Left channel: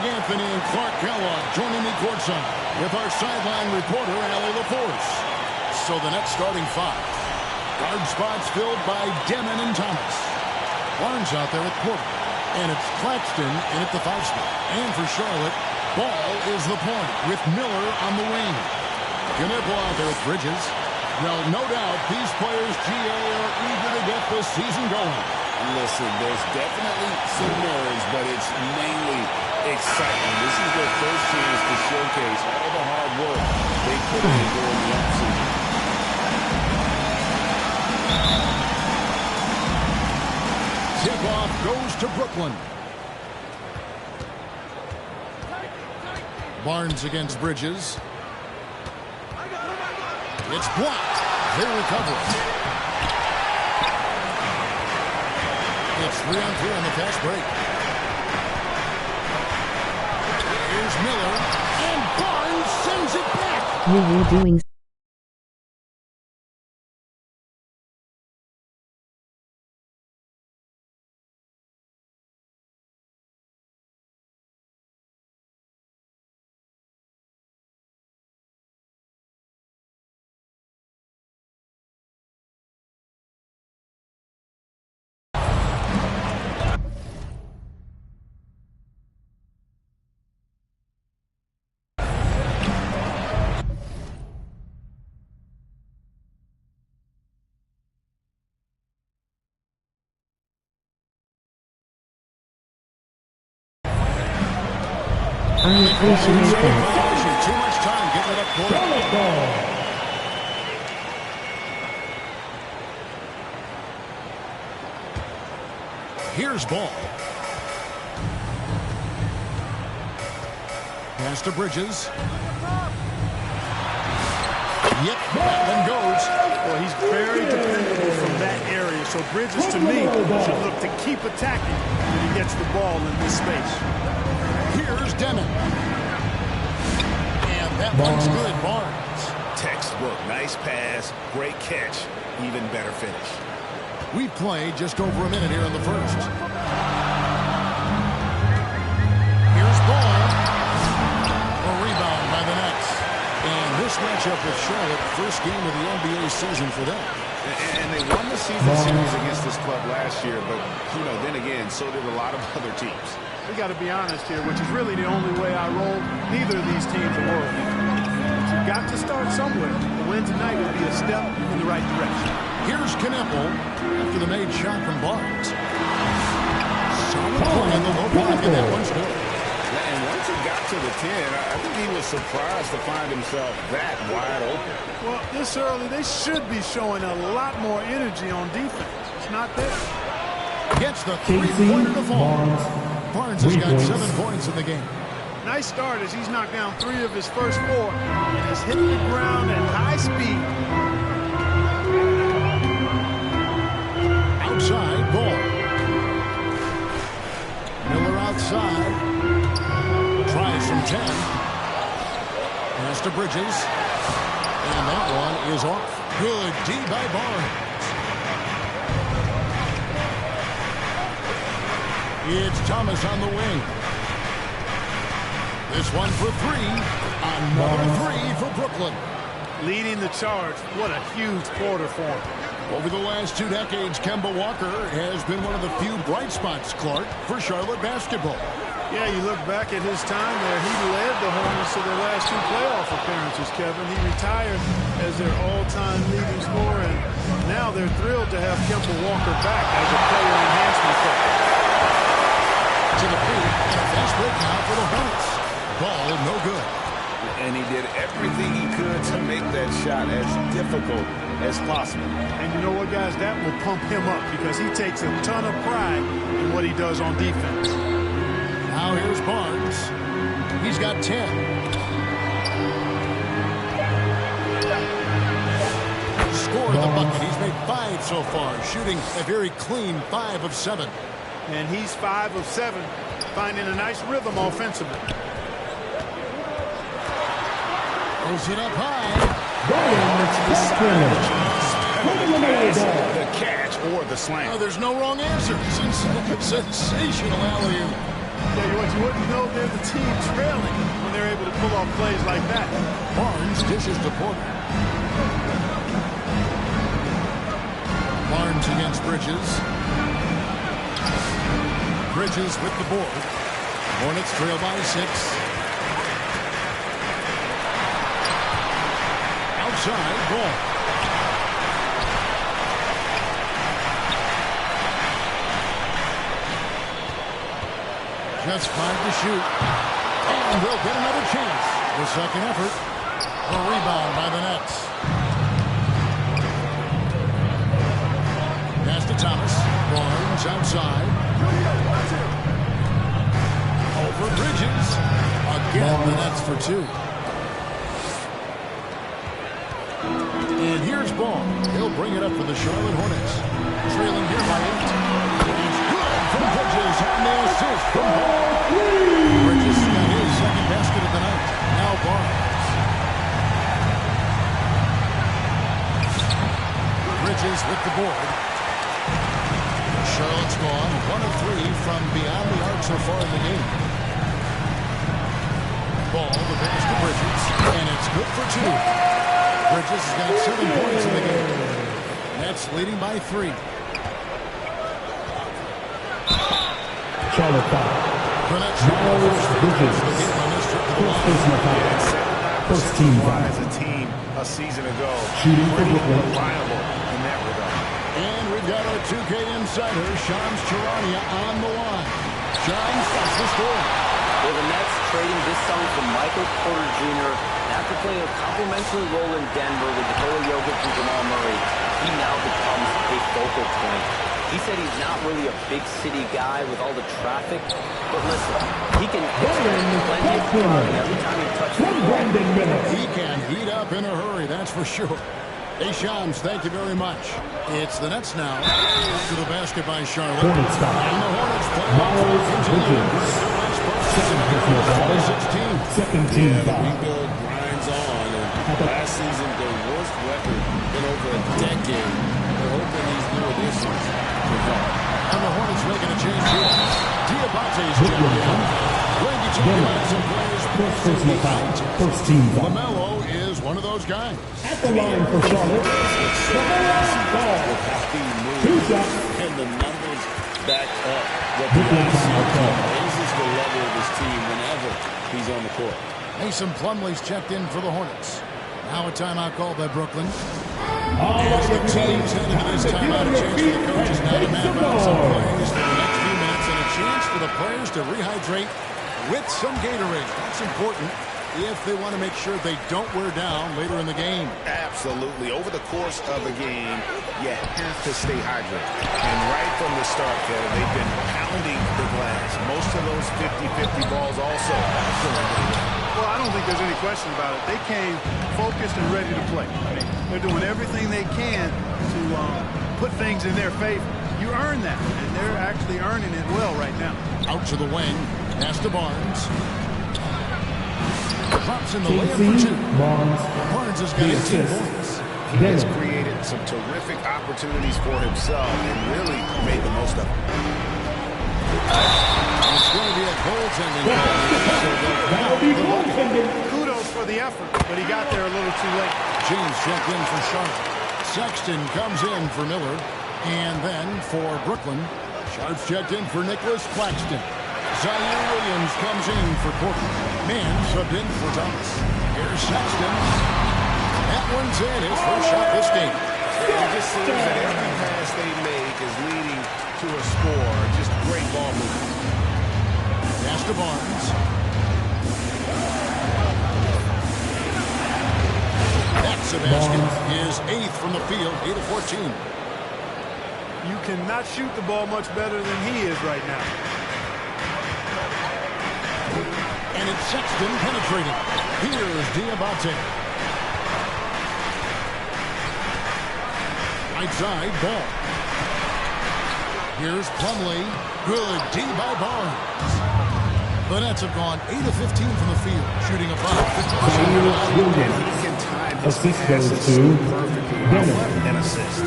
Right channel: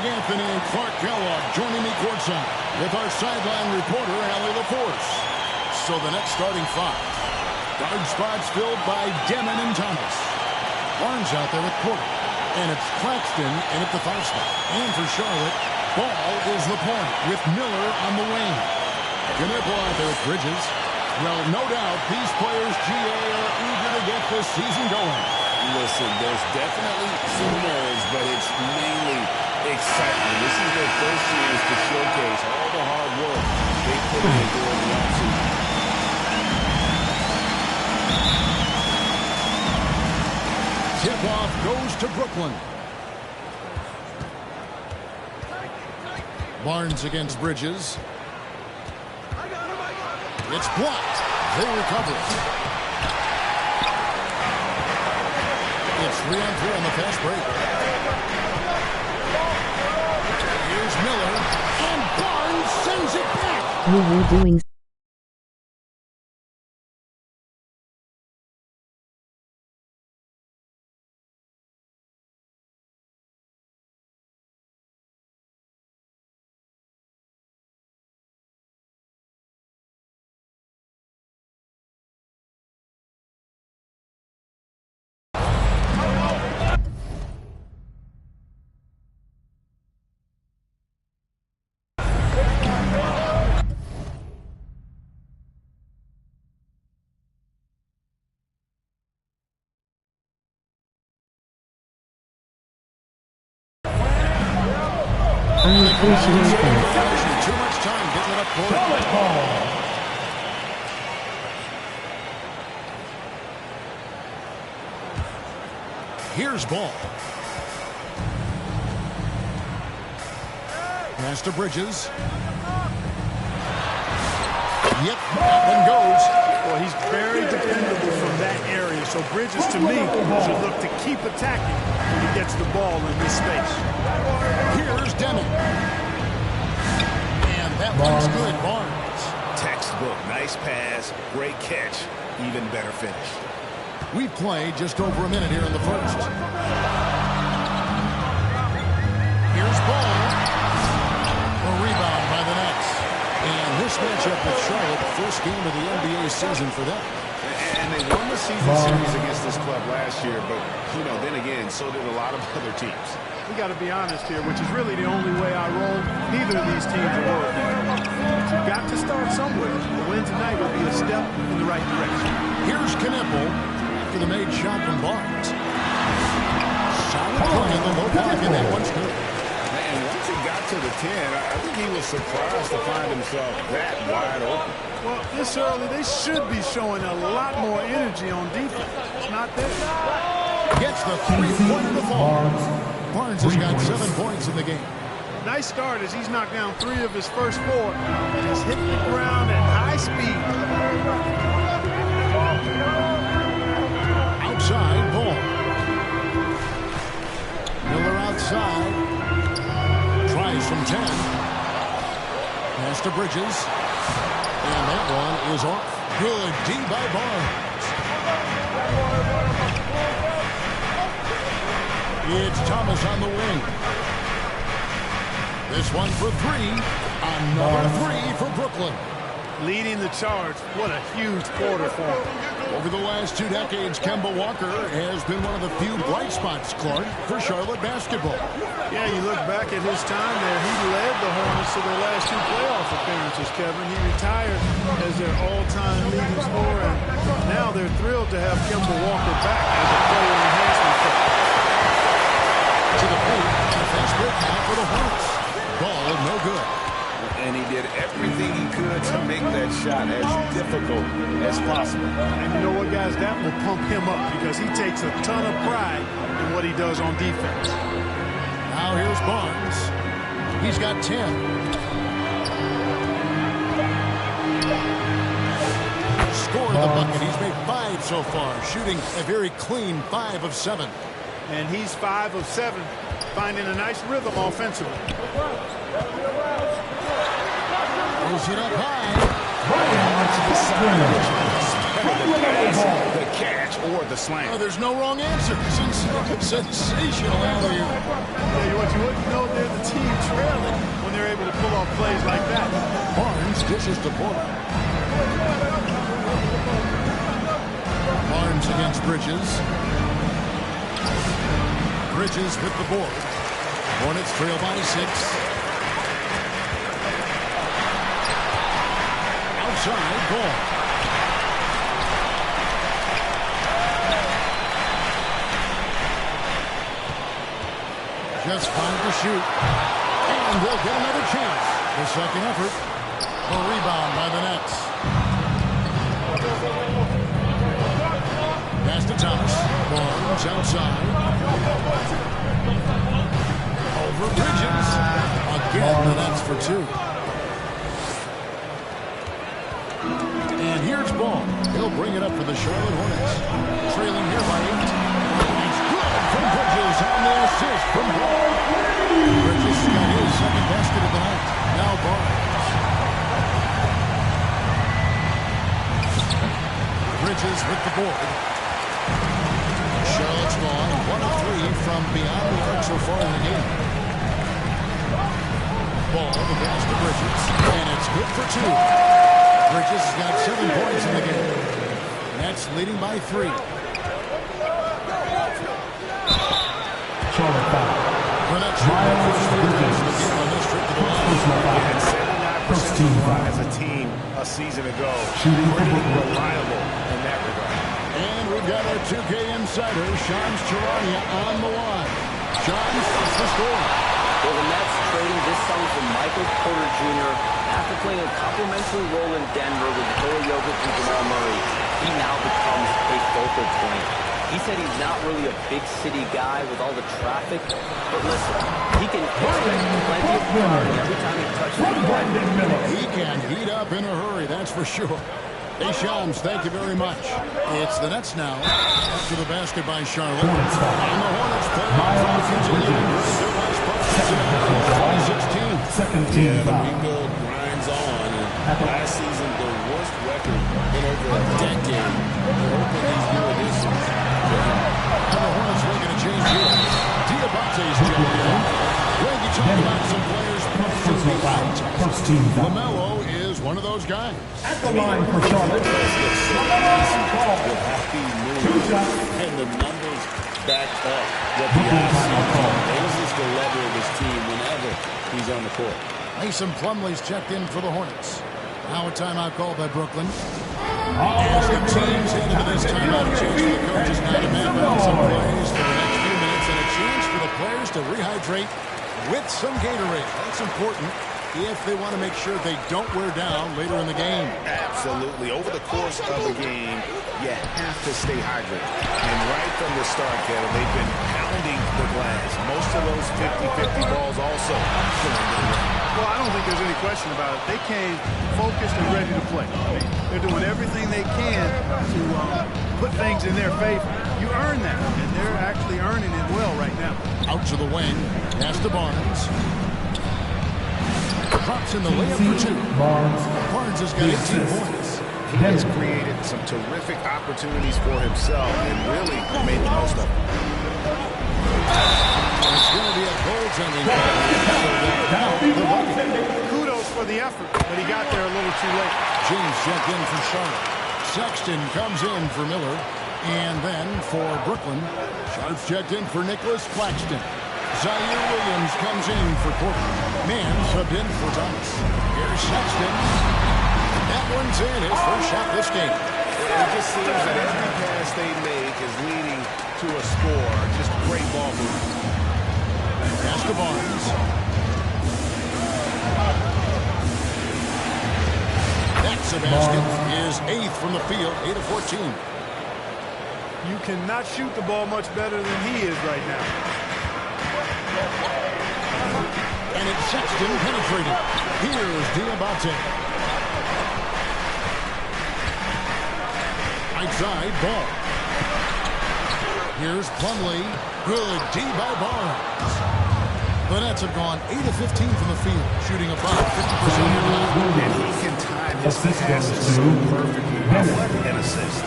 Greg Anthony and Clark Kellogg joining me courtside with our sideline reporter, Allie LaForce. So the next starting five. Guard spots filled by Demon and Thomas. Barnes out there at quarter. And it's Claxton in at the 5 spot. And for Charlotte, Ball is the point with Miller on the wing. Knipple out there with Bridges. Well, no doubt these players, GA, are eager to get this season going. Listen, there's definitely some nerves, but it's mainly excitement. This is their first chance to showcase all the hard work they put in during the offseason. Tip-off goes to Brooklyn. Barnes against Bridges. It's blocked. They recover it. It's 3-on-3 on the fast break. Here's Miller. And Barnes sends it back. Woo-woo doing. I appreciate that. Too much time getting it up court. Here's Ball. Pass to Bridges. Yep, that one goes. Well, he's very dependable from that area. So Bridges, to me, should look to keep attacking when he gets the ball in this space. Here's Demon. And that one's good, Barnes. Textbook. Nice pass. Great catch. Even better finish. We've played just over a minute here in the first. Here's Ball. A rebound by the Nets. And this matchup with Charlotte, first game of the NBA season for them. And they won the season series against this club last year, but, you know, then again, so did a lot of other teams. We got to be honest here, which is really the only way I roll. Neither of these teams are world beaters. But you've got to start somewhere. The win tonight would be a step in the right direction. Here's Knipple after the made shot from Barnes. Solid play in the low block, and that one's good. And once he got to the 10, I think he was surprised to find himself that wide open. Well, this early, they should be showing a lot more energy on defense. It's not there. Gets the three-pointer to fall. Barnes has got 7 points in the game. Nice start as he's knocked down 3 of his first 4 and has hit the ground at high speed. Outside, Ball. Miller outside. Tries from 10. Pass to Bridges. And that one is off. Good D by Barnes. It's Thomas on the wing. This one for 3. Another 3 for Brooklyn. Leading the charge. What a huge quarter for him. Over the last 2 decades, Kemba Walker has been one of the few bright spots, Clark, for Charlotte basketball. Yeah, you look back at his time there, he led the Hornets to their last 2 playoff appearances, Kevin. He retired as their all-time leading scorer, and now they're thrilled to have Kemba Walker back as a player enhancement coach. To the paint, and a fast break now for the Hornets. Ball no good. And he did everything he could to make that shot as difficult as possible. And you know what, guys? That will pump him up because he takes a ton of pride in what he does on defense. Now here's Barnes. He's got 10. Scored the bucket. He's made 5 so far, shooting a very clean 5 of 7. And he's 5 of 7, finding a nice rhythm offensively. Throws it up high. Hard to decide which the pass, the catch, or the slam. Oh, there's no wrong answer. Sensational alley-oop. Tell you what, you wouldn't know they're the team trailing when they're able to pull off plays like that. Barnes dishes to Porter. Barnes against Bridges. Bridges with the board. Hornets trail by 6. Outside, ball. Just 5 to shoot. And they'll get another chance. The second effort. A rebound by the Nets. Pass to Thomas. Barnes outside. Over Bridges. Again, the Nets for 2. And here's Ball. He'll bring it up for the Charlotte Hornets. Trailing here by 8. It's good from Bridges on the assist from Ball. Bridges got his second basket of the night. Now Barnes. Bridges with the board. Charlotte's gone 1 of 3 from beyond the arc so far in the game. Ball, the pass to Bridges, and it's good for 2. Bridges has got 7 points in the game. Nets leading by 3. Charlotte foul. The Nets shoot their first free throws of the game on this trip to the line. Yeah, and 79% from the line as a team a season ago. Pretty reliable in that regard. And we've got our 2K insider, Shams Charania, on the line. Shams, what's the score? Well, the Nets trading this song for Michael Porter Jr. And after playing a complimentary role in Denver with Nikola Jokic and Jamal Murray, he now becomes a focal point. He said he's not really a big city guy with all the traffic, but listen, he can expect plenty of crowding every time he touches the ball. He can heat up in a hurry, that's for sure. Hey, Shams, thank you very much. It's the Nets now after the basket by Charlotte. And the Hornets play on continuing their last postseason in 2016. Second team Yeah, the foul. rebuild grinds on. And last season, their worst record in over a decade. They're hoping these new additions can help. And the Hornets making a change here. Diabate's checked in. Greg, you talk about some players passing the eye test. First team foul. LaMelo is one of those guys. At the line for Charlotte. It's so easy with how he moves, and the numbers back up what the offseason raises the level of his team whenever he's on the court. Mason Plumlee's checked in for the Hornets. Now a timeout called by Brooklyn. As the teams head into this timeout, a chance for the coaches now to map out some plays for the next few minutes and a chance for the players to rehydrate with some Gatorade. That's important if they want to make sure they don't wear down later in the game. Absolutely. Over the course of a game, you have to stay hydrated. And right from the start, Kevin, they've been pounding the glass. Most of those 50-50 balls also going to the rim. Well, I don't think there's any question about it. They came focused and ready to play. I mean, they're doing everything they can to put things in their favor. You earn that, and they're actually earning it well right now. Out to the wing. Pass to Barnes. Drops in the layup for 2. Barnes has got 18 points. He has created some terrific opportunities for himself and really made the most of it. It's going to be a goaltending call, so they'll count the bucket. Kudos for the effort, but he got there a little too late. James checked in for Charlotte. Sexton comes in for Miller. And then for Brooklyn, Sharps checked in for Nicholas Claxton. Zaire Williams comes in for Portland. Mann subbed in for Thomas. Here's Sexton. That one's in, his first shot this game. It just seems that every pass they make is leading to a score. Just great ball movement. Pass to Barnes. That's a basket. His 8th from the field, 8 of 14. You cannot shoot the ball much better than he is right now. And it's Sexton penetrating. Here's Diabate. Right side, Ball. Here's Plumlee. Good D by Barnes. The Nets have gone 8 of 15 from the field, shooting about 50% here tonight. And he can time his passes so perfectly. What an assist.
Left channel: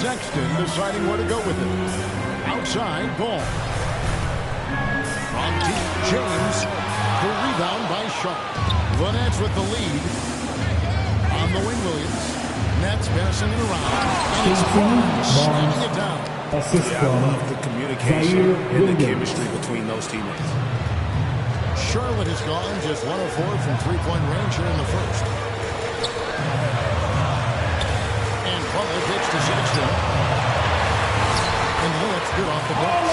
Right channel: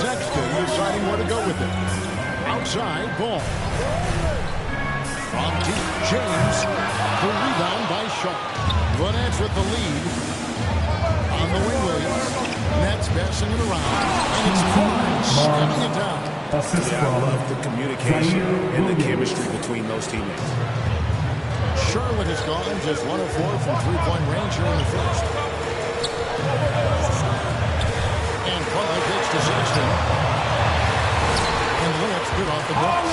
Sexton deciding where to go with it. Outside ball. From deep, James. The rebound by Sharp. The Nets with the lead. On the wing, Williams. Nets passing it around. And it's Barnes slamming it down. Yeah, I love the communication and the chemistry between those teammates. Charlotte has gone just 1 of 4 from three-point range here in the first. And Plumlee pitch to Sexton. And the layup's good off the glass.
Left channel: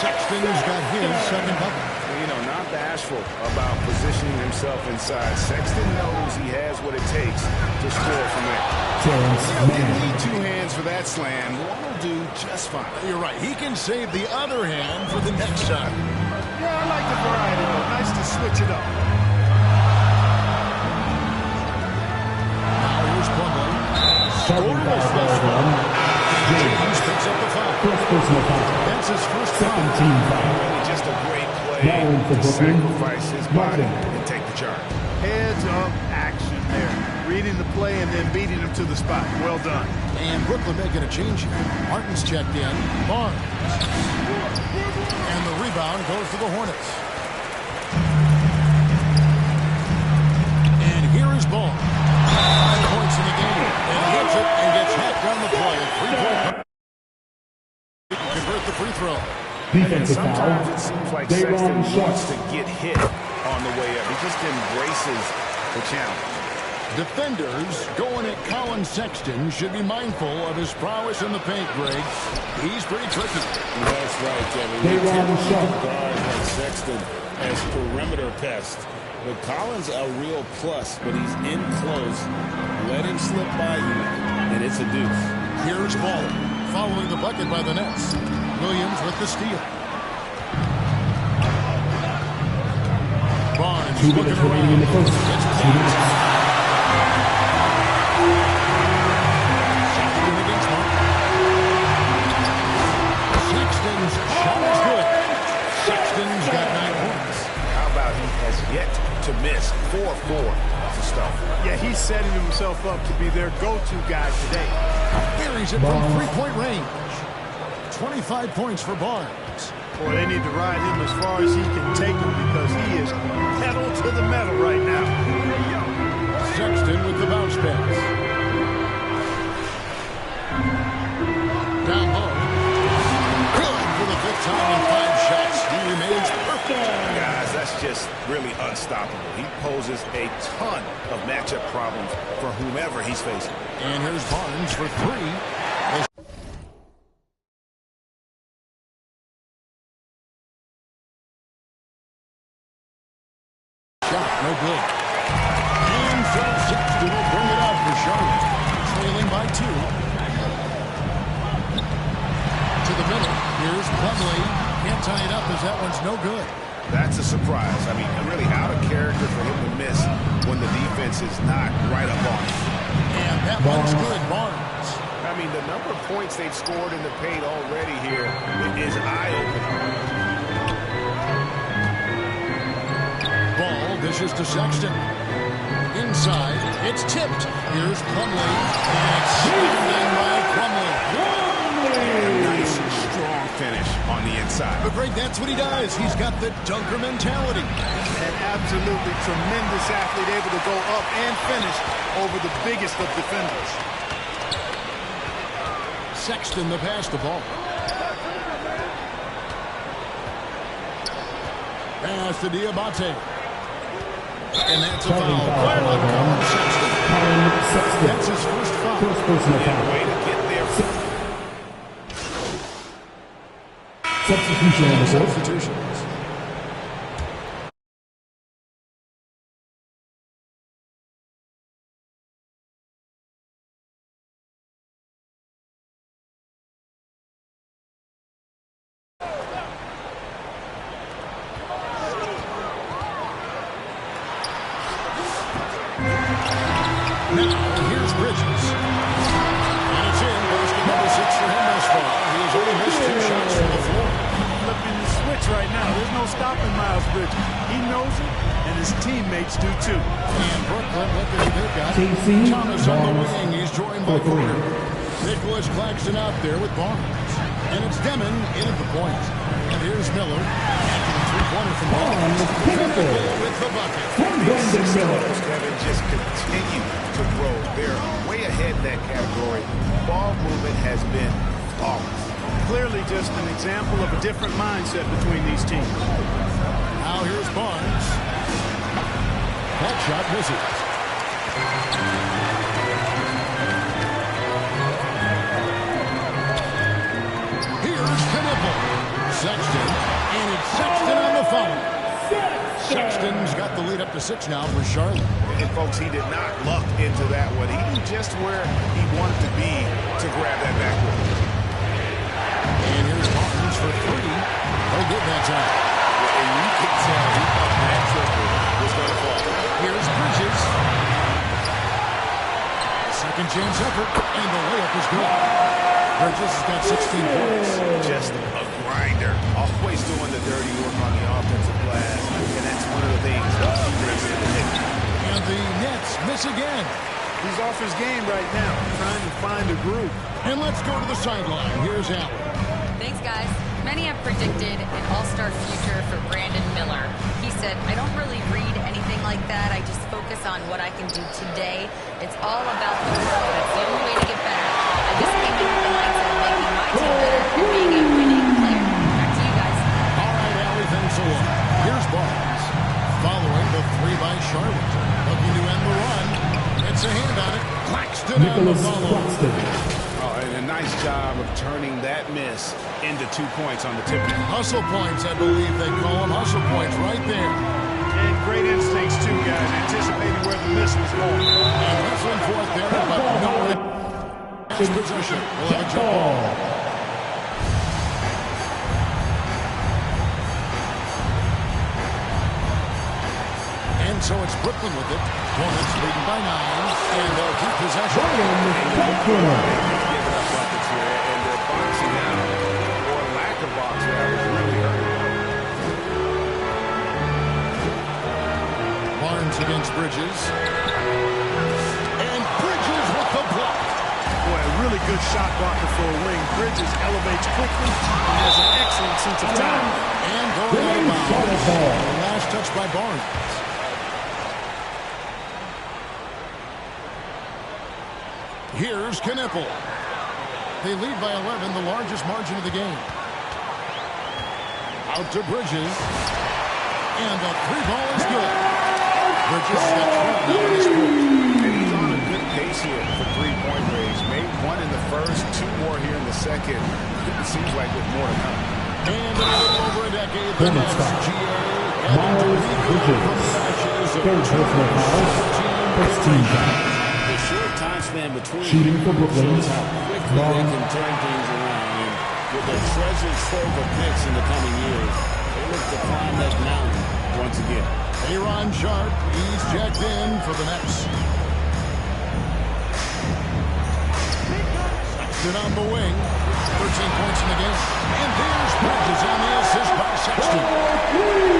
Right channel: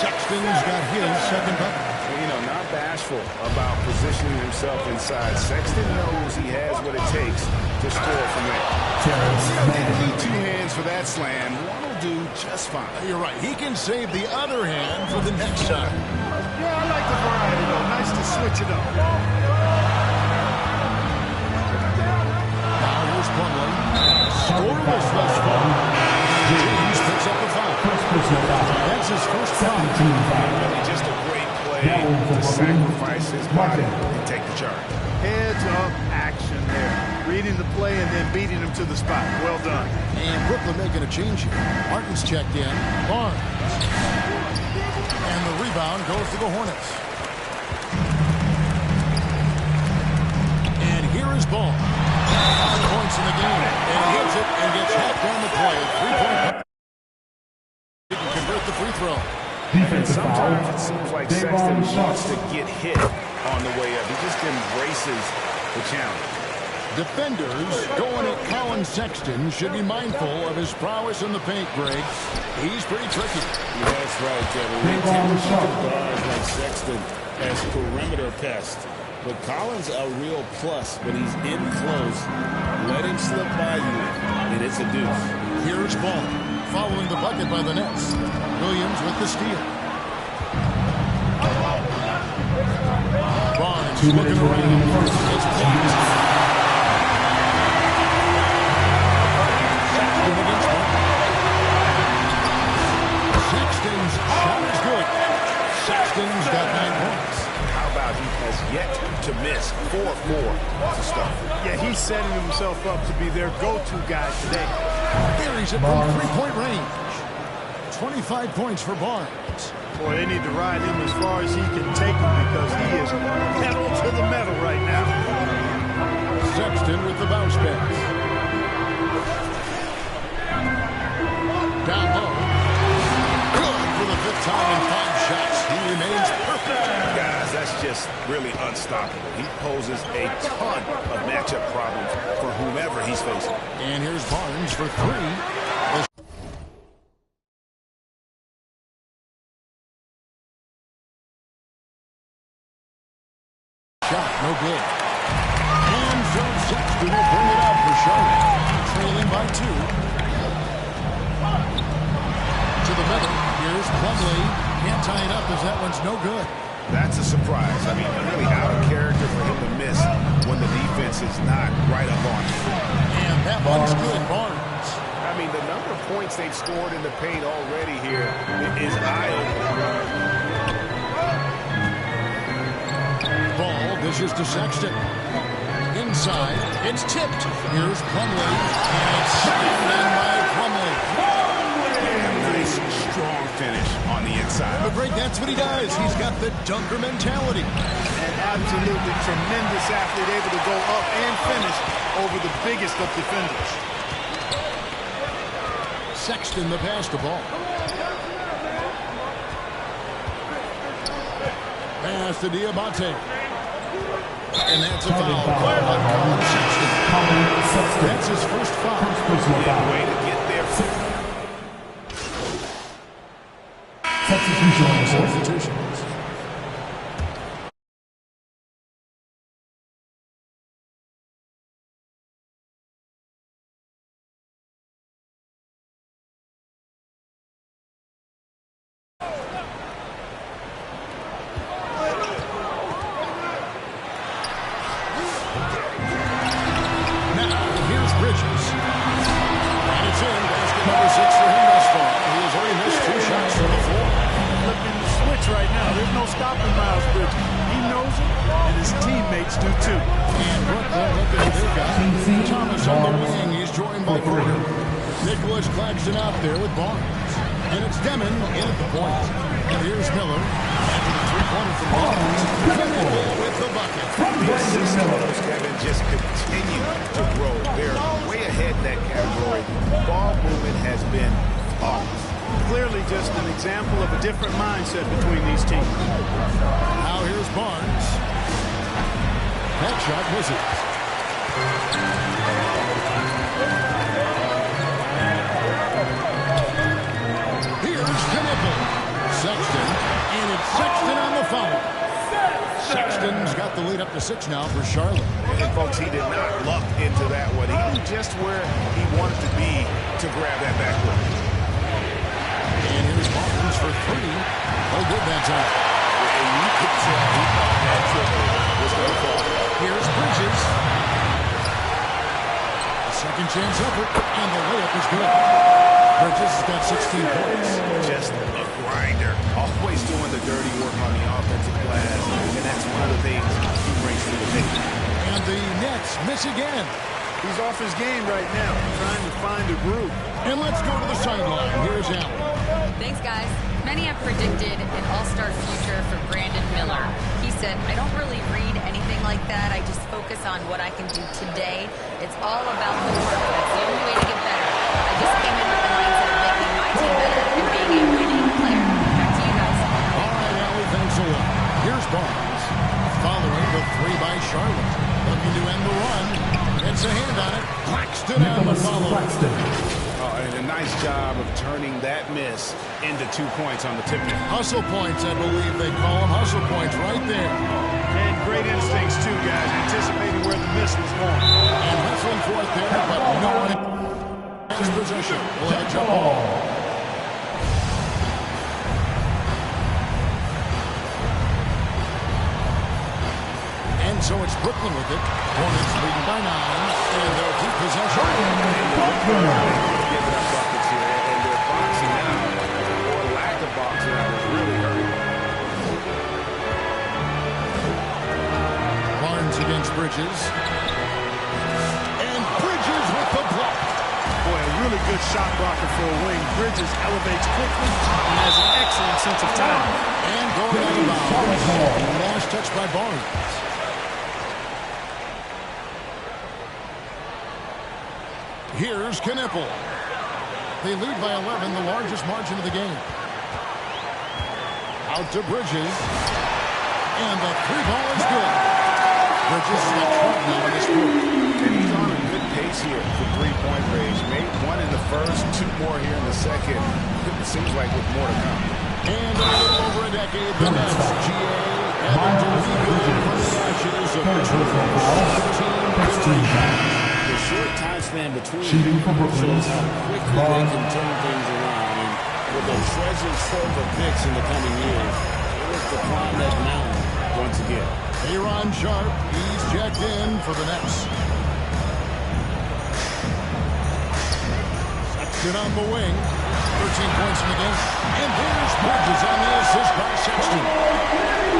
Sexton's got his second bucket. You know, not bashful about positioning himself inside. Sexton knows he has what it takes to score from there. Didn't need 2 hands for that slam. One will do just fine. You're right. He can save the other hand for the next time. Yeah, I like the variety, though. Nice to switch it up. Now here's Plumlee. Scoreless thus far. James picks up the foul. That's his first foul. And really just a great play to sacrifice his body and take the charge. Heads-up action there. Reading the play and then beating him to the spot. Well done. And Brooklyn making a change here. Martin's checked in. Barnes. And the rebound goes to the Hornets. And here is Ball. 5 points in the game. And he hits it and gets hacked down the play. 3-point. He can convert the free throw. And sometimes it seems like Sexton wants to get hit on the way up. He just embraces the challenge. Defenders going at Colin Sexton should be mindful of his prowess in the paint, Greg. He's pretty tricky. That's right, Kevin. We tend to think of guards like Sexton as perimeter pests. But Collins a real plus when he's in close. Let him slip by you, and it's a deuce. Here's Ball, following the bucket by the Nets. Williams with the steal. Barnes looking around. It's blocked. Sexton against Martin. Sexton's shot is good. Sexton's got 9 points. How about he has yet to miss 4-4 to start? Yeah, he's setting himself up to be their go-to guy today. Buries it from three-point range. 25 points for Barnes. Boy, they need to ride him as far as he can take him because he is pedal to the metal right now. Sexton with the bounce pass. Down low. Good for the 5th time in 5 shots. He remains perfect. Guys, that's just really unstoppable. He poses a ton of matchup problems for whomever he's facing. And here's Barnes for 3. Shot, no good. And so Sexton will bring it up for Charlotte. Trailing by 2. To the middle. Here's Plumlee. Can't tie it up as that one's no good. That's a surprise. I mean, really out of character for him to miss when the defense is not right up on him. And that one's good, Barnes. I mean, the number of points they've scored in the paint already here is eye-opening. Ball dishes to Sexton. Inside, it's tipped. Here's Plumlee, and it's slammed in by Plumlee. And nice, strong finish on the inside. But Greg, that's what he does. He's got the dunker mentality. An absolutely tremendous athlete, able to go up and finish over the biggest of defenders. Sexton the pass to Ball. Pass to Diabate. And that's a foul called on Colin Sexton. That's his first foul. Yeah, way to get there. Substitutions. Now, here's Bridges. And it's in. Basket number 6 for him thus far. He has only missed 2 shots from the floor. Flipping the switch right now. There's no stopping Miles Bridges. He knows it, and his teammates do too. And Brooklyn, look at who they've got. Thomas on the wing. He's joined by Porter. Nicholas Claxton out there with Barnes. And it's Demon in at the point. And here's Miller after the three-pointer from Barnes. Knippel with the bucket. The assist totals, Kevin, just continue to grow. They're way ahead in that category. Ball movement has been flawless. Clearly just an example of a different mindset between these teams. Now here's Barnes. That shot misses. Here's Knippel. Sexton, and it's Sexton on the foul. Sexton's got the lead up to 6 now for Charlotte. And folks, he did not luck into that one. He knew just where he wanted to be to grab that backboard. And here's Barnes for 3. No good that time. And you could tell he thought that triple was going to fall. Here's Bridges. A second chance effort, and the layup is good. Bridges has got 16 points. Just a grinder. Always doing the dirty work on the offensive glass. And that's one of the things he brings to the table. And the Nets miss again. He's off his game right now, trying to find a groove. And let's go to the sideline. Here's Allen. Thanks, guys. Many have predicted an all-star future for Brandon Miller. He said, I don't really read anything like that. I just focus on what I can do today. It's all about the work. That's the only way to get better. I just came in with the mindset of making my team better and being a winning player. Back to you guys. All right, Allie, thanks a lot. Here's Barnes. Following the 3 by Charlotte. Looking to end the run. Gets a hand on it. Claxton on the follow. Oh, and a nice job of turning that miss into 2 points on the tip-in. Hustle points, I believe they call them. Hustle points right there. And great instincts, too, guys, anticipating where the miss was going. And wrestling for it there, but no one has possession. We'll have a jump ball. And so it's Brooklyn with it. Hornets leading by 9, and they'll keep possession. Giving up buckets here, and they're boxing out, or lack of boxing out is really hurting. Barnes against Bridges. And Bridges with the block. Boy, a really good shot blocker for a wing. Bridges elevates quickly and has an excellent sense of timing. And going out of bounds. Last touch by Barnes. Here's Knippel. They lead by 11, the largest margin of the game. Out to Bridges. And the 3-ball is good. Bridges has got 12 now in this quarter. And he's on a good pace here for 3-point range. Made 1 in the first, 2 more here in the second. It seems like with more to come. And in a little over a decade, the Nets, GA, having to rebuild from the ashes of 2014. The short time span between Shooting for Brooklyn. shows how quickly they can turn things around. And with a treasure trove of picks in the coming years, they look to climb that mountain once again. Aaron Sharp, he's jacked in for the Nets. Sexton on the wing, 13 points in the game. And there's Bridges on the assist by Sexton.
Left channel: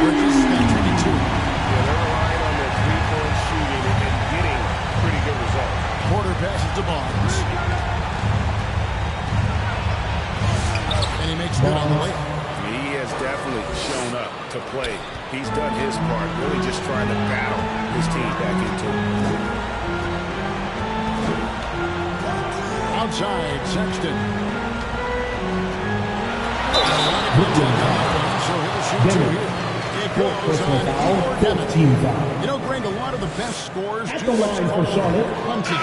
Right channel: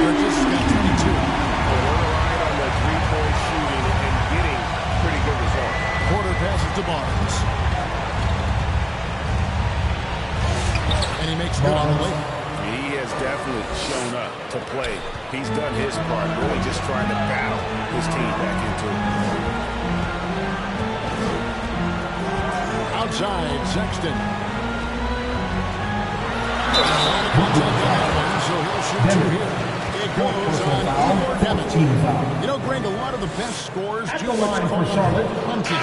Bridges has got 22. Yeah, they're relying on their 3-point shooting and getting pretty good results. Porter passes to Barnes. And he makes good on the layup. He has definitely shown up to play. He's done his part, really just trying to battle his team back into it. Outside, Sexton. A lot of contact on that one, so he'll shoot 2 here. It goes on Igor Demon. You know, Greg, a lot of the best scorers do what's called hunting.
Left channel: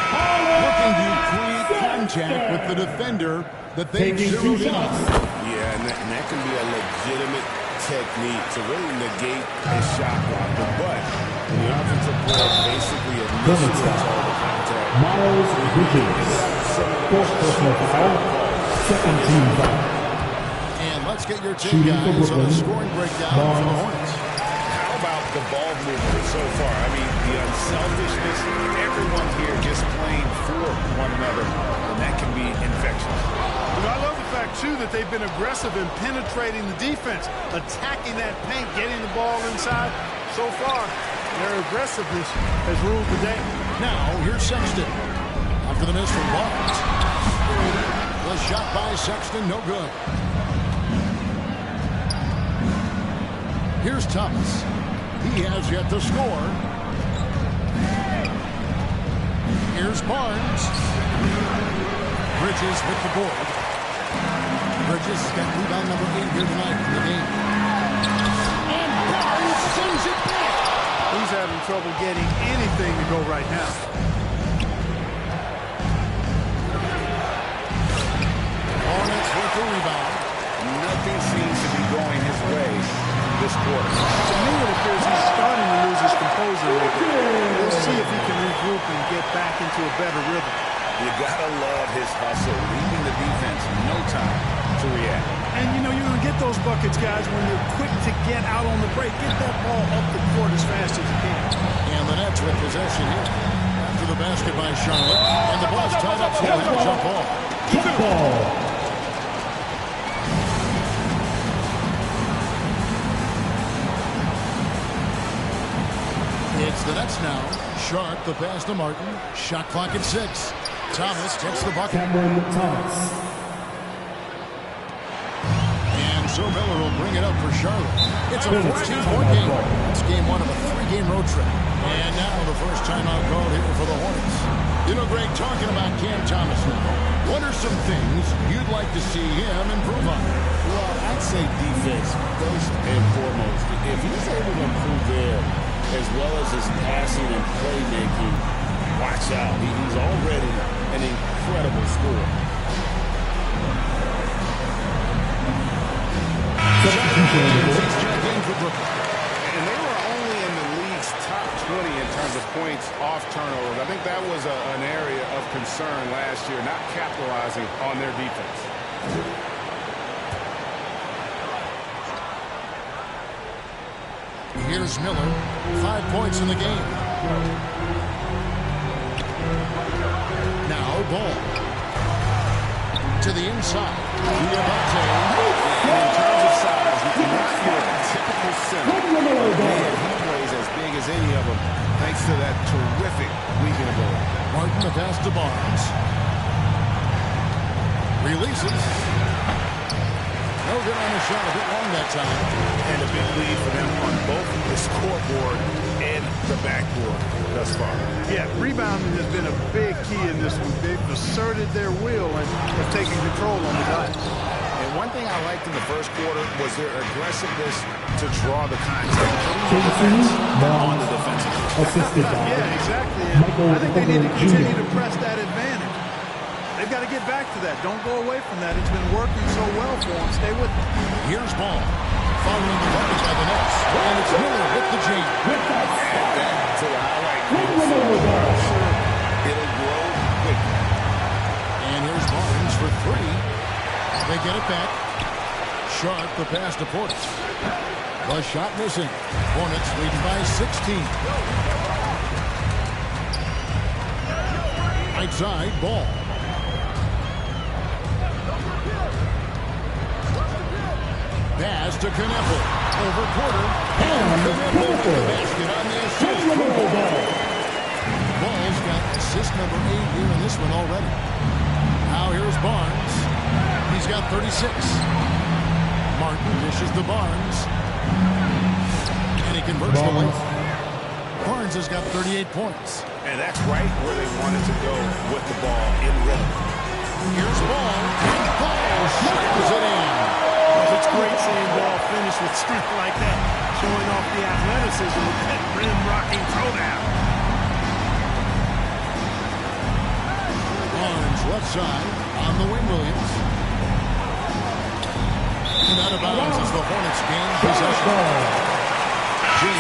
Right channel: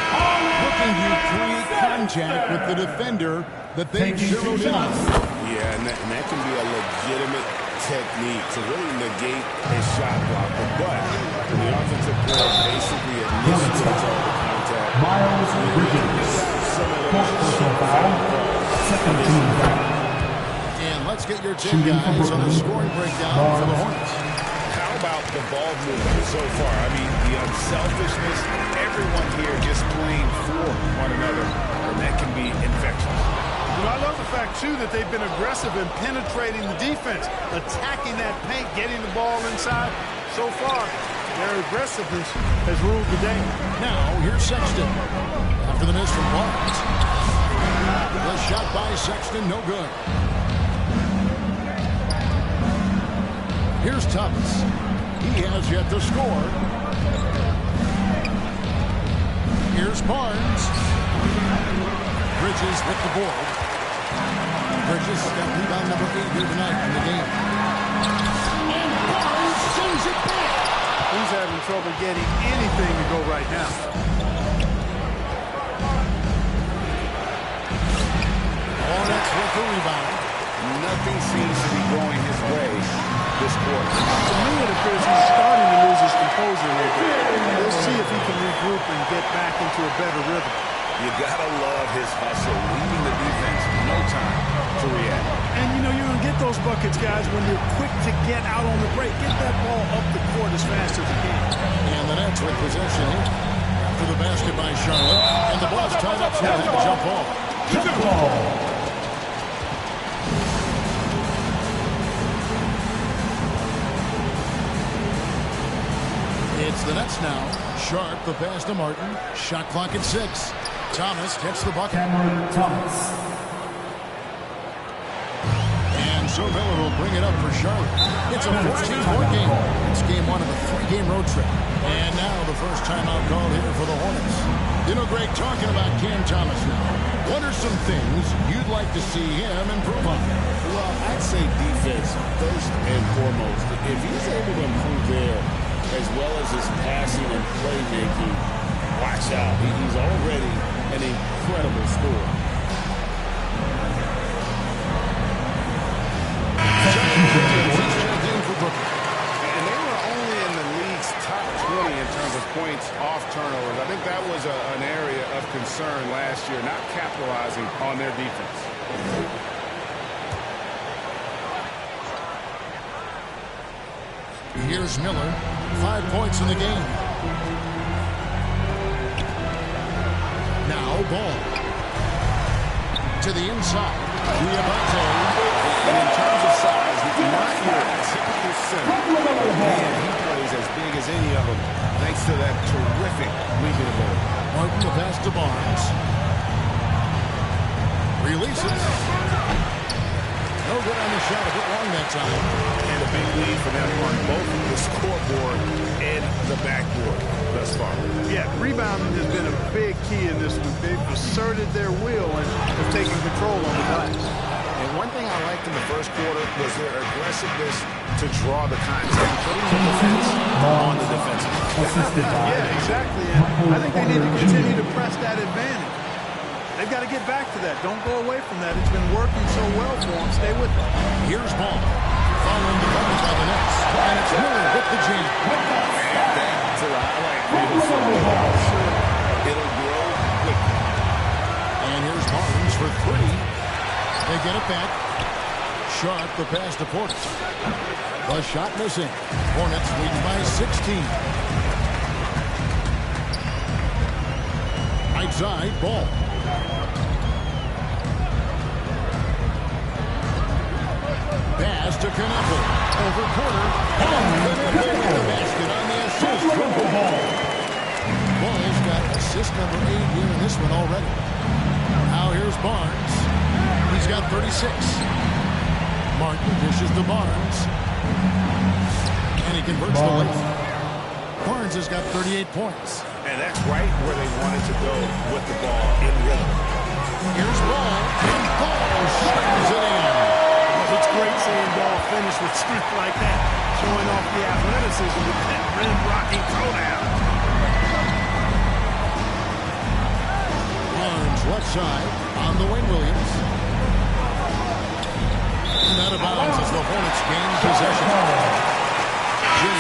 Looking to create contact with the defender that they've zeroed in on. Yeah, and that can be a legitimate technique to really negate a shot blocker. But when the offensive player basically initiates all the contact, Miles Bridges. some of Fourth personal foul. Second team foul. And let's get your take, guys, on the scoring breakdown for the Hornets. How about the ball movement so far? I mean, the unselfishness, everyone here just playing for one another, and that can be infectious. You know, I love the fact, too, that they've been aggressive in penetrating the defense, attacking that paint, getting the ball inside. So far, their aggressiveness has ruled the day. Now, here's Sexton. After the miss from Barnes. The shot by Sexton, no good. Here's Thomas. He has yet to score. Here's Barnes. Bridges with the board. Bridges got rebound number 8 here tonight in the game. And Barnes sends it back. He's having trouble getting anything to go right now. Hornets with the rebound. Nothing seems to be going his way this quarter. To me, it appears he's starting to lose his composure a little bit. We'll see if he can regroup and get back into a better rhythm. You gotta love his hustle, leaving the defense no time to react. And, you know, you're going to get those buckets, guys, when you're quick to get out on the break. Get that ball up the court as fast as you can. And the Nets with possession here. After the basket by Charlotte. And the ball's tied up, so they'll have a jump ball. Jump ball. It's the Nets now. Sharp, the pass to Martin. Shot clock at 6. Thomas gets the bucket. Cameron Thomas. And so Miller will bring it up for Charlotte. It's a 14-point game. It's game 1 of a 3-game road trip. And now the first timeout called here for the Hornets. You know, Greg, talking about Cam Thomas now, what are some things you'd like to see him improve on? Well, I'd say defense first and foremost. If he's able to improve there, as well as his passing and playmaking, watch out. He's already an incredible scorer. He's checked in for Brooklyn. And they were only in the league's top 20 in terms of points off turnovers. I think that was an area of concern last year, not capitalizing on their defense. Here's Miller. 5 points in the game. Now ball. To the inside. Diabate. And in terms of size, he's not your typical center. But man, he plays as big as any of them, thanks to that terrific leaping ability. Martin, the pass to Barnes. Releases. No good on the shot. A bit long that time. And a big lead for them on both the scoreboard and the backboard thus far. Yeah, rebounding has been a big key in this one. They've asserted their will and have taken control on the glass. And one thing I liked in the first quarter was their aggressiveness to draw the contact, putting the defense on the defensive. Yeah, exactly. And I think they need to continue to press that advantage. They've got to get back to that. Don't go away from that. It's been working so well for them. Stay with it. Here's ball. Following the bucket by the Nets. And it's Miller with the jam. Add that to the highlight reel for a while. I'm sure it'll grow quickly. And here's Barnes for 3. They get it back. Sharp, the pass to Portis. The shot missing. Hornets leading by 16. Right side, ball. Pass to Kneppel. Over Porter. And Kneppel with the basket on the assist from Ball. Ball's got assist number 8 here in this one already. Now here's Barnes. He's got 36. Martin dishes to Barnes. And he converts the lane. Barnes has got 38 points. And that's right where they wanted to go with the ball in rhythm. Here's Ball. And Ball slams it in. Well, it's great seeing Ball finish with strength like that, showing off the athleticism with that rim-rocking throwdown. Barnes left side on the wing, Williams. And out of bounds as the Hornets gain possession. James.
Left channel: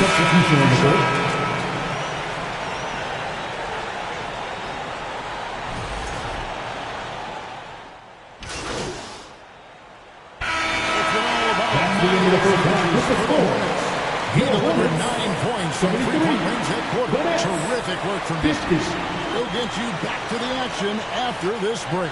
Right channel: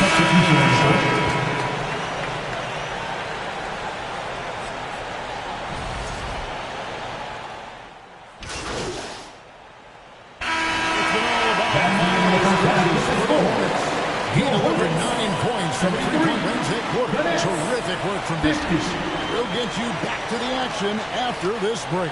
For the Hornets. He delivered 9 points from 3-point range that quarter. Terrific work from distance. We'll get you back to the action after this break.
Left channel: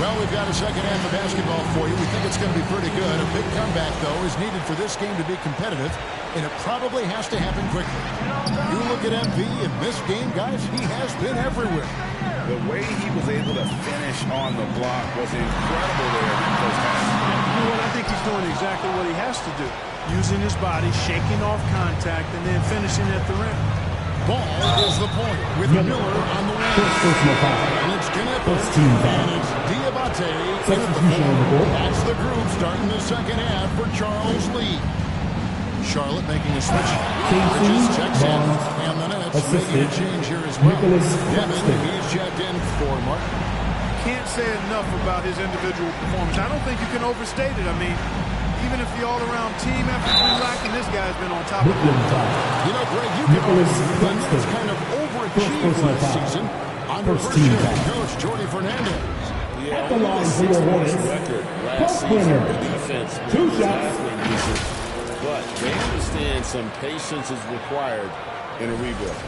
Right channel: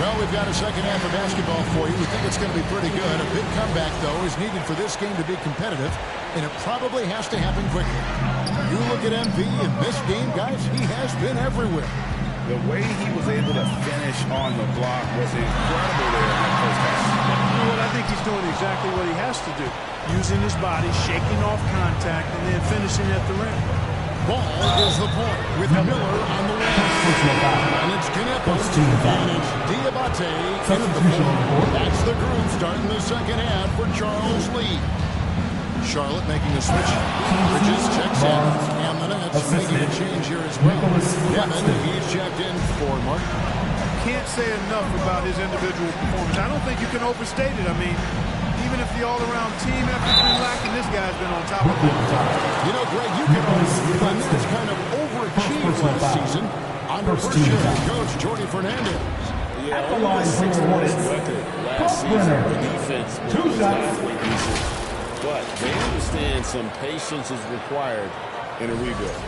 Well, we've got a second half of basketball for you. We think it's going to be pretty good. A big comeback, though, is needed for this game to be competitive, and it probably has to happen quickly. You look at MV in this game, guys, he has been everywhere. The way he was able to finish on the block was incredible there in that first half. Yeah, you know what? I think he's doing exactly what he has to do. Using his body, shaking off contact, and then finishing at the rim. Ball is the point with Miller on the wing. And it's Knippel. And it's Diabate in at the floor. That's the group starting the second half for Charles Lee. Charlotte making a switch. Bridges checks in. And the Nets making a change here as well. Demon, he's checked in for Mark. Can't say enough about his individual performance. I don't think you can overstate it. I mean, even if the all-around team effort's been lacking, this guy's been on top of it. You know, Greg, you can argue the Nets kind of overachieved last season under first-year coach Jordy Fernandez. Yeah, only the 6th record last season. The defense was halfway decent. But they understand some patience is required in a rebuild.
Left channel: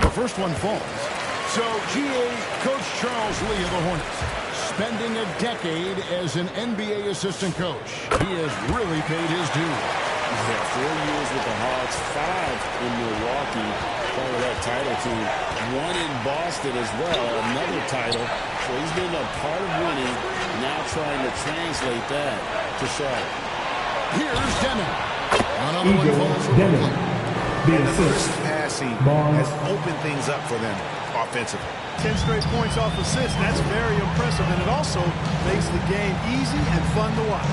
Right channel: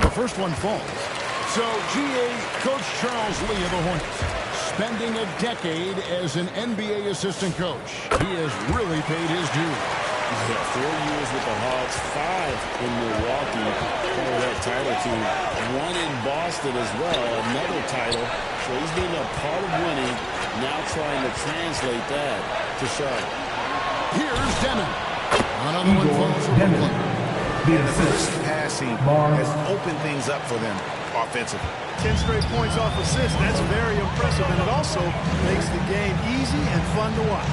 The first one falls. So, GA, Coach Charles Lee of the Hornets, spending a decade as an NBA assistant coach. He has really paid his dues. Yeah, 4 years with the Hawks, 5 in Milwaukee, part of that title team. 1 in Boston as well, another title. So he's been a part of winning, now trying to translate that to Charlotte. Here's Demon. Another one falls for Brooklyn. And the crisp passing has opened things up for them offensively. 10 straight points off assists. That's very impressive, and it also makes the game easy and fun to watch.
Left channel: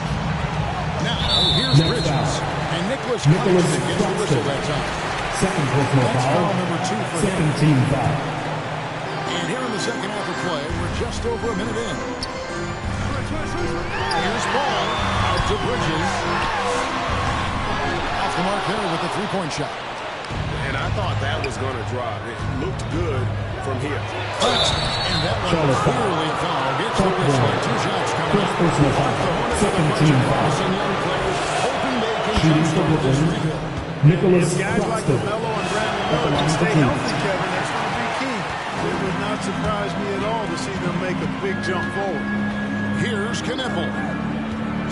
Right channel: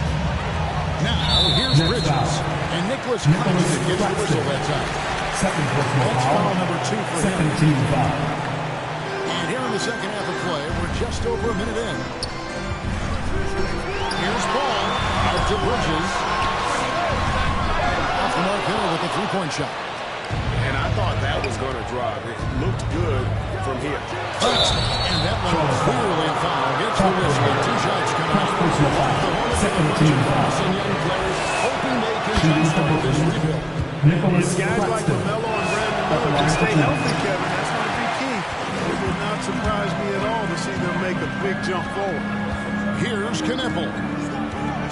Now, here's Bridges. And Nicholas Claxton gets the whistle that time. Second personal That's foul number 2 for him. Second team foul. And here in the second half of play, we're just over a minute in. Here's Ball out to Bridges. Off the mark there with the three-point shot. And I thought that was going to drop. It looked good from here. And that one was clearly a foul. Gets the whistle. 2 shots coming up. Off the Hornets with a bunch of promising young players, hoping they can jumpstart this rebuild. If guys like LaMelo and Brandon Miller can stay healthy, Kevin, that's going to be key. It would not surprise me at all to see them make a big jump forward. Here's Knippel.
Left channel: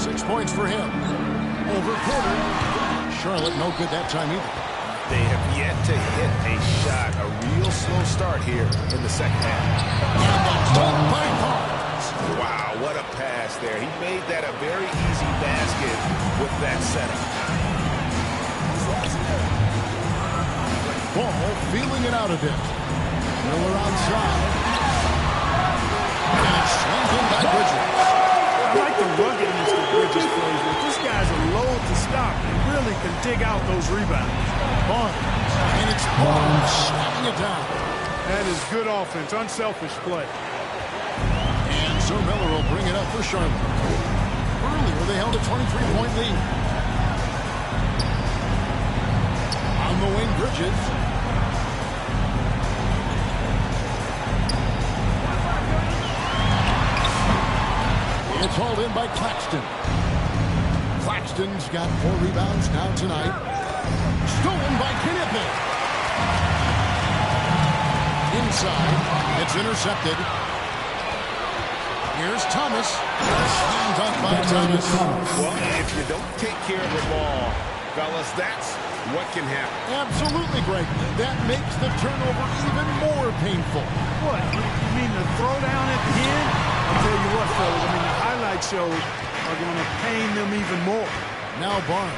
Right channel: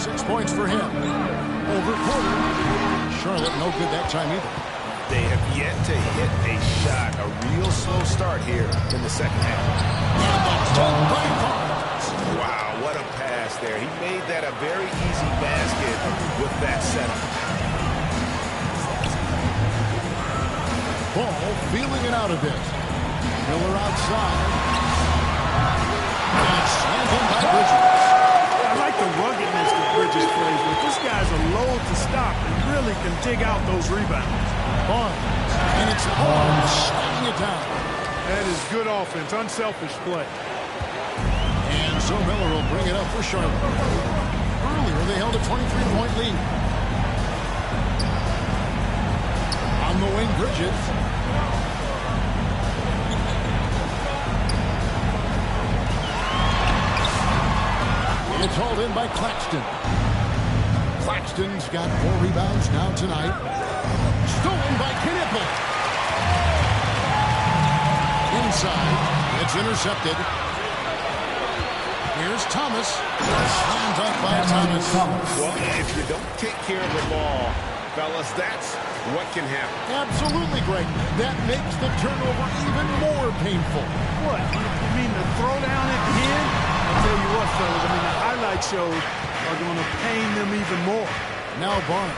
6 points for him. Over quarter. Charlotte no good that time either. They have yet to hit a shot, a real slow start here in the second half. And the dunk by Barnes. Wow, what a pass there. He made that a very easy basket with that setup. Ball feeling it out a bit. Miller outside. And it's slammed in by Bridges. I like the ruggedness that Bridges plays with. This guy's a load to stop and really can dig out those rebounds. Barnes. And it's Barnes slamming it down. That is good offense, unselfish play. And so Miller will bring it up for Charlotte. Earlier, they held a 23-point lead. On the wing, Bridges. It's hauled in by Claxton. Claxton's got 4 rebounds now tonight. Stolen by Knippel. Inside. It's intercepted. Here's Thomas. Slam dunk by Thomas. Well, if you don't take care of the ball, fellas, that's what can happen. Absolutely, Greg. That makes the turnover even more painful. What? You mean the throwdown at the end? I'll tell you what, fellas. I mean, the highlight shows are going to pain them even more. Now Barnes.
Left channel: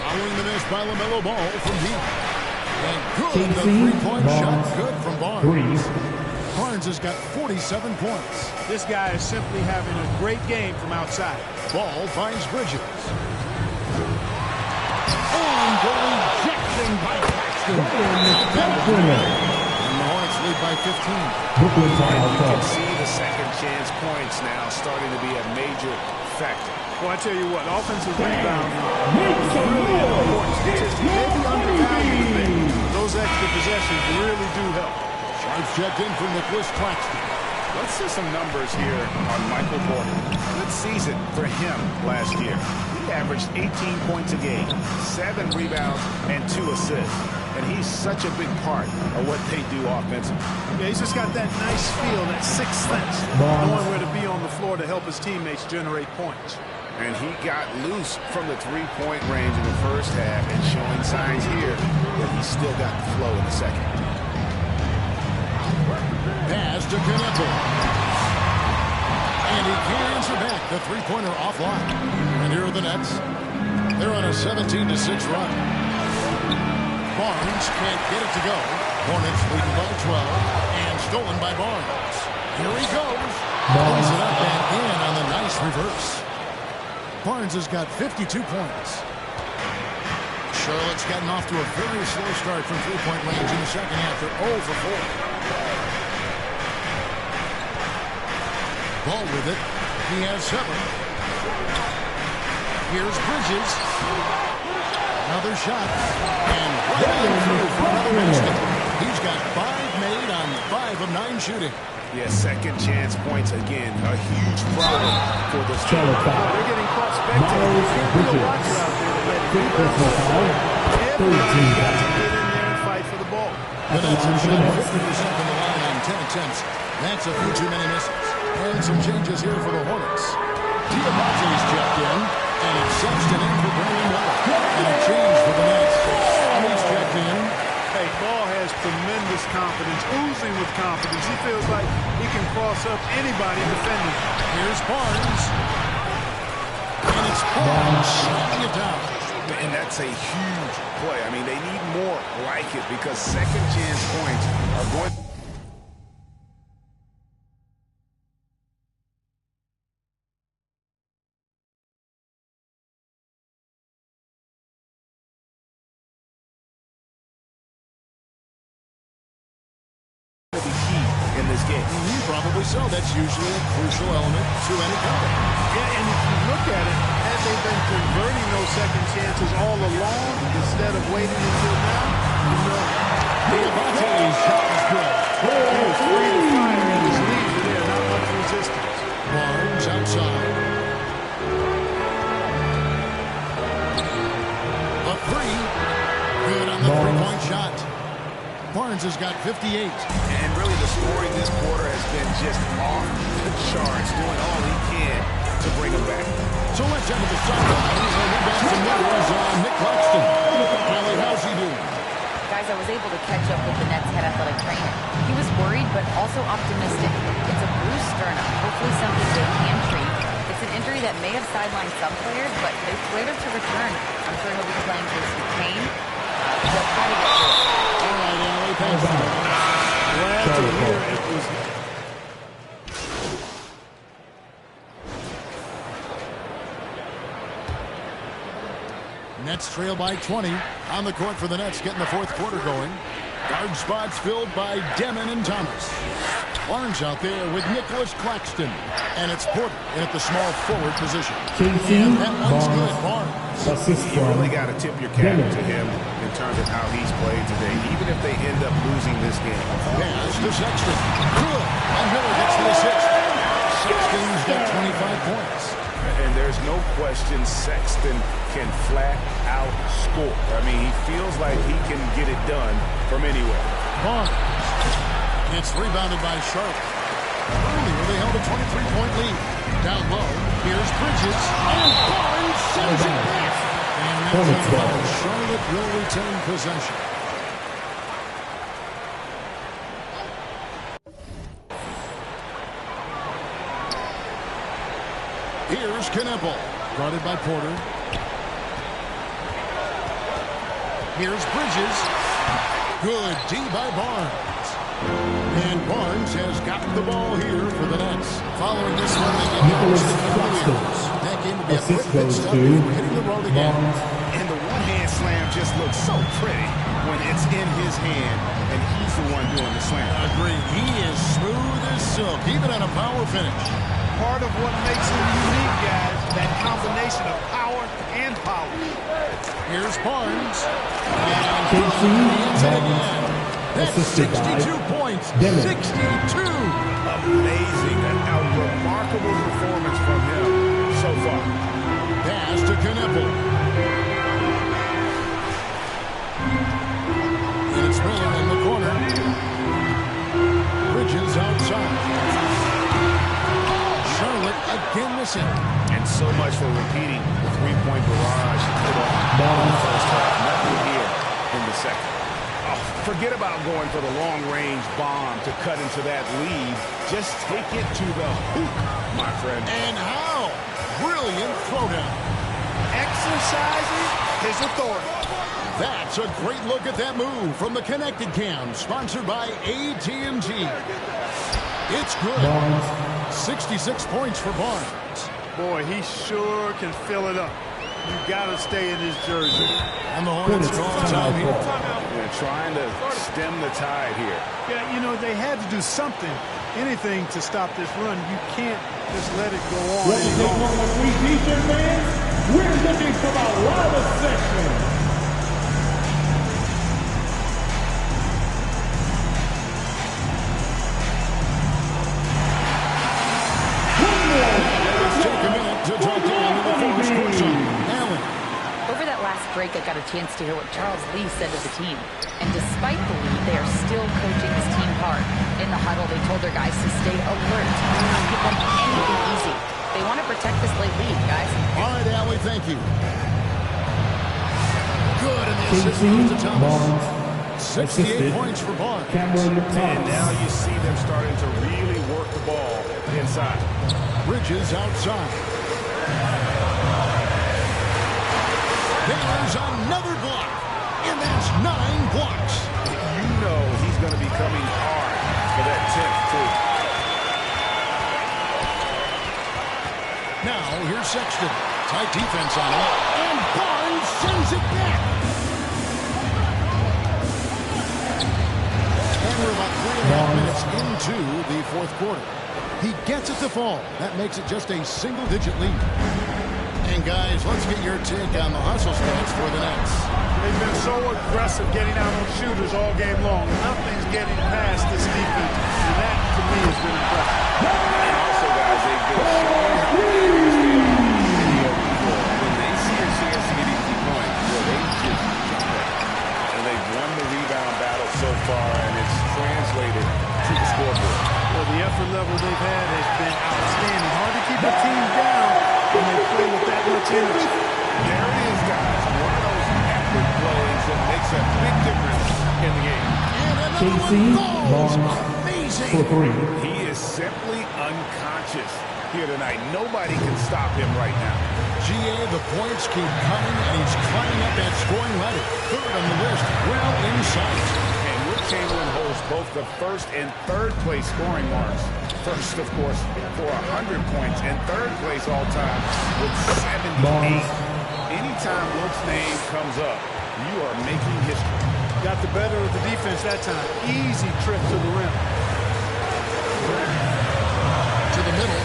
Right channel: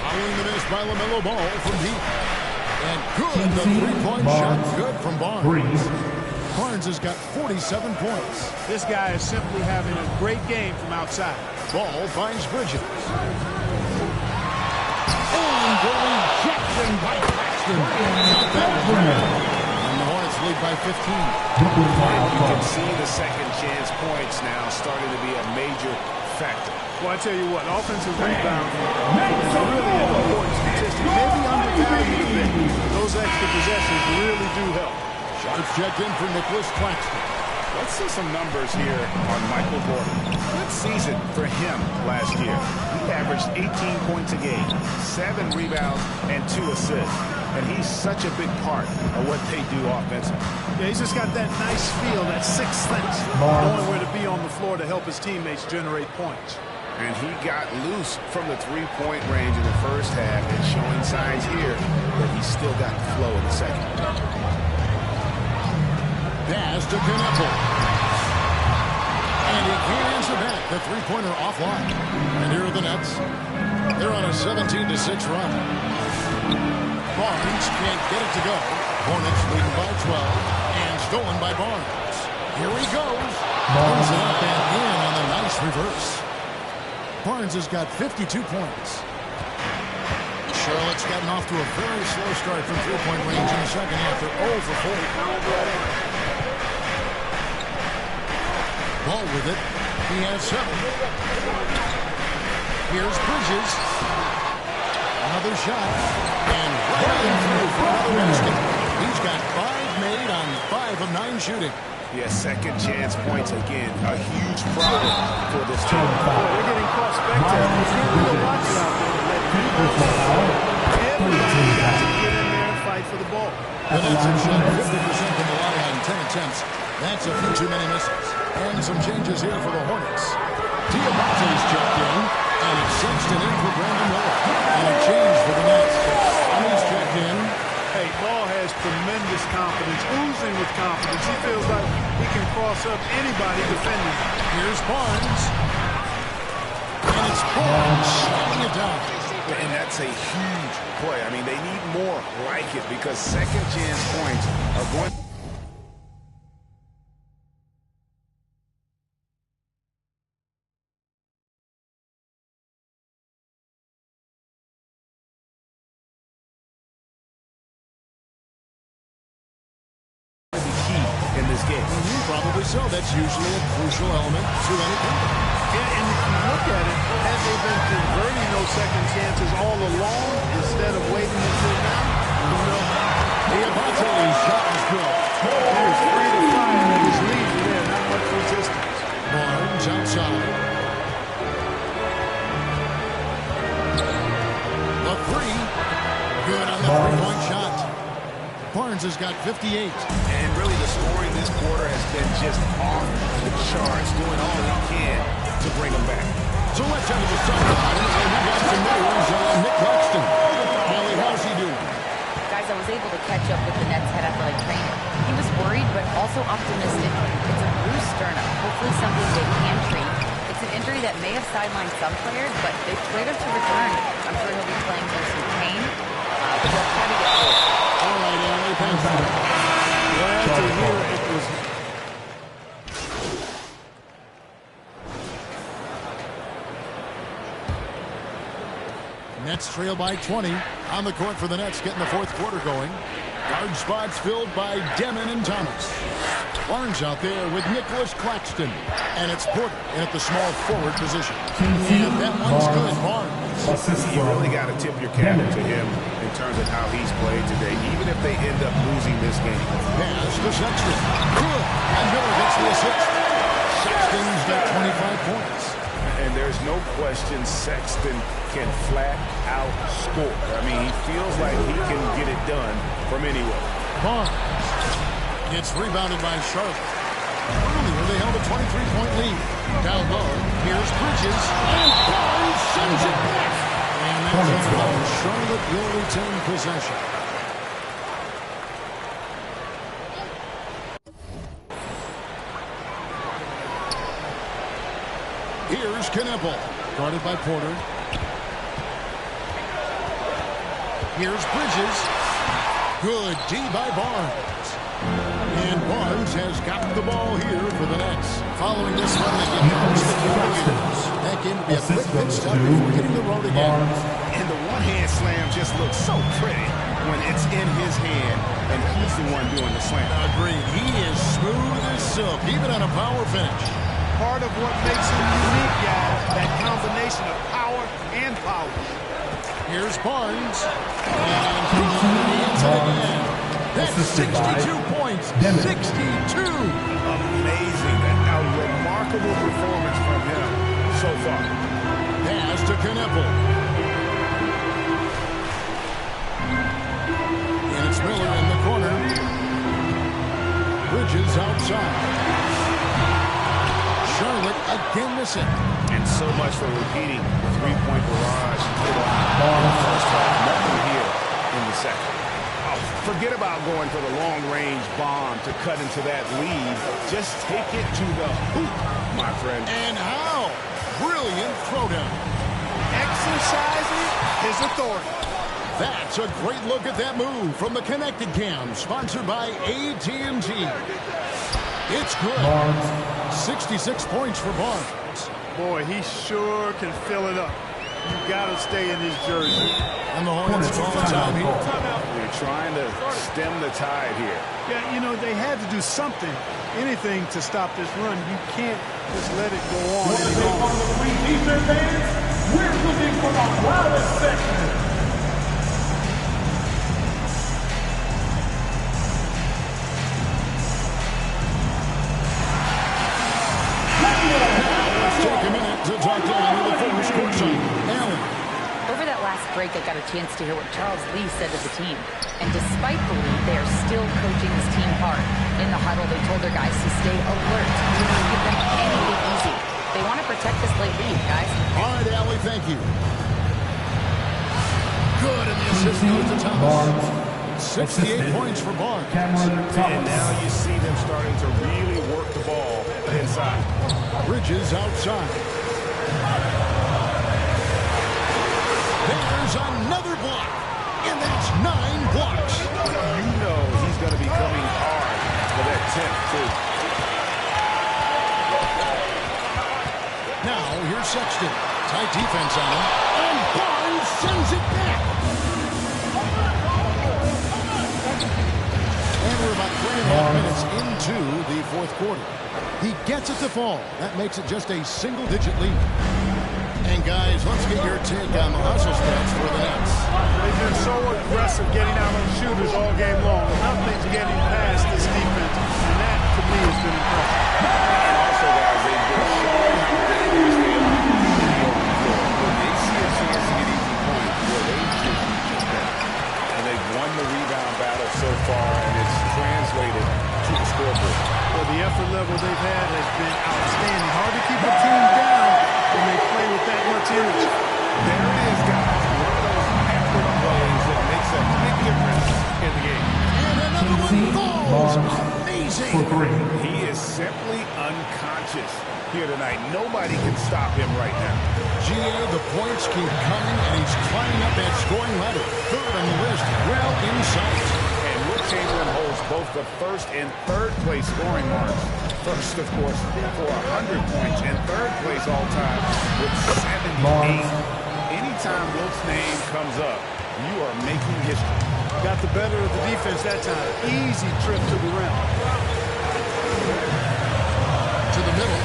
Following the miss by LaMelo Ball from deep. And good, the three-point shot good from Barnes. Barnes has got 47 points. This guy is simply having a great game from outside. Ball finds Bridges. And the rejection by Claxton. Count that one. And the Hornets lead by 15. And you can see the second chance points now starting to be a major factor. Well, I tell you what, offensive rebounding is really an important statistic. Maybe undervalued a bit, but those extra possessions really do help. Sharps checked in for Nicholas Claxton. Let's see some numbers here on Michael Porter. Good season for him last year. He He averaged 18 points a game, 7 rebounds, and 2 assists. And he's such a big part of what they do offensively. Yeah, he's just got that nice feel, that sixth sense, knowing where to be on the floor to help his teammates generate points. And he got loose from the three-point range in the first half and showing signs here that he's still got the flow in the second. Pass to Knueppel. And he can't answer back. The three-pointer offline. And here are the Nets. They're on a 17-6 run. Barnes can't get it to go. Hornets leading by 12 and stolen by Barnes. Here he goes. Pulls it up and in on the nice reverse. Barnes has got 52 points. Charlotte's gotten off to a very slow start from three-point range in the second half. They're 0 for 4. Ball with it. He has 7. Here's Bridges. Another shot. And right on through for another basket. He's got 5 made on 5 of 9 shooting. Yeah, second chance points again. A huge problem for this team. Boy, they're getting caught spectating. You can't be a watcher out there to let it rebound. Everybody's got to get in there and fight for the ball. The Nets have shot 50% from the line on 10 attempts. That's a few too many misses. And some changes here for the Hornets. Diabate's checked in, and it's Sexton in for Brandon Miller. And a change for the Nets. He's checked in. Hey, Ball has tremendous confidence, oozing with confidence. He feels like he can cross up anybody defending. Here's Barnes. And it's Barnes shutting it down. And that's a huge play. I mean, they need more like it because second chance points are going to be key in this game. Probably so. That's usually a crucial element to any comeback. Yeah, and if you look at it, had they been converting those second chances all along instead of waiting until now, you know. Diabate's shot is good. He was free to fire at his leisure there, not much resistance. Barnes outside. The 3. Good on the three-point shot. Barnes has got 58. And really the story this quarter has been just off the charts, doing all he can to bring them back. So let's enter the sideline, and we got some news on Nick Claxton. Allie, how's he doing? Guys, I was able to catch up with the Nets head athletic trainer. He was worried, but also optimistic. It's a bruised sternum, hopefully something they can treat. It's an injury that may have sidelined some players, but they've cleared him to return. I'm sure he'll be playing through some pain, but they'll try to get through it. All right, Allie, thanks for that. Glad to hear it was. Nets trail by 20. On the court for the Nets, getting the fourth quarter going. Guard spots filled by Demon and Thomas. Barnes out there with Nicholas Claxton. And it's Porter in at the small forward position. And that one's good, Barnes. You really got to tip your cap to him in terms of how he's played today, even if they end up losing this game. Pass to Sexton. Good. And Miller gets the assist. Sexton's got 25 points. And there's no question Sexton can flat out score. I mean, he feels like he can get it done from anywhere. Barnes gets rebounded by Charlotte. Earlier, they held a 23-point lead. Down low, here's Bridges, and Barnes sends it back. And that's on foul. Charlotte will retain possession. Here's Knueppel, guarded by Porter. Here's Bridges. Good D by Barnes. And Barnes has got the ball here for the Nets. Following this one, they get down to the Cavaliers. That game will be a quick pit stop before hitting the road again. And the one-hand slam just looks so pretty when it's in his hand, and he's the one doing the slam. Agreed. He is smooth as silk, even on a power finish. Part of what makes him unique, guys, that combination of power and polish. Here's Barnes. And he hits it again. That's 62 points. 62. Amazing. A remarkable performance from him so far. Pass to Kneppel. And it's Miller in the corner. Bridges outside. Charlotte again missing. And so much for repeating the three-point barrage put on in the first half. Nothing here in the second. Oh, forget about going for the long-range bomb to cut into that lead. Just take it to the hoop, my friend. And how? Brilliant throwdown. Exercising his authority. That's a great look at that move from the Connected Cam, sponsored by AT&T. It's good. Barnes. 66 points for Barnes. Boy, he sure can fill it up. You got to stay in his jersey. And the Hornets call time here. They're trying to stem the tide here. Yeah, you know, they had to do something, anything to stop this run. You can't just let it go on Want to any take longer. on the Green T-shirt fans? We're looking for the loudest section. Let's take a minute to talk to Allie LaForce courtside. Allie. Over that last break, I got a chance to hear what Charles Lee said to the team. And despite the lead, they are still coaching this team hard. In the huddle, they told their guys to stay alert. Do not give them anything easy. They want to protect this late lead, guys. All right, Allie, thank you. Good, and the assist goes to Thomas. Barnes. 68 points for Barnes. Cameron And Thomas. now you see them starting to really work the ball inside. Bridges outside. There's another block. And that's 9 blocks. You know he's going to be coming hard for that 10th, too. Now, here's Sexton. Tight defense on him. And Barnes sends it back. And we're about 3.5 minutes into the fourth quarter. He gets it to fall. That makes it just a single-digit lead. And, guys, let's get your take on the hustle stats for the Nets. They've been so aggressive getting out on shooters all game long. Nothing's getting past this defense, and that, to me, has been impressive. And also, guys, they've been showing how dangerous they are in the open floor. When they see a chance to get easy points, well, they just jump at it. And they've won the rebound battle so far, and it's translated to the scoreboard. Well, the effort level they've had has been outstanding. Hard to keep a team down when they play with that much energy. There it is, guys. One of those effort plays that makes a big difference in the game. And another Casey one falls. Barnes Amazing. for 3. He is simply unconscious here tonight. Nobody can stop him right now. GA, the points keep coming, and he's climbing up that scoring ladder. Third on the list, well in sight. And Will Chamberlain holds both the first and third place scoring marks. First, of course, for 100 points, and third place all time with 78. Barnes. Anytime Wilt's name comes up, you are making history. Got the better of the defense that time. Easy trip to the rim. To the middle.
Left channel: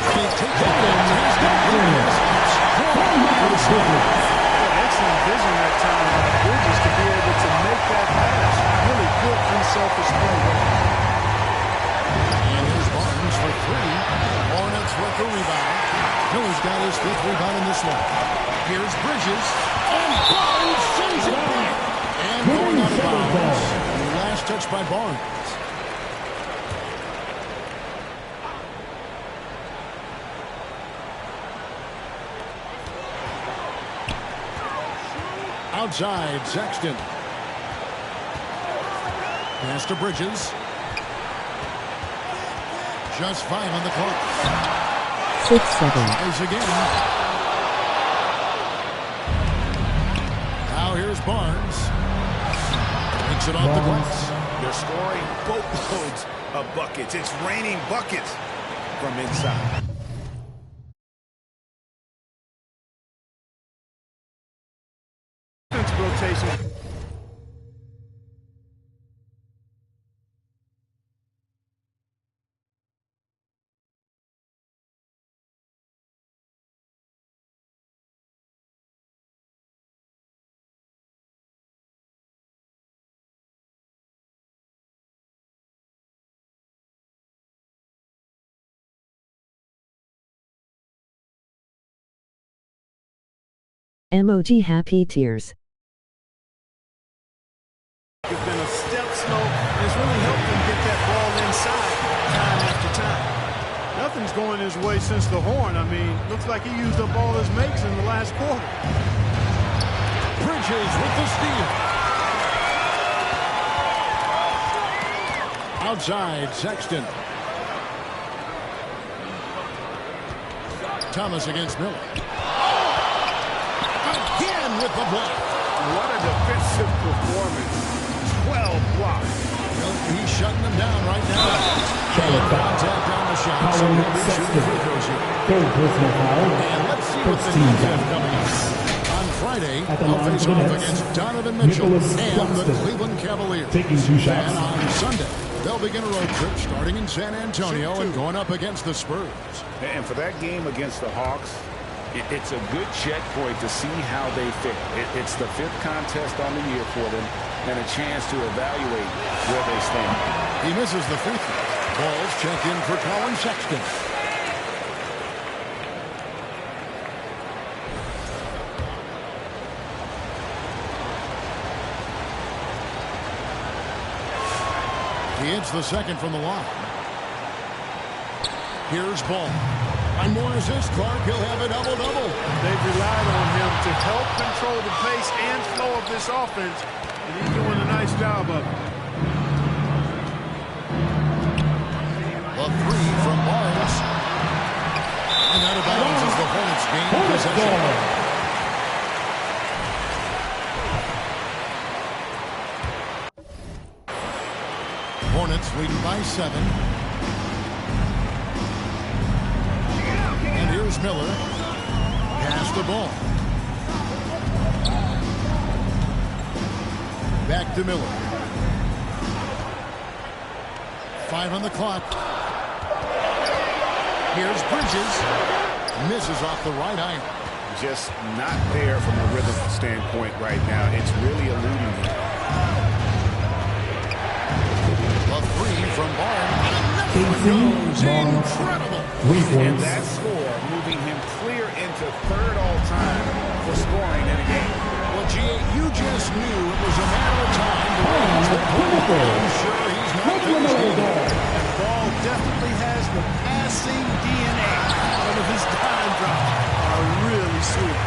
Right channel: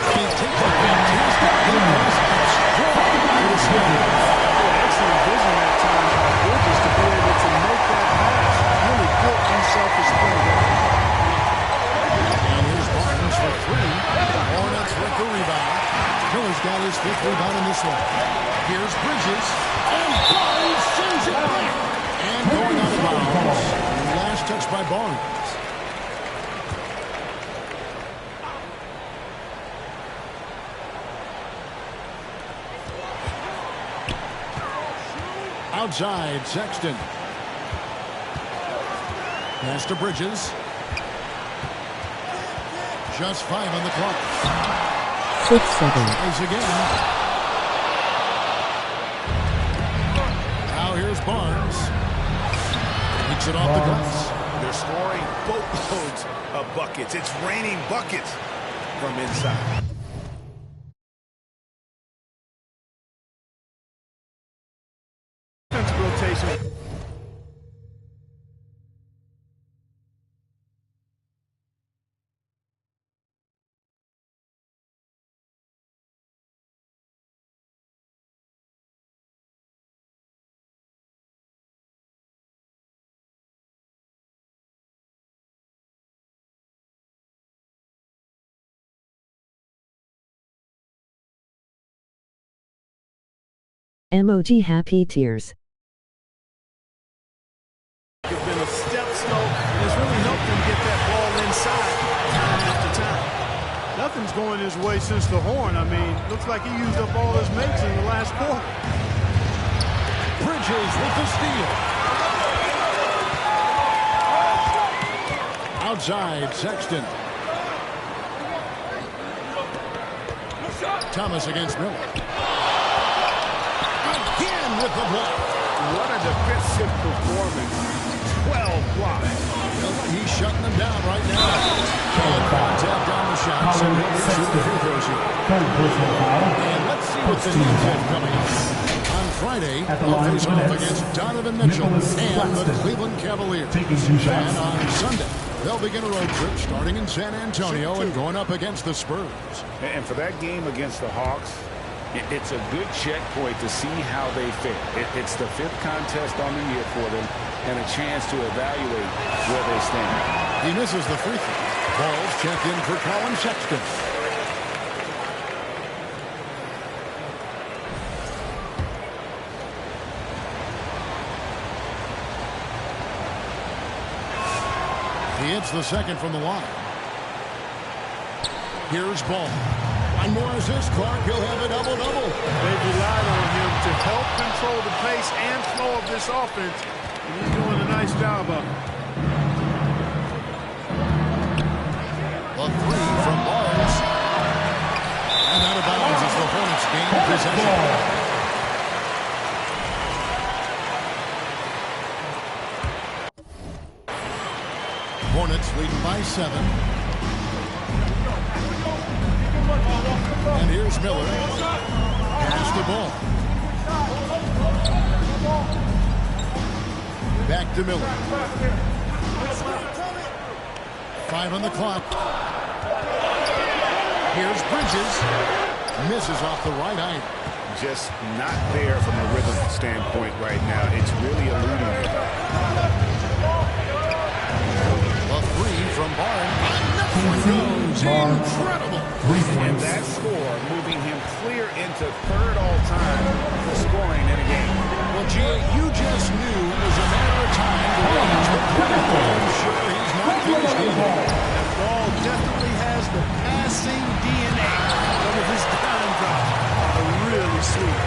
And he takes a fantastic lead pass and strong for the Snickers. Boy, excellent vision that time by Bridges to be able to make that pass. Really good, unselfish play there. And here's Barnes for 3. The Hornets with the rebound. Miller's got his 5th rebound in this one. Here's Bridges. And Barnes sends it back. And going out of bounds. Last touch by Barnes. Outside, Sexton. Pass to Bridges. Just 5 on the clock. 6-7. Plays again. Now here's Barnes. Takes it off the glass. They're scoring boatloads of buckets. It's raining buckets from inside. Defensive rotation. Emoji happy tears. It's been a step slow, and it's really helped him get that ball inside time after time. Nothing's going his way since the horn. I mean, looks like he used up all his makes in the last quarter. Bridges with the steal. Outside, Sexton. Thomas against Miller. Again with the block. What a defensive performance. 12 blocks. Well, he's shutting them down right now. And contact on the shot, so he'll be shooting free throws here. And let's see what the Nets have coming up. On Friday, they'll face off against Donovan Mitchell and the Cleveland Cavaliers. Then on Sunday, they'll begin a road trip starting in San Antonio and going up against the Spurs. And for that game against the Hawks, it's a good checkpoint to see how they fare. It's the 5th contest on the year for them and a chance to evaluate where they stand. He misses the free throw. Balls check in for Colin Sexton. He hits the second from the line. Here's Ball. One more assist, Clark. He'll have a double-double. They've relied on him to help control the pace and flow of this offense, and he's doing a nice job of it. The three from Barnes. And out of bounds as the Hornets gain possession. Hornets leading by 7. And here's Miller. Pass the ball. Back to Miller. 5 on the clock. Here's Bridges. Misses off the right iron. Just not there from a rhythm standpoint right now. It's really eluding him. The three from Barnes. Another one goes. Incredible. And that score moving him clear into 3rd all-time for scoring in a game. Well, G.A., you just knew it was a matter of time the way he's been playing. I'm sure he's not finished either. And Ball definitely has the passing DNA. Some of his dime drops are really sweet.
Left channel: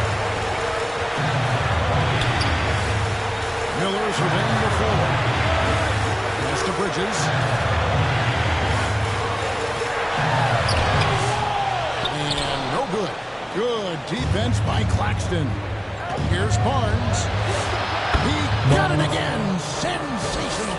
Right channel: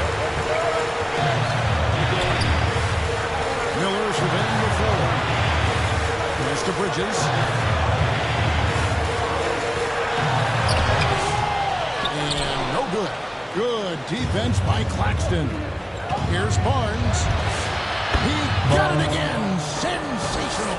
Miller surveying the floor. Pass to Bridges. And no good. Good defense by Claxton. Here's Barnes. He got it again. Sensational.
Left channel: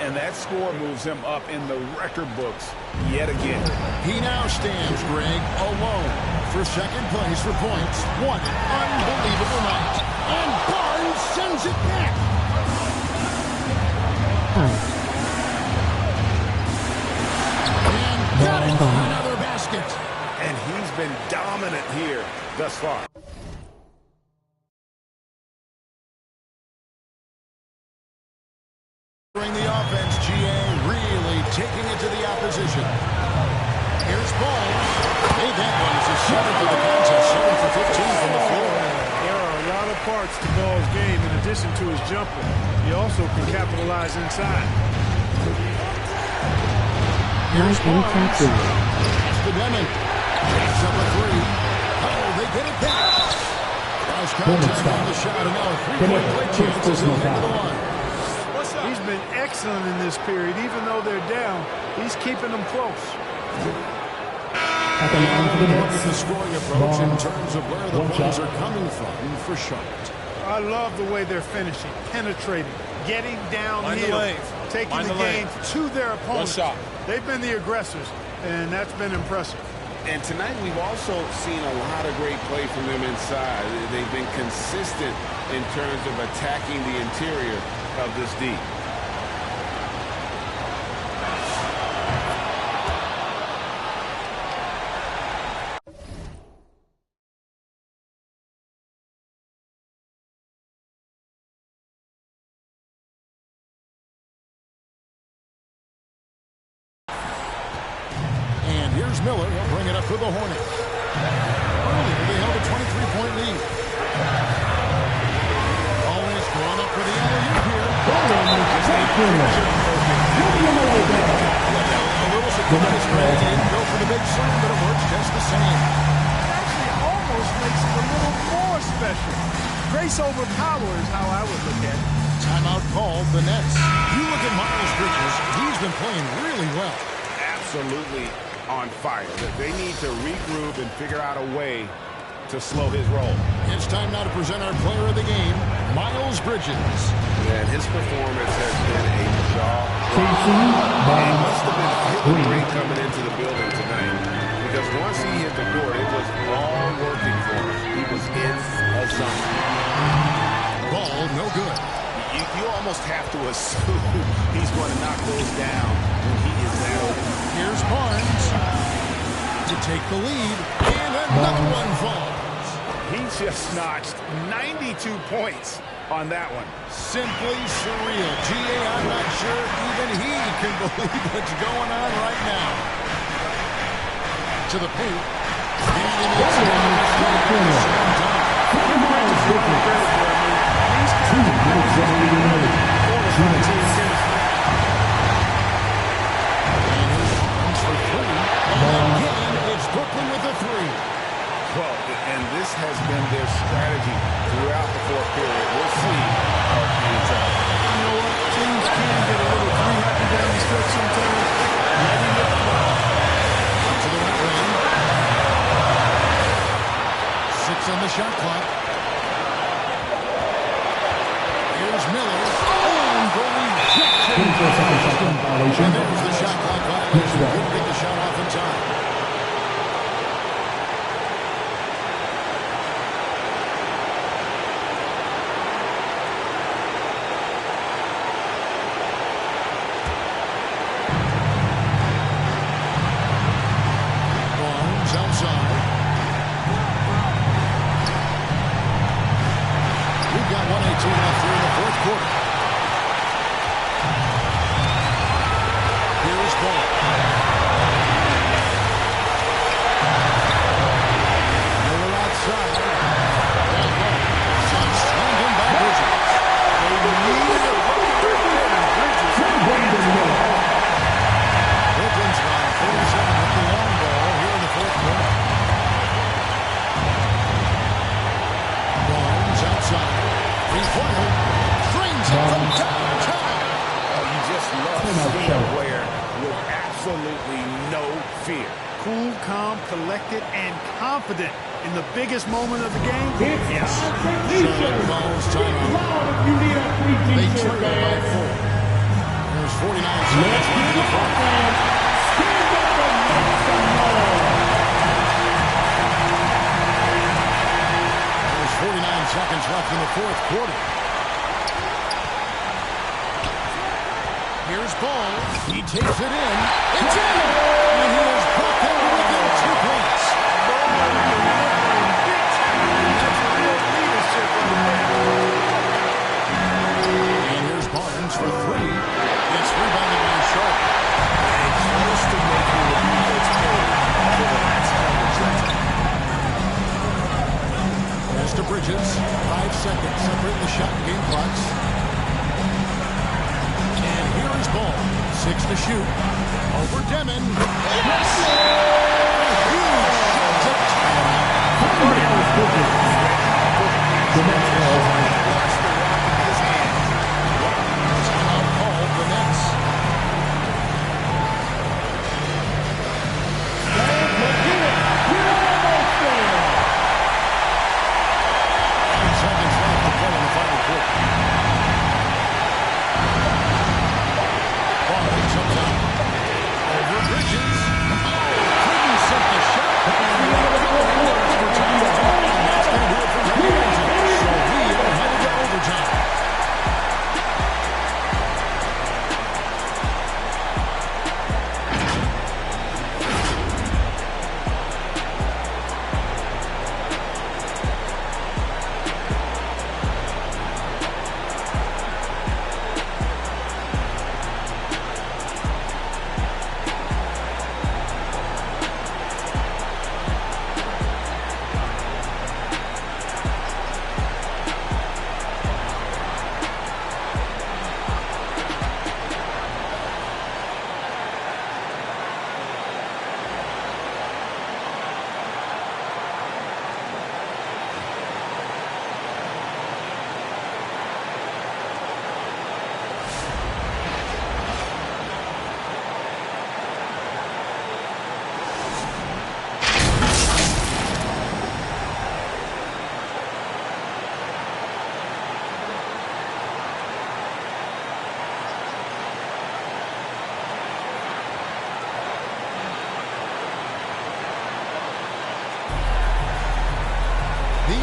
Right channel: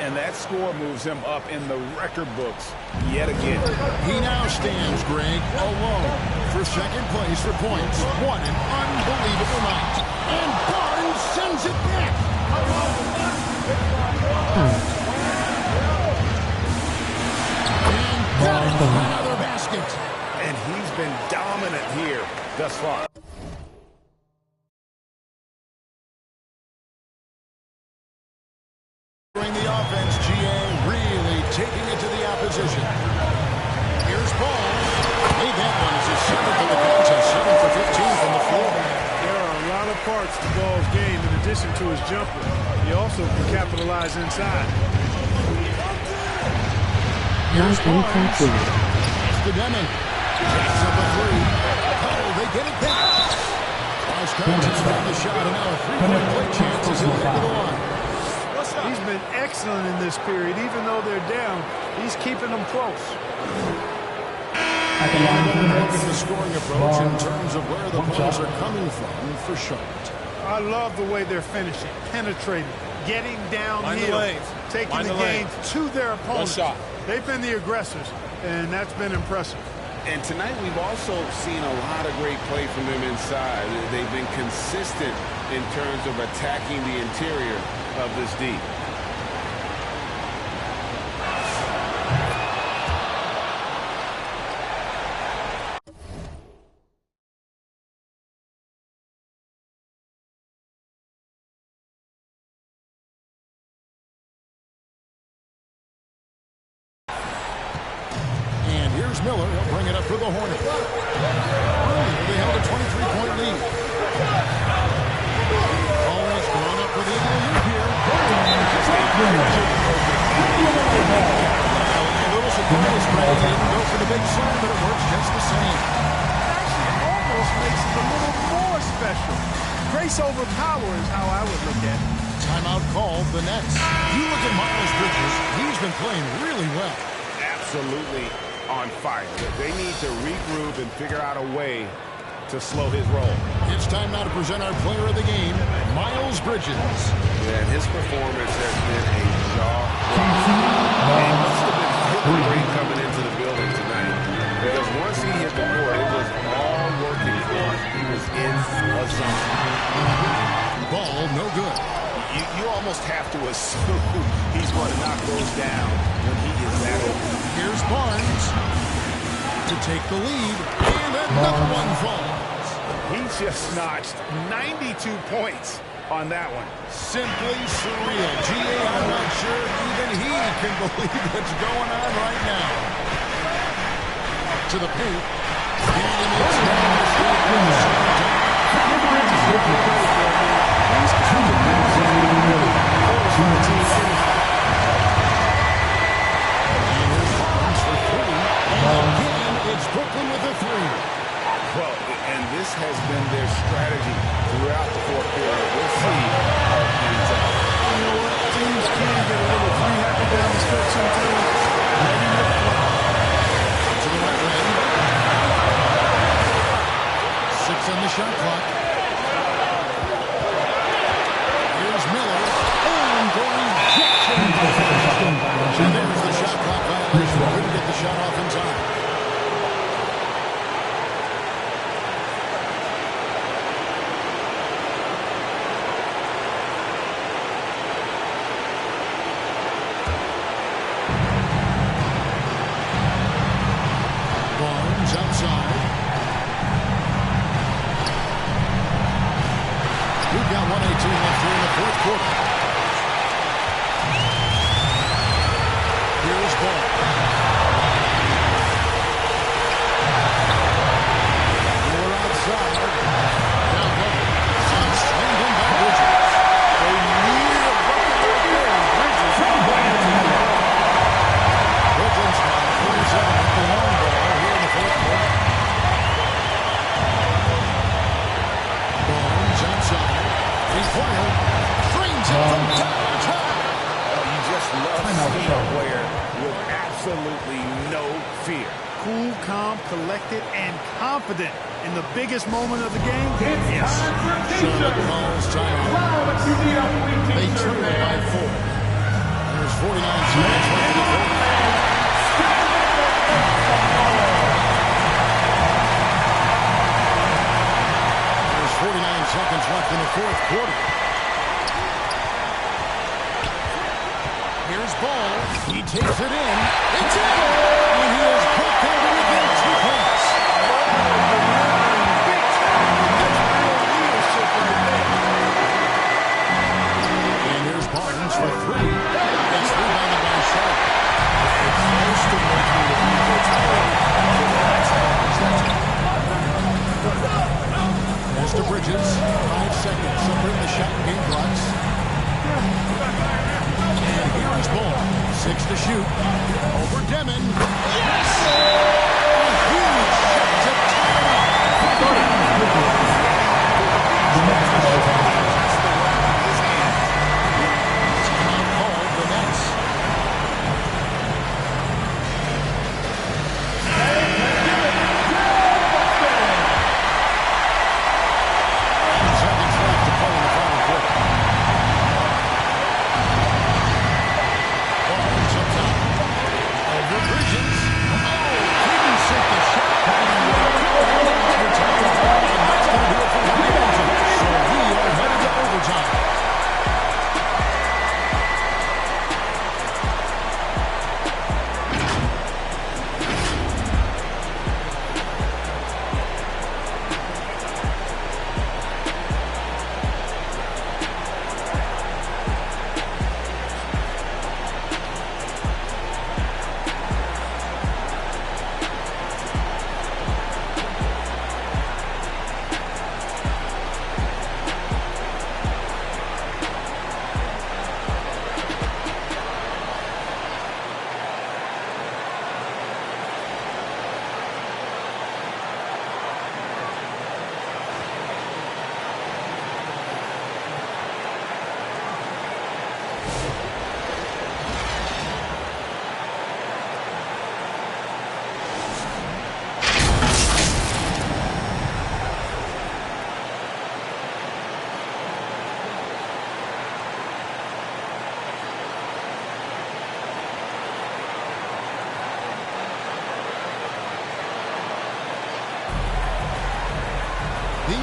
And that score moves him up in the record books yet again. He now stands, Greg, alone for second place for points. What an unbelievable night. And Barnes sends it back. And got it. Another basket. And he's been dominant here thus far. During the offense, G.A. really taking it to the opposition. Here's Ball. Made that one as his 7th of the contest. 7 for 15 from the floor. There are a lot of parts to Ball's game in addition to his jumper. He also can capitalize inside. Here's Barnes. That's the Demon. Jacks up a three. Oh, they get it back. Cross contact on the shot, and now a three-point play chance as he'll head to the line. He's been excellent in this period. Even though they're down, he's keeping them close. And we'll look at the scoring approach in terms of where the points are coming from for Charlotte. I love the way they're finishing, penetrating, getting downhill, taking the game to their opponents. They've been the aggressors, and that's been impressive. And tonight we've also seen a lot of great play from them inside. They've been consistent in terms of attacking the interior of this D. And here's Miller. He'll bring it up for the Hornets. Earlier, they held a 23-point lead. A little surprise, Ray. He didn't go for the big slam, but it works just the same. It actually almost makes it a little more special. Grace over power is how I would look at it. Timeout called the Nets. You look at Miles Bridges, he's been playing really well. Absolutely on fire. They need to regroup and figure out a way to slow his roll. It's time now to present our player of the game, Miles Bridges. Yeah, and his performance has been a jaw-dropping. He must have been feeling great coming into the building tonight, because once he hit the court, it was all working for him. He was in a zone. Ball no good. You almost have to assume he's going to knock those down when he is that open. Here's Barnes to take the lead, and another one falls. He just notched 92 points on that one. Simply surreal. G.A., I'm not sure even he can believe what's going on right now. To the paint, and he makes a mistake on the slam dunk. Give Bridges a lot of credit there. I mean, these kinds of passes can really fortify team chemistry. And here's Barnes for three. And again, it's Brooklyn with a three. Well, and this has been their strategy throughout the fourth period. We'll see how it ends up. You know what? Teams can get a little three-happy down the stretch sometimes. Letting it fly. Up to the right wing. 6 on the shot clock. Here's Miller. And the rejection. And there's the shot clock violation. Couldn't get the shot off in time. Barnes outside. We've got 1:18 left here in the fourth quarter. Here's Ball. Miller outside. Down low. Slammed in by Bridges. They needed a bucket right there, and Bridges answered the ball. Brooklyn's line 47 with the long ball here in the fourth quarter. Barnes outside. Three-pointer. Drains it from downtown. Oh, you just love seeing a player with absolutely no fear. Cool, calm, collected, and confident in the biggest moment of the game. Yes. Charlotte calls timeout. They trail by 4. There's 49 seconds left in the fourth. There's 49 seconds left in the fourth quarter. Here's Ball. He takes it in. It's in! And he has brought them to within 2 points. Ball delivering big time, and that's real leadership right there. And here's Barnes for three. It's rebounded by Charlotte. It's close to making the defense pay for the last coverage. Pass to Bridges. 5 seconds separating the shot and game clocks. And here is Ball. 6 to shoot. Over Demon. Yes! A huge shot to tie it up. Wants the rock in his hands. Timeout called the Nets. Seconds left to play in the final quarter. Barnes up top. Over Bridges. Oh, couldn't sink the shot. And we're going to overtime. And that's going to do it for regulation. So we are headed to overtime.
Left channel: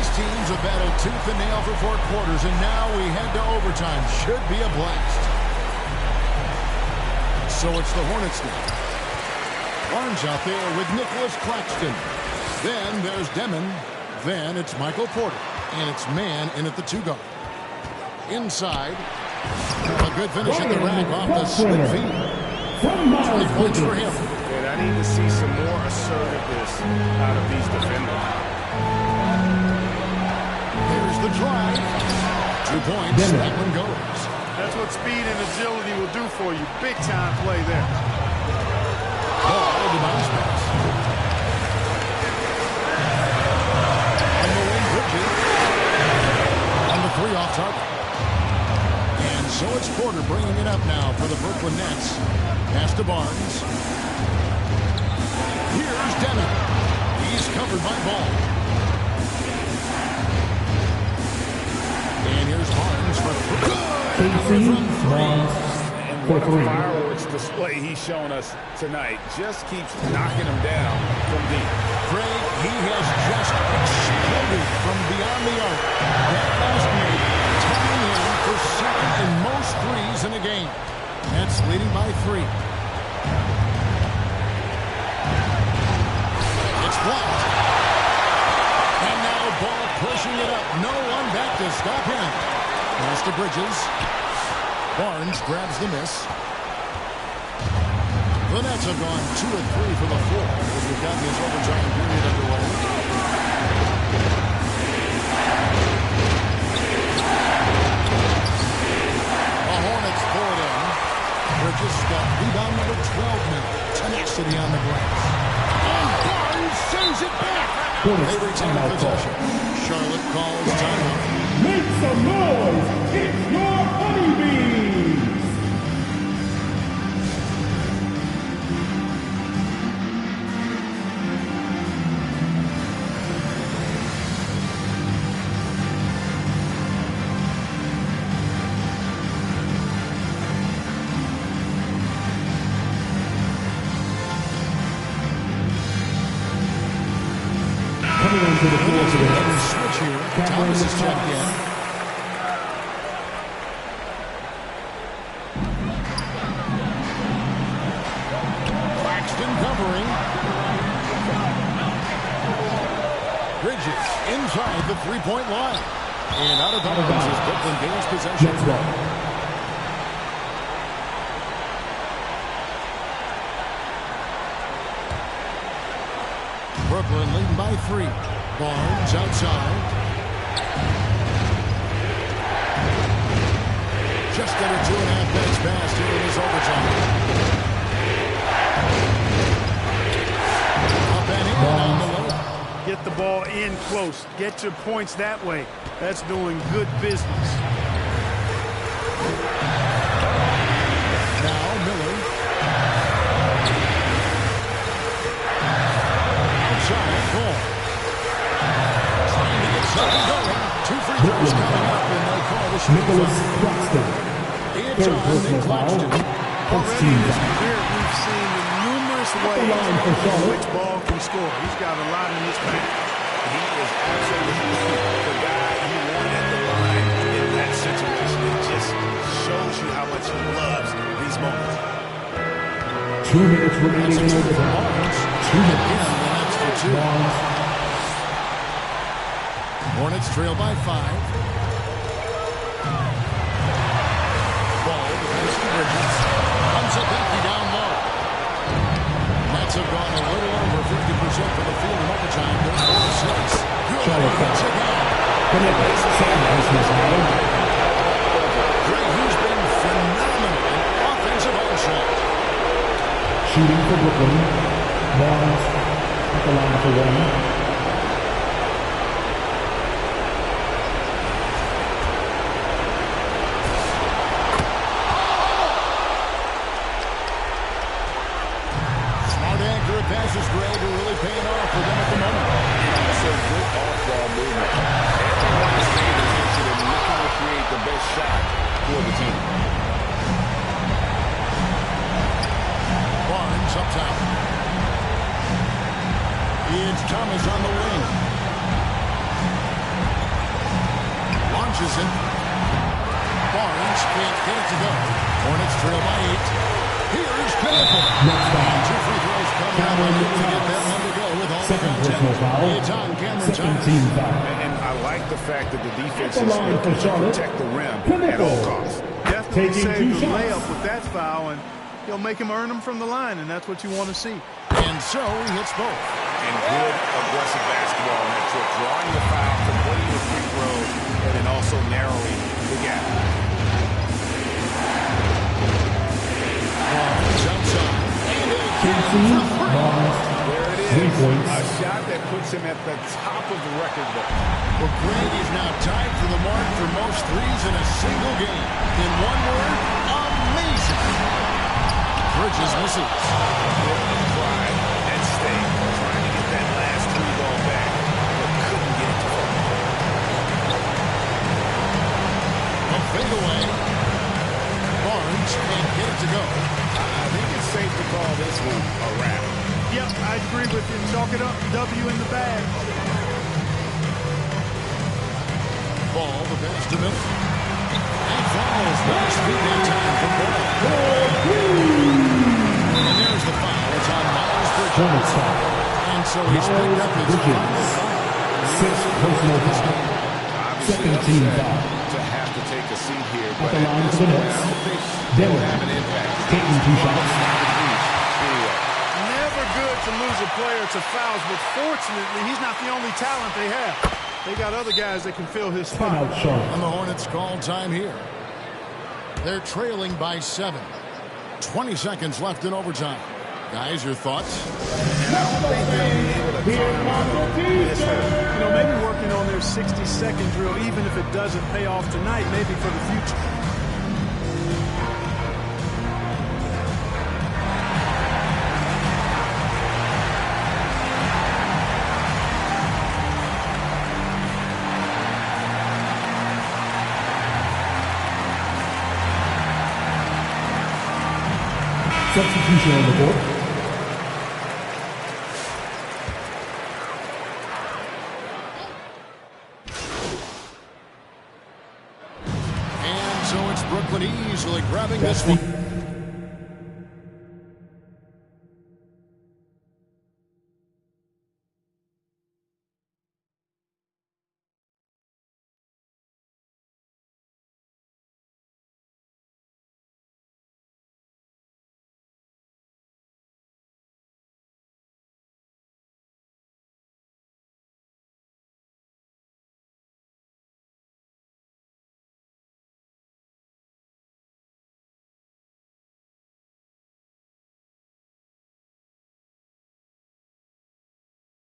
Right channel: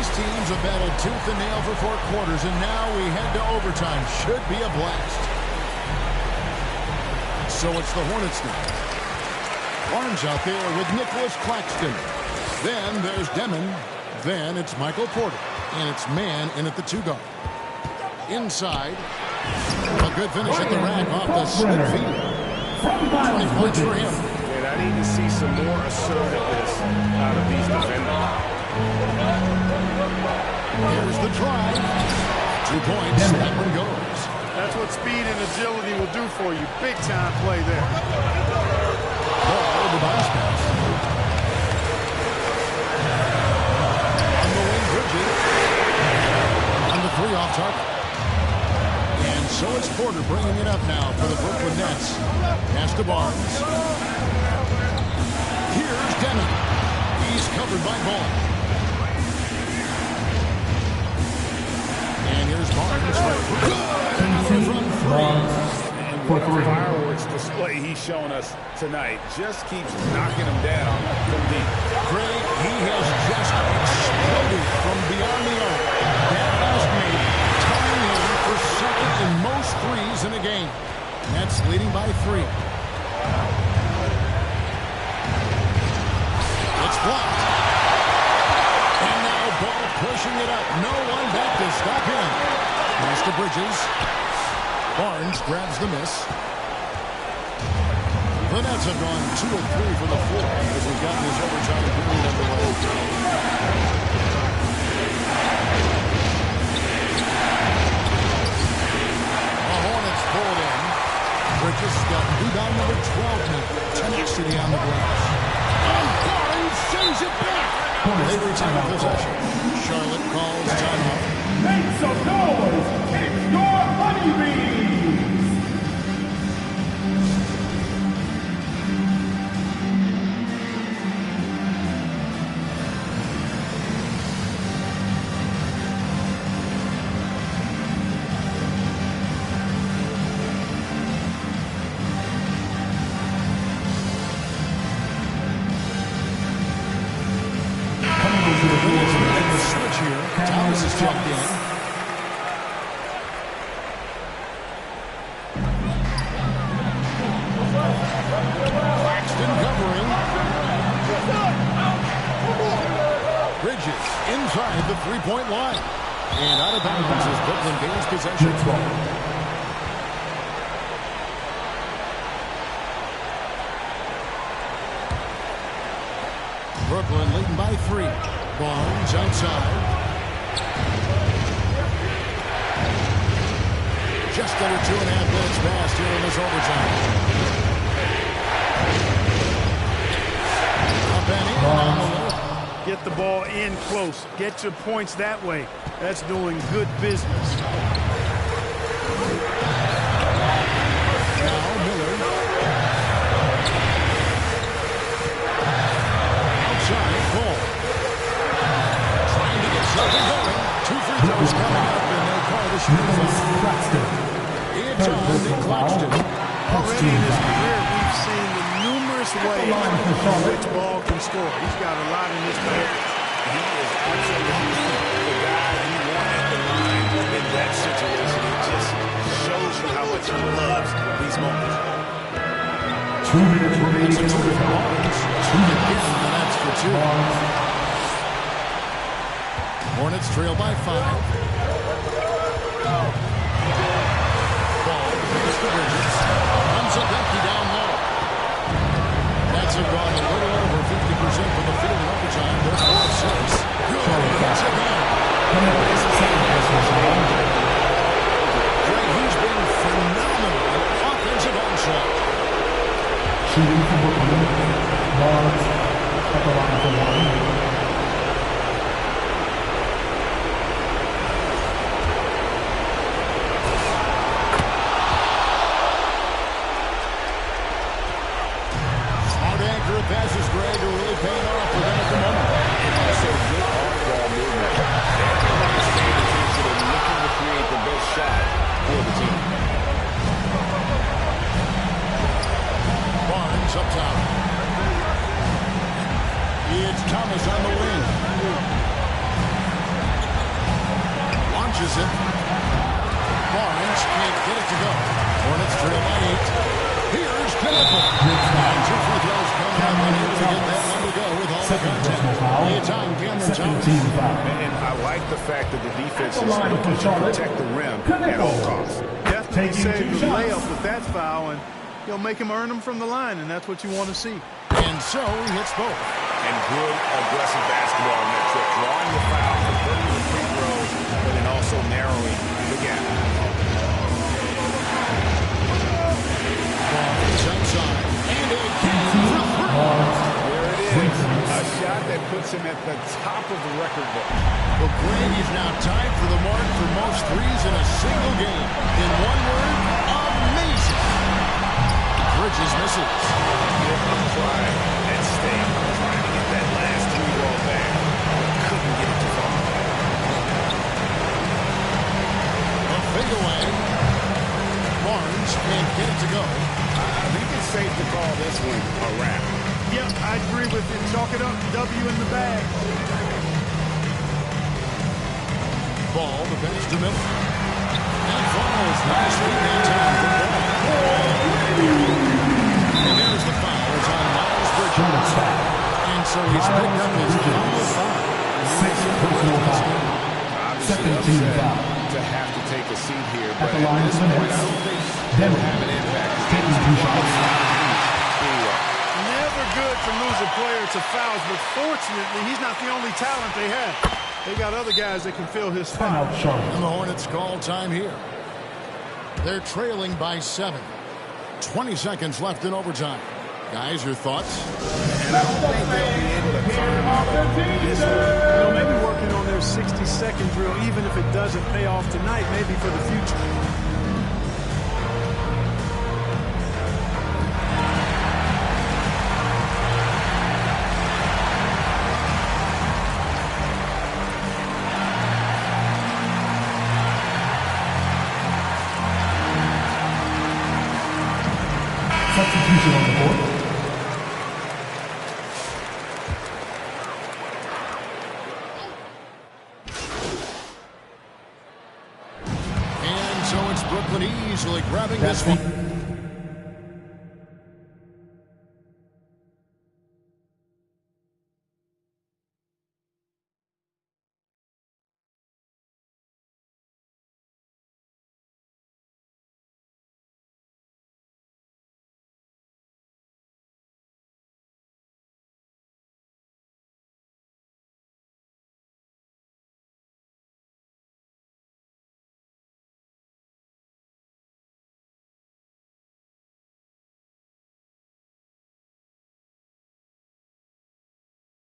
These teams have battled tooth and nail for 4 quarters, and now we head to overtime. Should be a blast. So it's the Hornets now. Barnes out there with Nicholas Claxton. Then there's Demon. Then it's Michael Porter. And it's man in at the 2 guard. Inside. A good finish at the rack off the slip feed. 20 points for him. And I need to see some more assertiveness out of these defenders. Here's the drive. 2 points. That one goes. That's what speed and agility will do for you. Big time play there. Ball to bounce pass. On the wing, Bridges. On the 3 off target. And so it's Porter bringing it up now for the Brooklyn Nets. Pass to Barnes. Here's Demon. He's covered by Ball. And here's Barnes for 3. Good! Another from 3. And what a fireworks display he's shown us tonight. Just keeps knocking them down from deep. Craig, he has just exploded from beyond the arc. That last made, tying him for second in most threes in a game. Nets leading by 3. It's blocked. And now Ball pushing it up. No one back to stop him. Pass to Bridges. Barnes grabs the miss. The Nets have gone 2 of 3 for the floor as we've gotten this overtime period underway. The Hornets pull it in. Bridges got rebound number 12 now. Tenacity on the glass. And Barnes sends it back. They retain possession. Charlotte calls timeout. Make some noise! It's your honeybees! Switch here. Thomas is checked in. Claxton covering. Bridges inside the 3-point line. And out of bounds as Brooklyn gains possession. Brooklyn leading by 3. Barnes outside. Just under 2.5 minutes passed here in this overtime. Up and in on the left. Get the ball in close. Get your points that way. That's doing good business. Now Miller. Outside, Ball. Trying to get something going. 2 free throws coming up, and they call the shooting foul. It's on Nick Claxton. Already in his career, we've seen the numerous ways in which Ball can score. He's got a lot in his bag. He is absolutely the guy you want at the line in that situation. It just shows you how much he loves these moments. 2 minutes remaining in overtime. Barnes. Again, the Nets for 2. Hornets trail by 5. Ball defends to Bridges. Comes up empty down low. Nets have gone a little over 50% from the field in overtime. They're 4 of 6. Good. Hits again. Greg, he's been phenomenal in offensive onslaught. Shooting for Brooklyn. Barnes at the line for 1. Accurate passes, Greg, are really paying off for them at the moment. And also good off-ball movement. Everyone is paying attention and looking to create the best shot for the team. Barnes up top. It's Thomas on the wing. launches it. Barnes can't get it to go. Hornets trail by 8. Here's Knipple. And 2 free throws coming up. Unable to get that one to go with all the contact. It's on Cameron Thomas. And I like the fact that the defense is looking to protect the rim at all costs. Definitely saved the layup with that foul, and he'll make him earn them from the line, and that's what you want to see. And so he hits both. And good aggressive basketball on that trip. Drawing the foul, converting the free throws, and then also narrowing the gap. Barnes outside. And again for 3. There it is. A shot that puts him at the top of the record book. Well, Greg is now tied for the mark for most threes in a single game. In one word, amazing. Bridges misses. A bit of pride at stake. Trying to get that last 3 ball back, but couldn't get it to fall. A fadeaway. Barnes can't get it to go. I think it's safe to call this one a wrap. Yep, I agree with you. Chalk it up. W in the bag. Ball, the pass to Miller. And falls. Nice feed that time from Ball. And there's the foul. It's on Miles Bridges. And so he's picked up his final foul. 6 personal fouls. Obviously upset to have to take a seat here, but at this point, I don't think they'll have an impact. Taking 2 shots. Out of reach anyway. Never good to lose a player to fouls, but fortunately, he's not the only talent they have. They got other guys that can fill his spot. And the Hornets call time here. They're trailing by 7. 20 seconds left in overtime. Guys, your thoughts? And I don't think they'll be able to climb out of this hole. You know, maybe working on their 60-second drill, even if it doesn't pay off tonight, maybe for the future. Substitution on the court. And so it's Brooklyn easily grabbing this one.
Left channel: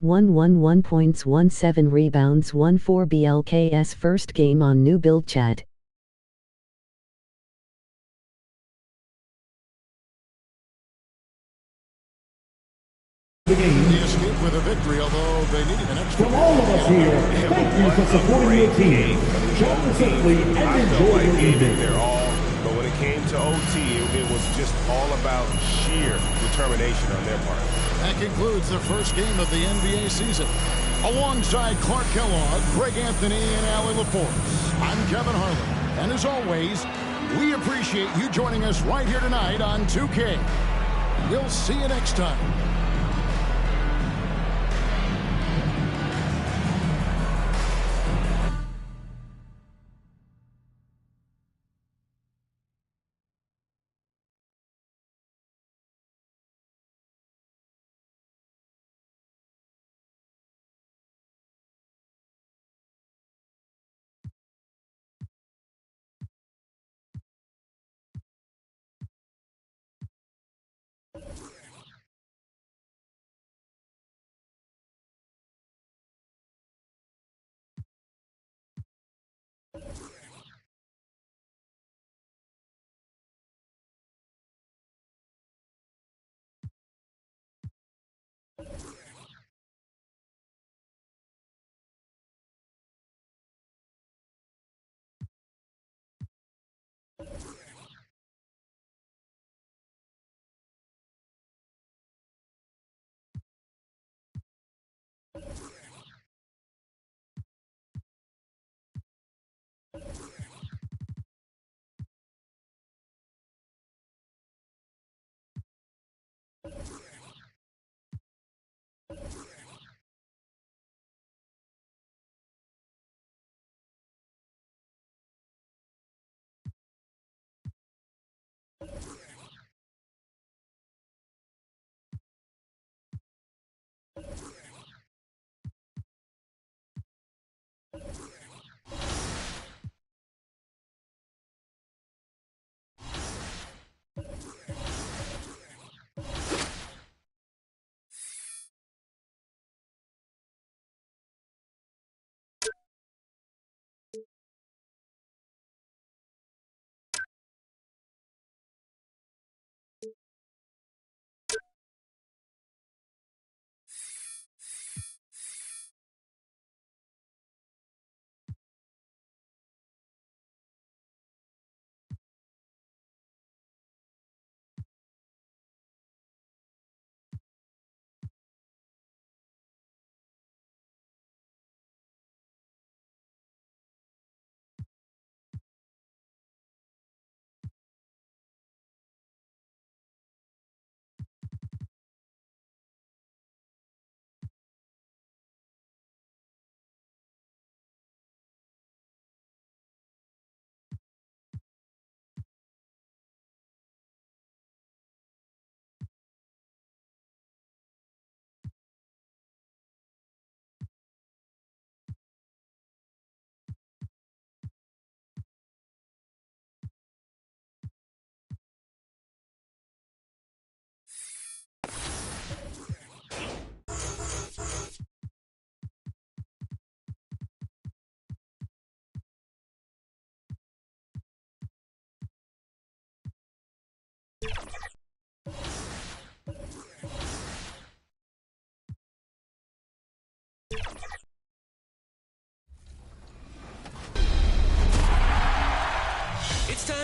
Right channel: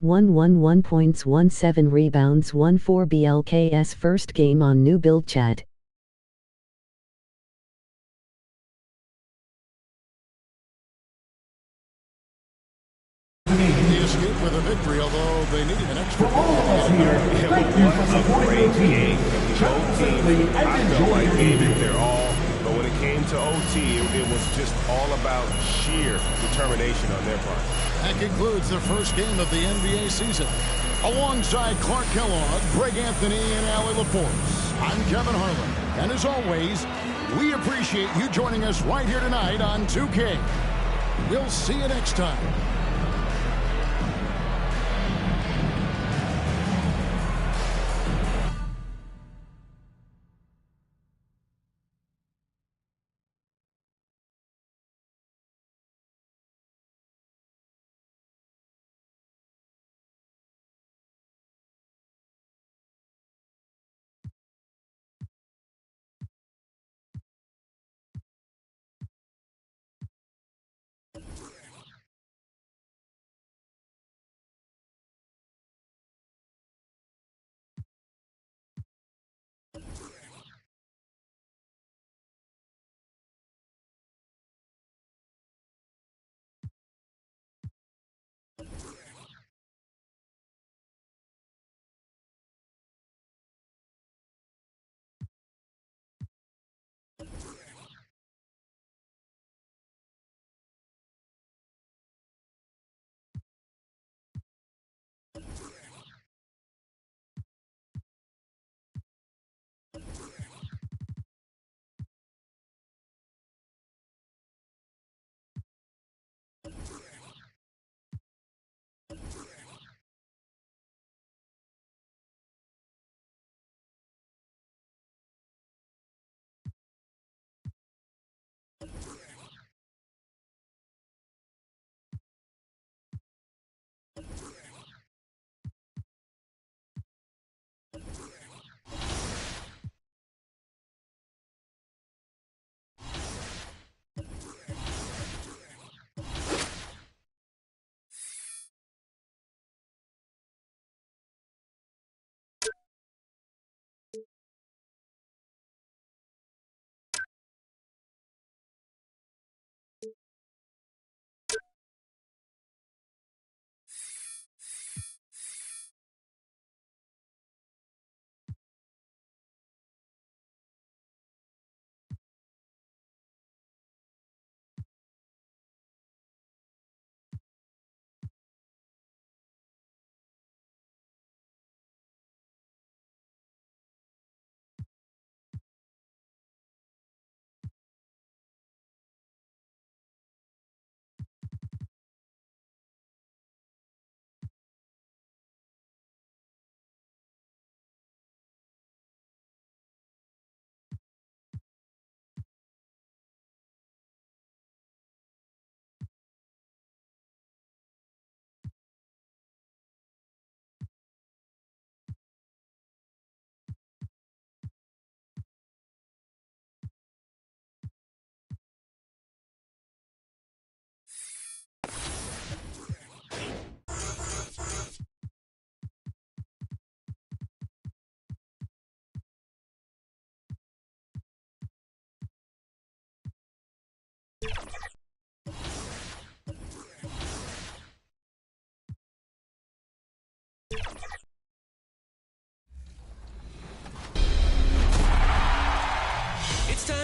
One points, 17 rebounds, 14 BLKS first game on new build chat. The escape with a victory, although they needed an extra From all of us here, thank you for supporting your team. Travel safely and enjoy your evening. Their all, but when it came to OT, it was just all about sheer determination on their part. That concludes the first game of the NBA season. Alongside Clark Kellogg, Greg Anthony, and Allie LaForce, I'm Kevin Harlan. And as always, we appreciate you joining us right here tonight on 2K. We'll see you next time.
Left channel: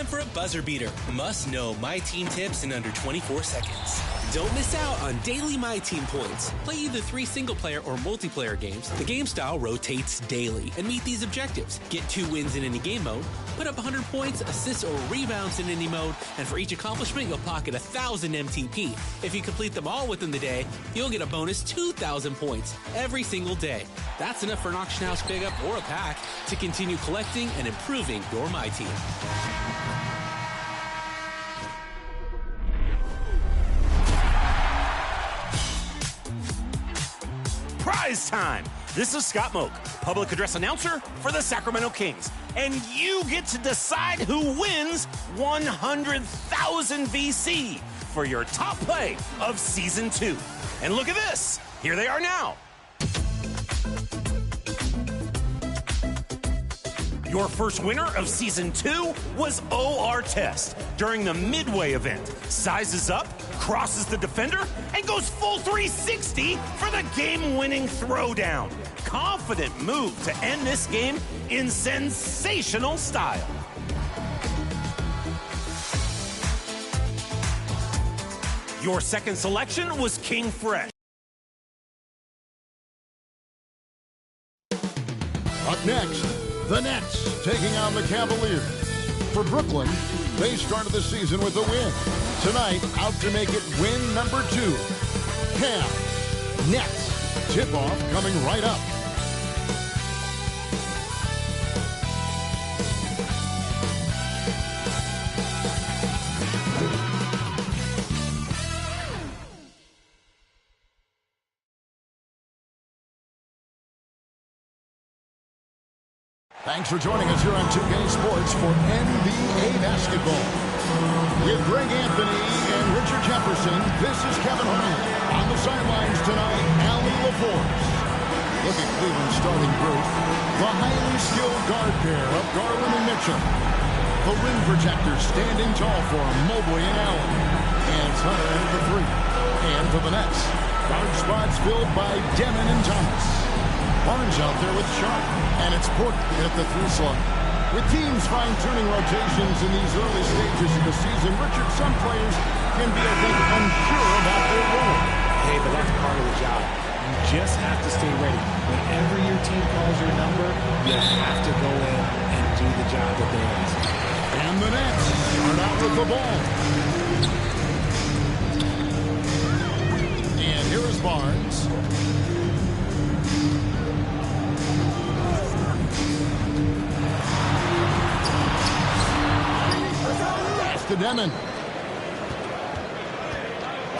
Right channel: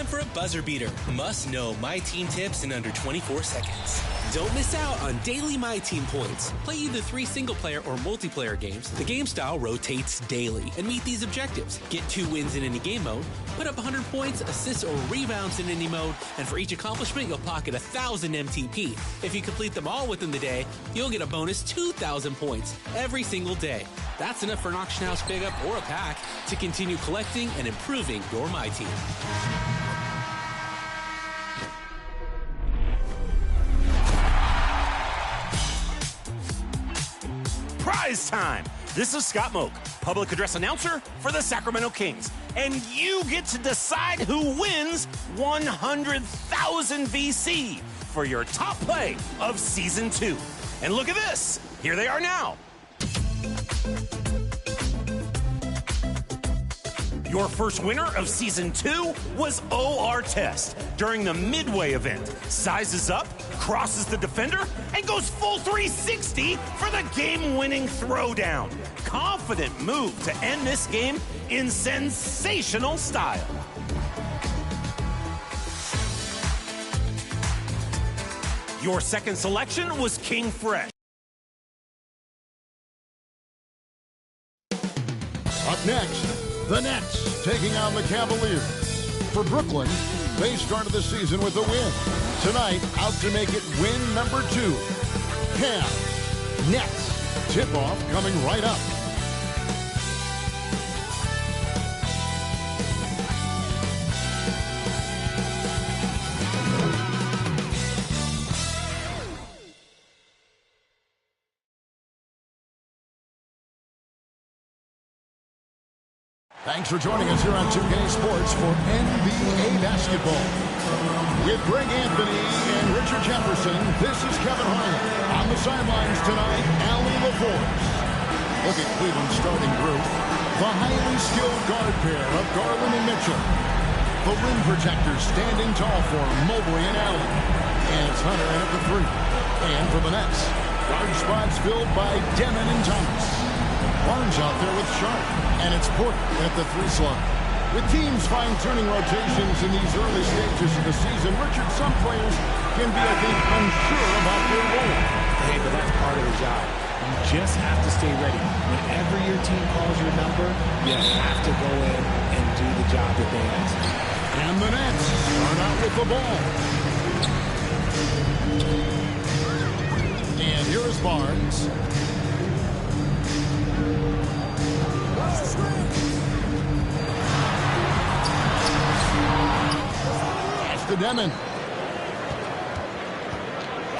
time for a buzzer beater. Must know My Team tips in under 24 seconds. Don't miss out on daily My Team points. Play either 3 single-player or multiplayer games. The game style rotates daily. And meet these objectives. Get 2 wins in any game mode, put up 100 points, assists, or rebounds in any mode, and for each accomplishment, you'll pocket 1,000 MTP. If you complete them all within the day, you'll get a bonus 2,000 points every single day. That's enough for an auction house pickup or a pack to continue collecting and improving your My Team. Prize time! This is Scott Moak, public address announcer for the Sacramento Kings. And you get to decide who wins 100,000 VC for your top play of Season 2. And look at this! Here they are now. Your first winner of Season 2 was OR Test during the Midway event. Sizes up, crosses the defender, and goes full 360 for the game-winning throwdown. Confident move to end this game in sensational style. Your second selection was King Fresh. Up next, the Nets taking on the Cavaliers. For Brooklyn, they started the season with a win. Tonight, out to make it win number 2. Cavs, Nets, tip-off coming right up. Thanks for joining us here on 2K Sports for NBA Basketball. With Greg Anthony and Richard Jefferson, this is Kevin Harlan. On the sidelines tonight, Allie LaForce. Look at Cleveland's starting group. The highly skilled guard pair of Garland and Mitchell. The rim protectors standing tall for Mobley and Allen. And it's Hunter in at the 3. And for the Nets, guard spots filled by Demon and Thomas. Barnes out there with Sharp, and it's Porter at the 3 slot. With teams fine-tuning rotations in these early stages of the season, Richard, some players can be, I think, unsure about their role. Hey, but that's part of the job. You just have to stay ready. Whenever your team calls your number, you have to go in and do the job that they ask. And the Nets start out with the ball. And here is Barnes. To Demon.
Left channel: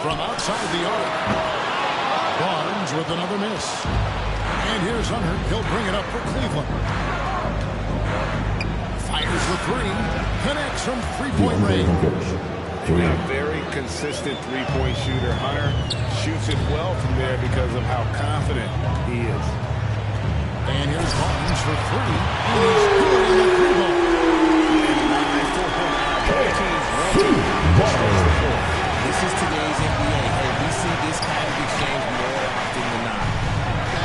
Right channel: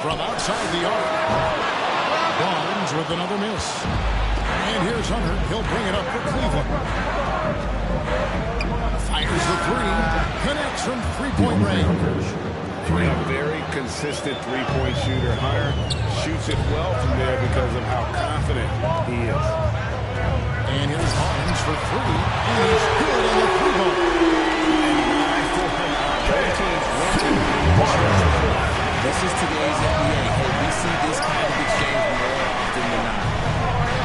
From outside the arc. Barnes with another miss. And here's Hunter. He'll bring it up for Cleveland. Fires the 3. Connects from three-point range. A very consistent three-point shooter. Hunter shoots it well from there because of how confident he is. And here's Barnes for 3. And he's good on the 3-ball. And an eye for an eye. Both teams want to stretch the floor. This is today's NBA. Hey, we see this kind of exchange more often than not.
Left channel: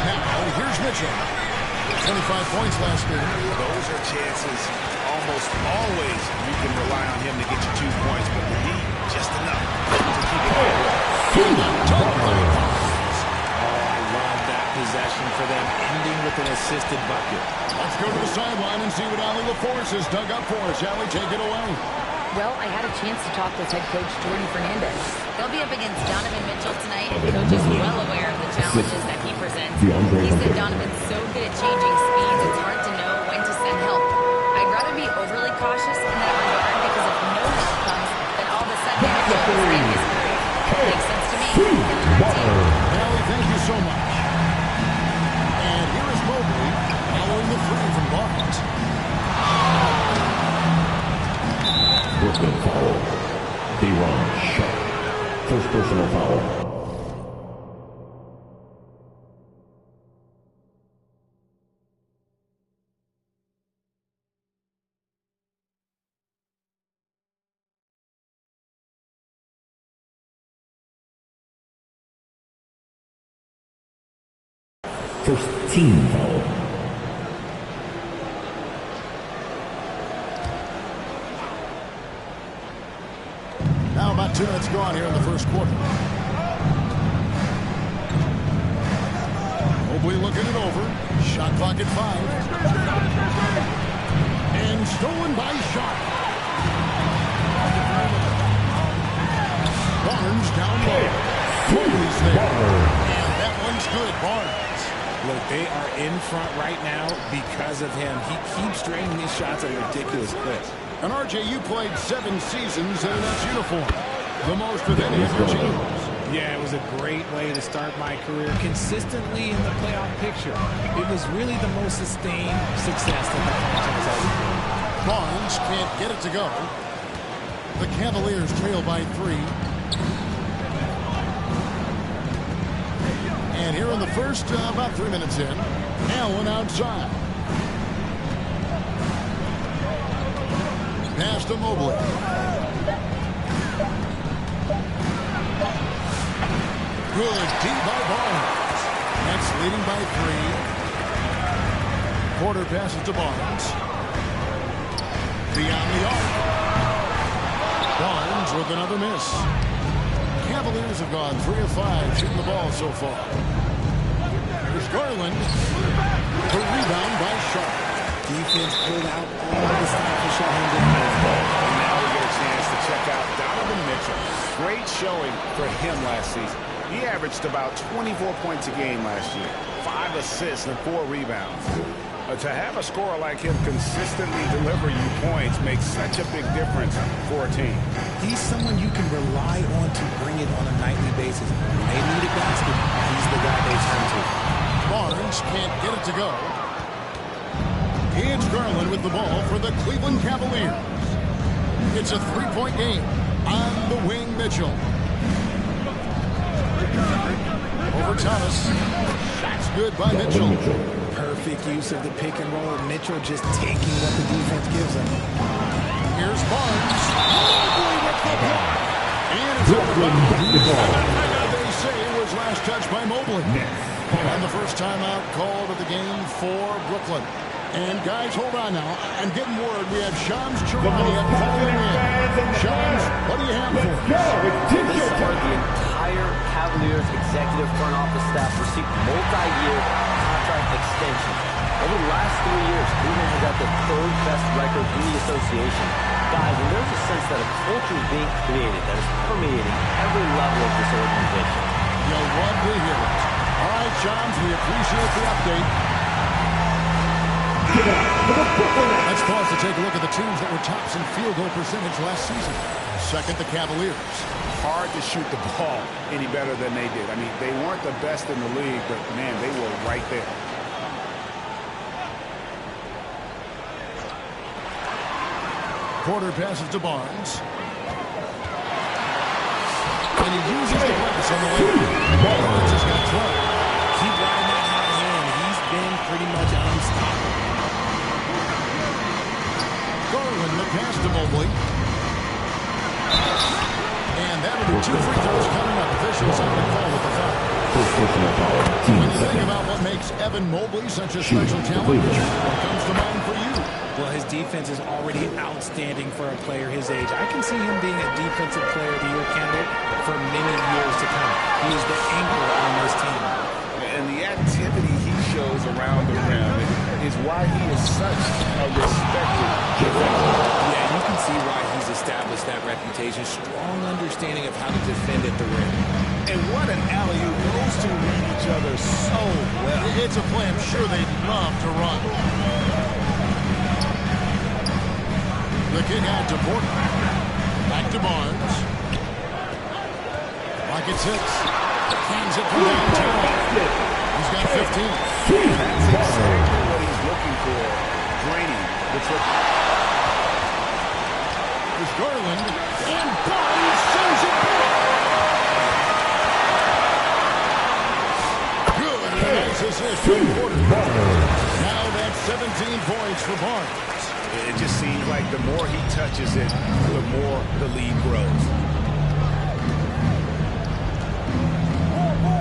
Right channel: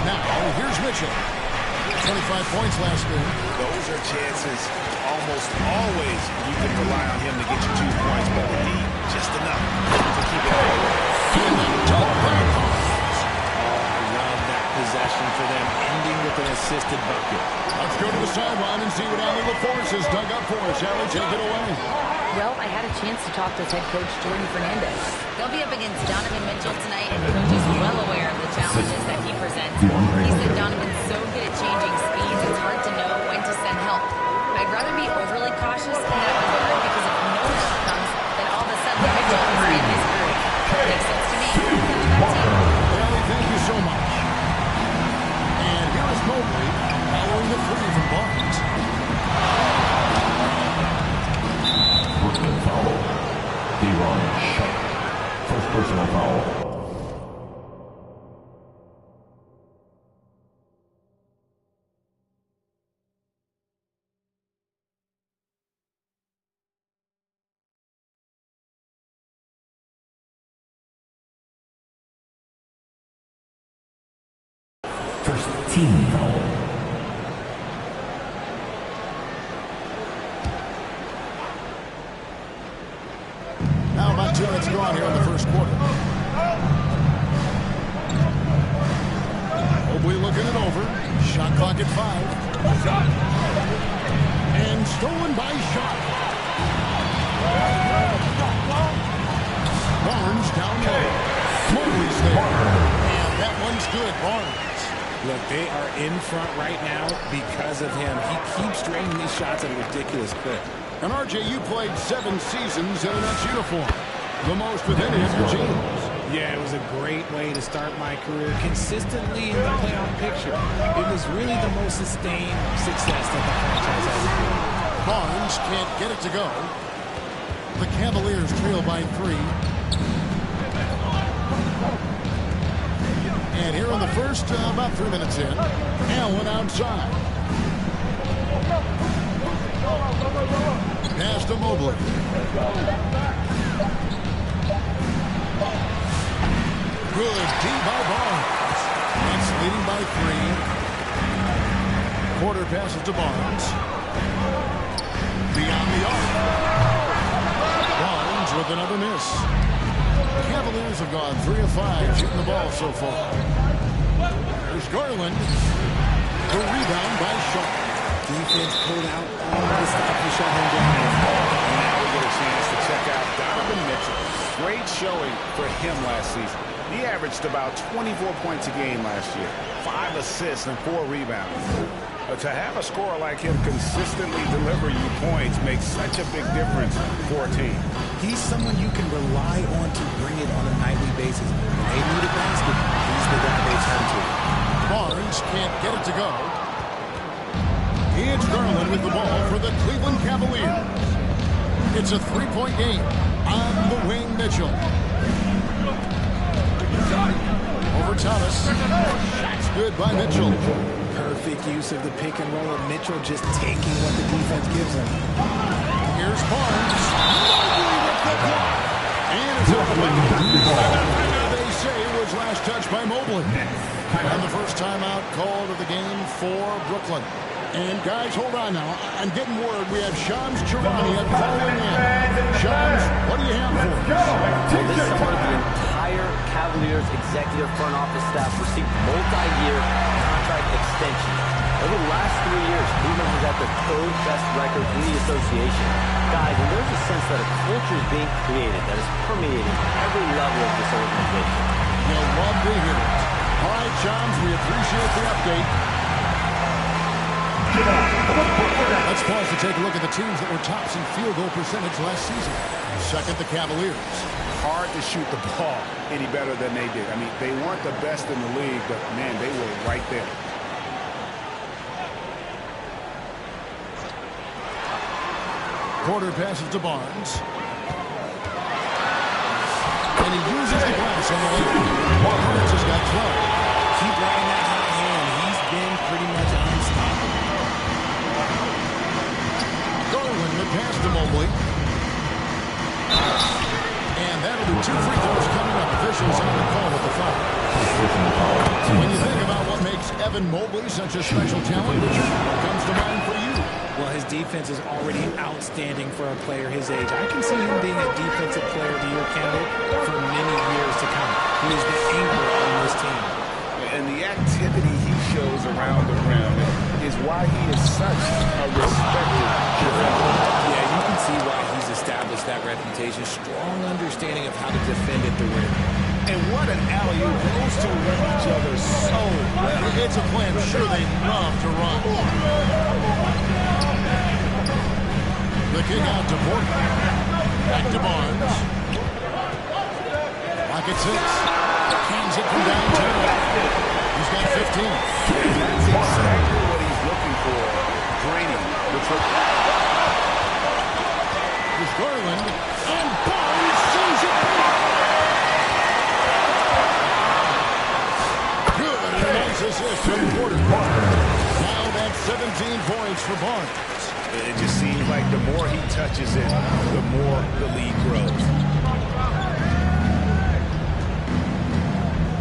Now, here's Mitchell. 25 points last game. Those are chances almost always you can rely on him to get you 2 points, but the D, just enough to keep it all away. And the dunk by Barnes. Oh, I love that possession for them, ending with an assisted bucket. Let's go to the sideline and see what Allie LaForce has dug up for us. Allie, take it away. Well, I had a chance to talk with head coach Jordan Fernandez. They'll be up against Donovan Mitchell tonight, and the coach is well aware of the challenges that he presents. He said Donovan's so good at changing speeds, it's hard to know when to send help. I'd rather be overly cautious in that regard because if no help comes, then all of a sudden Mitchell is in his groove. Makes sense to me. Kevin, back to you. Allie, thank you so much. And here is Mobley following the 3 from Barnes. Brooklyn foul. D-Ron Sharp. First personal foul. First team foul. 2 minutes gone here in the first quarter. Mobley looking it over. Shot clock at 5. And stolen by Shot. Barnes down low. Mobley's there. And that one's good. Barnes. Look, they are in front right now because of him. He keeps draining these shots at a ridiculous clip. And RJ, you played 7 seasons in a Nets uniform. The most with any of your teams. Yeah, it was a great way to start my career consistently in the playoff picture. It was really the most sustained success that the franchise has enjoyed. Barnes can't get it to go. The Cavaliers trail by 3. And here in the first, about 3 minutes in, Allen outside. Pass to Mobley. Good deep by Barnes. Nets leading by 3. Porter passes to Barnes. Beyond the arc. Barnes with another miss. Cavaliers have gone 3 of 5 shooting the ball so far. There's Garland. The rebound by Sharp. Defense pulled out all of the stops to shut him down. And now we get a chance to check out Donovan Mitchell. Great showing for him last season. He averaged about 24 points a game last year, 5 assists and 4 rebounds. To have a scorer like him consistently deliver you points makes such a big difference for a team. He's someone you can rely on to bring it on a nightly basis. When they need a basket, he's the guy they turn to. Barnes can't get it to go. It's Garland with the ball for the Cleveland Cavaliers. It's a 3-point game. On the wing, Mitchell. Over Thomas. Shots good by Mitchell. Perfect use of the pick and roll. Mitchell just taking what the defense gives him. Here's Barnes. Mobley with the block. And it's out of bounds. They say it was last touched by Mobley. And the first timeout called of the game for Brooklyn. And guys, hold on now. I'm getting word we have Shams Charania calling in. Shams, what do you have for us? Well, this summer, the entire Cavaliers executive front office staff received multi-year contract extensions. Over the last 3 years, Cleveland has had the 3rd best record in the association. Guys, and there's a sense that a culture is being created that is permeating every level of this organization. You'll love to hear it. All right, Shams, we appreciate the update. Let's pause to take a look at the teams that were tops in field goal percentage last season. Second, the Cavaliers. Hard to shoot the ball any better than they did. I mean, they weren't the best in the league, but, man, they were right there. Porter passes to Barnes. And he uses the glass on the lane. Barnes has got 12. Keep riding that hot hand. He's been pretty much unstoppable. Garland, the pass to Mobley. And that'll be 2 free throws coming up. Officials on the call with the foul. When you think about what makes Evan Mobley such a special talent, Richard, what comes to mind for you? Well, his defense is already outstanding for a player his age. I can see him being a Defensive Player of the Year candidate for many years to come. He is the anchor on this team. And the activity he shows around the rim is why he is such a respected defender. Yeah, you can see why he's established that reputation. Strong understanding of how to defend at the rim. And what an alley-oop. Those two run each other so well. It's a play I'm sure they'd love to run. The kick out to Porter. Back to Barnes. Rocket 6. Cans it from downtown. He's got 15. And that's exactly what he's looking for. Draining the triple. There's Garland. And Barnes sends it back. Good. And a nice assist from Porter. Now that's 17 points for Barnes. It just seems like the more he touches it, the more the lead grows.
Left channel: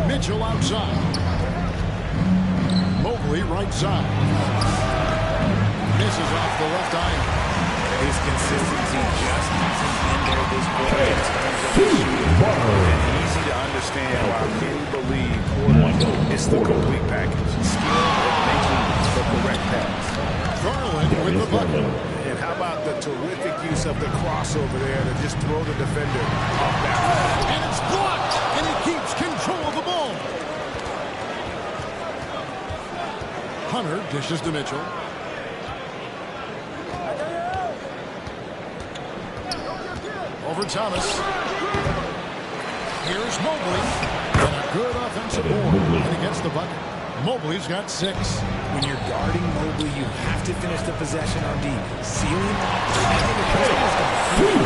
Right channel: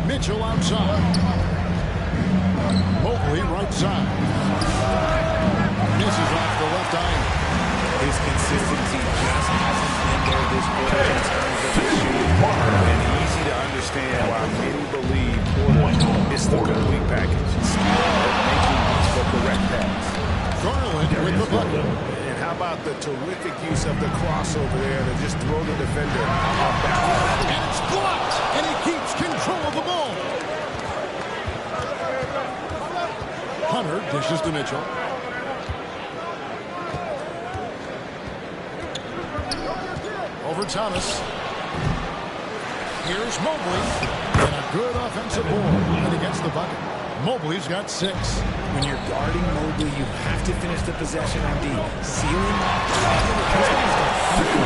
Mitchell outside. Mobley right side. Misses off the left iron. His consistency just hasn't been there this quarter in terms of his shooting. And easy to understand why many believe Porter is the complete package. Skill at making the correct pass. Garland with the bucket. And how about the terrific use of the crossover there to just throw the defender off balance. And it's blocked, and he keeps control of the ball. Hunter dishes to Mitchell. Over Thomas. Here's Mobley. And a good offensive board. And he gets the bucket. Mobley's got 6. When you're guarding Mobley, you have to finish the possession on D. Seal him off. This man's going to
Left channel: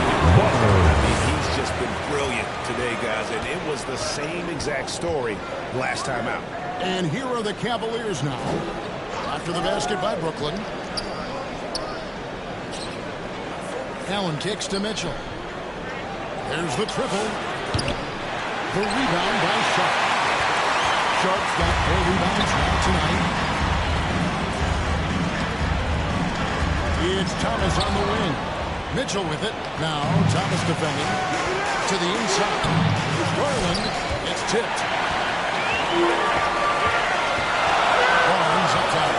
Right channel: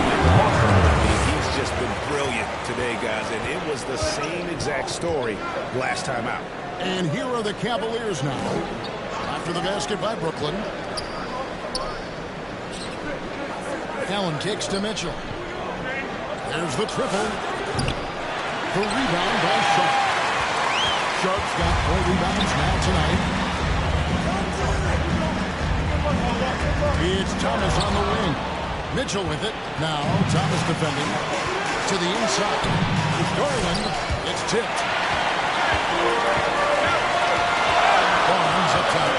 I mean, he's just been brilliant today, guys. And it was the same exact story last time out. And here are the Cavaliers now. After the basket by Brooklyn. Allen kicks to Mitchell. There's the triple. The rebound by Sharp. Sharp's got 4 rebounds now tonight. It's Thomas on the wing. Mitchell with it. Now Thomas defending. To the inside. There's Garland. It's tipped. Barnes up top.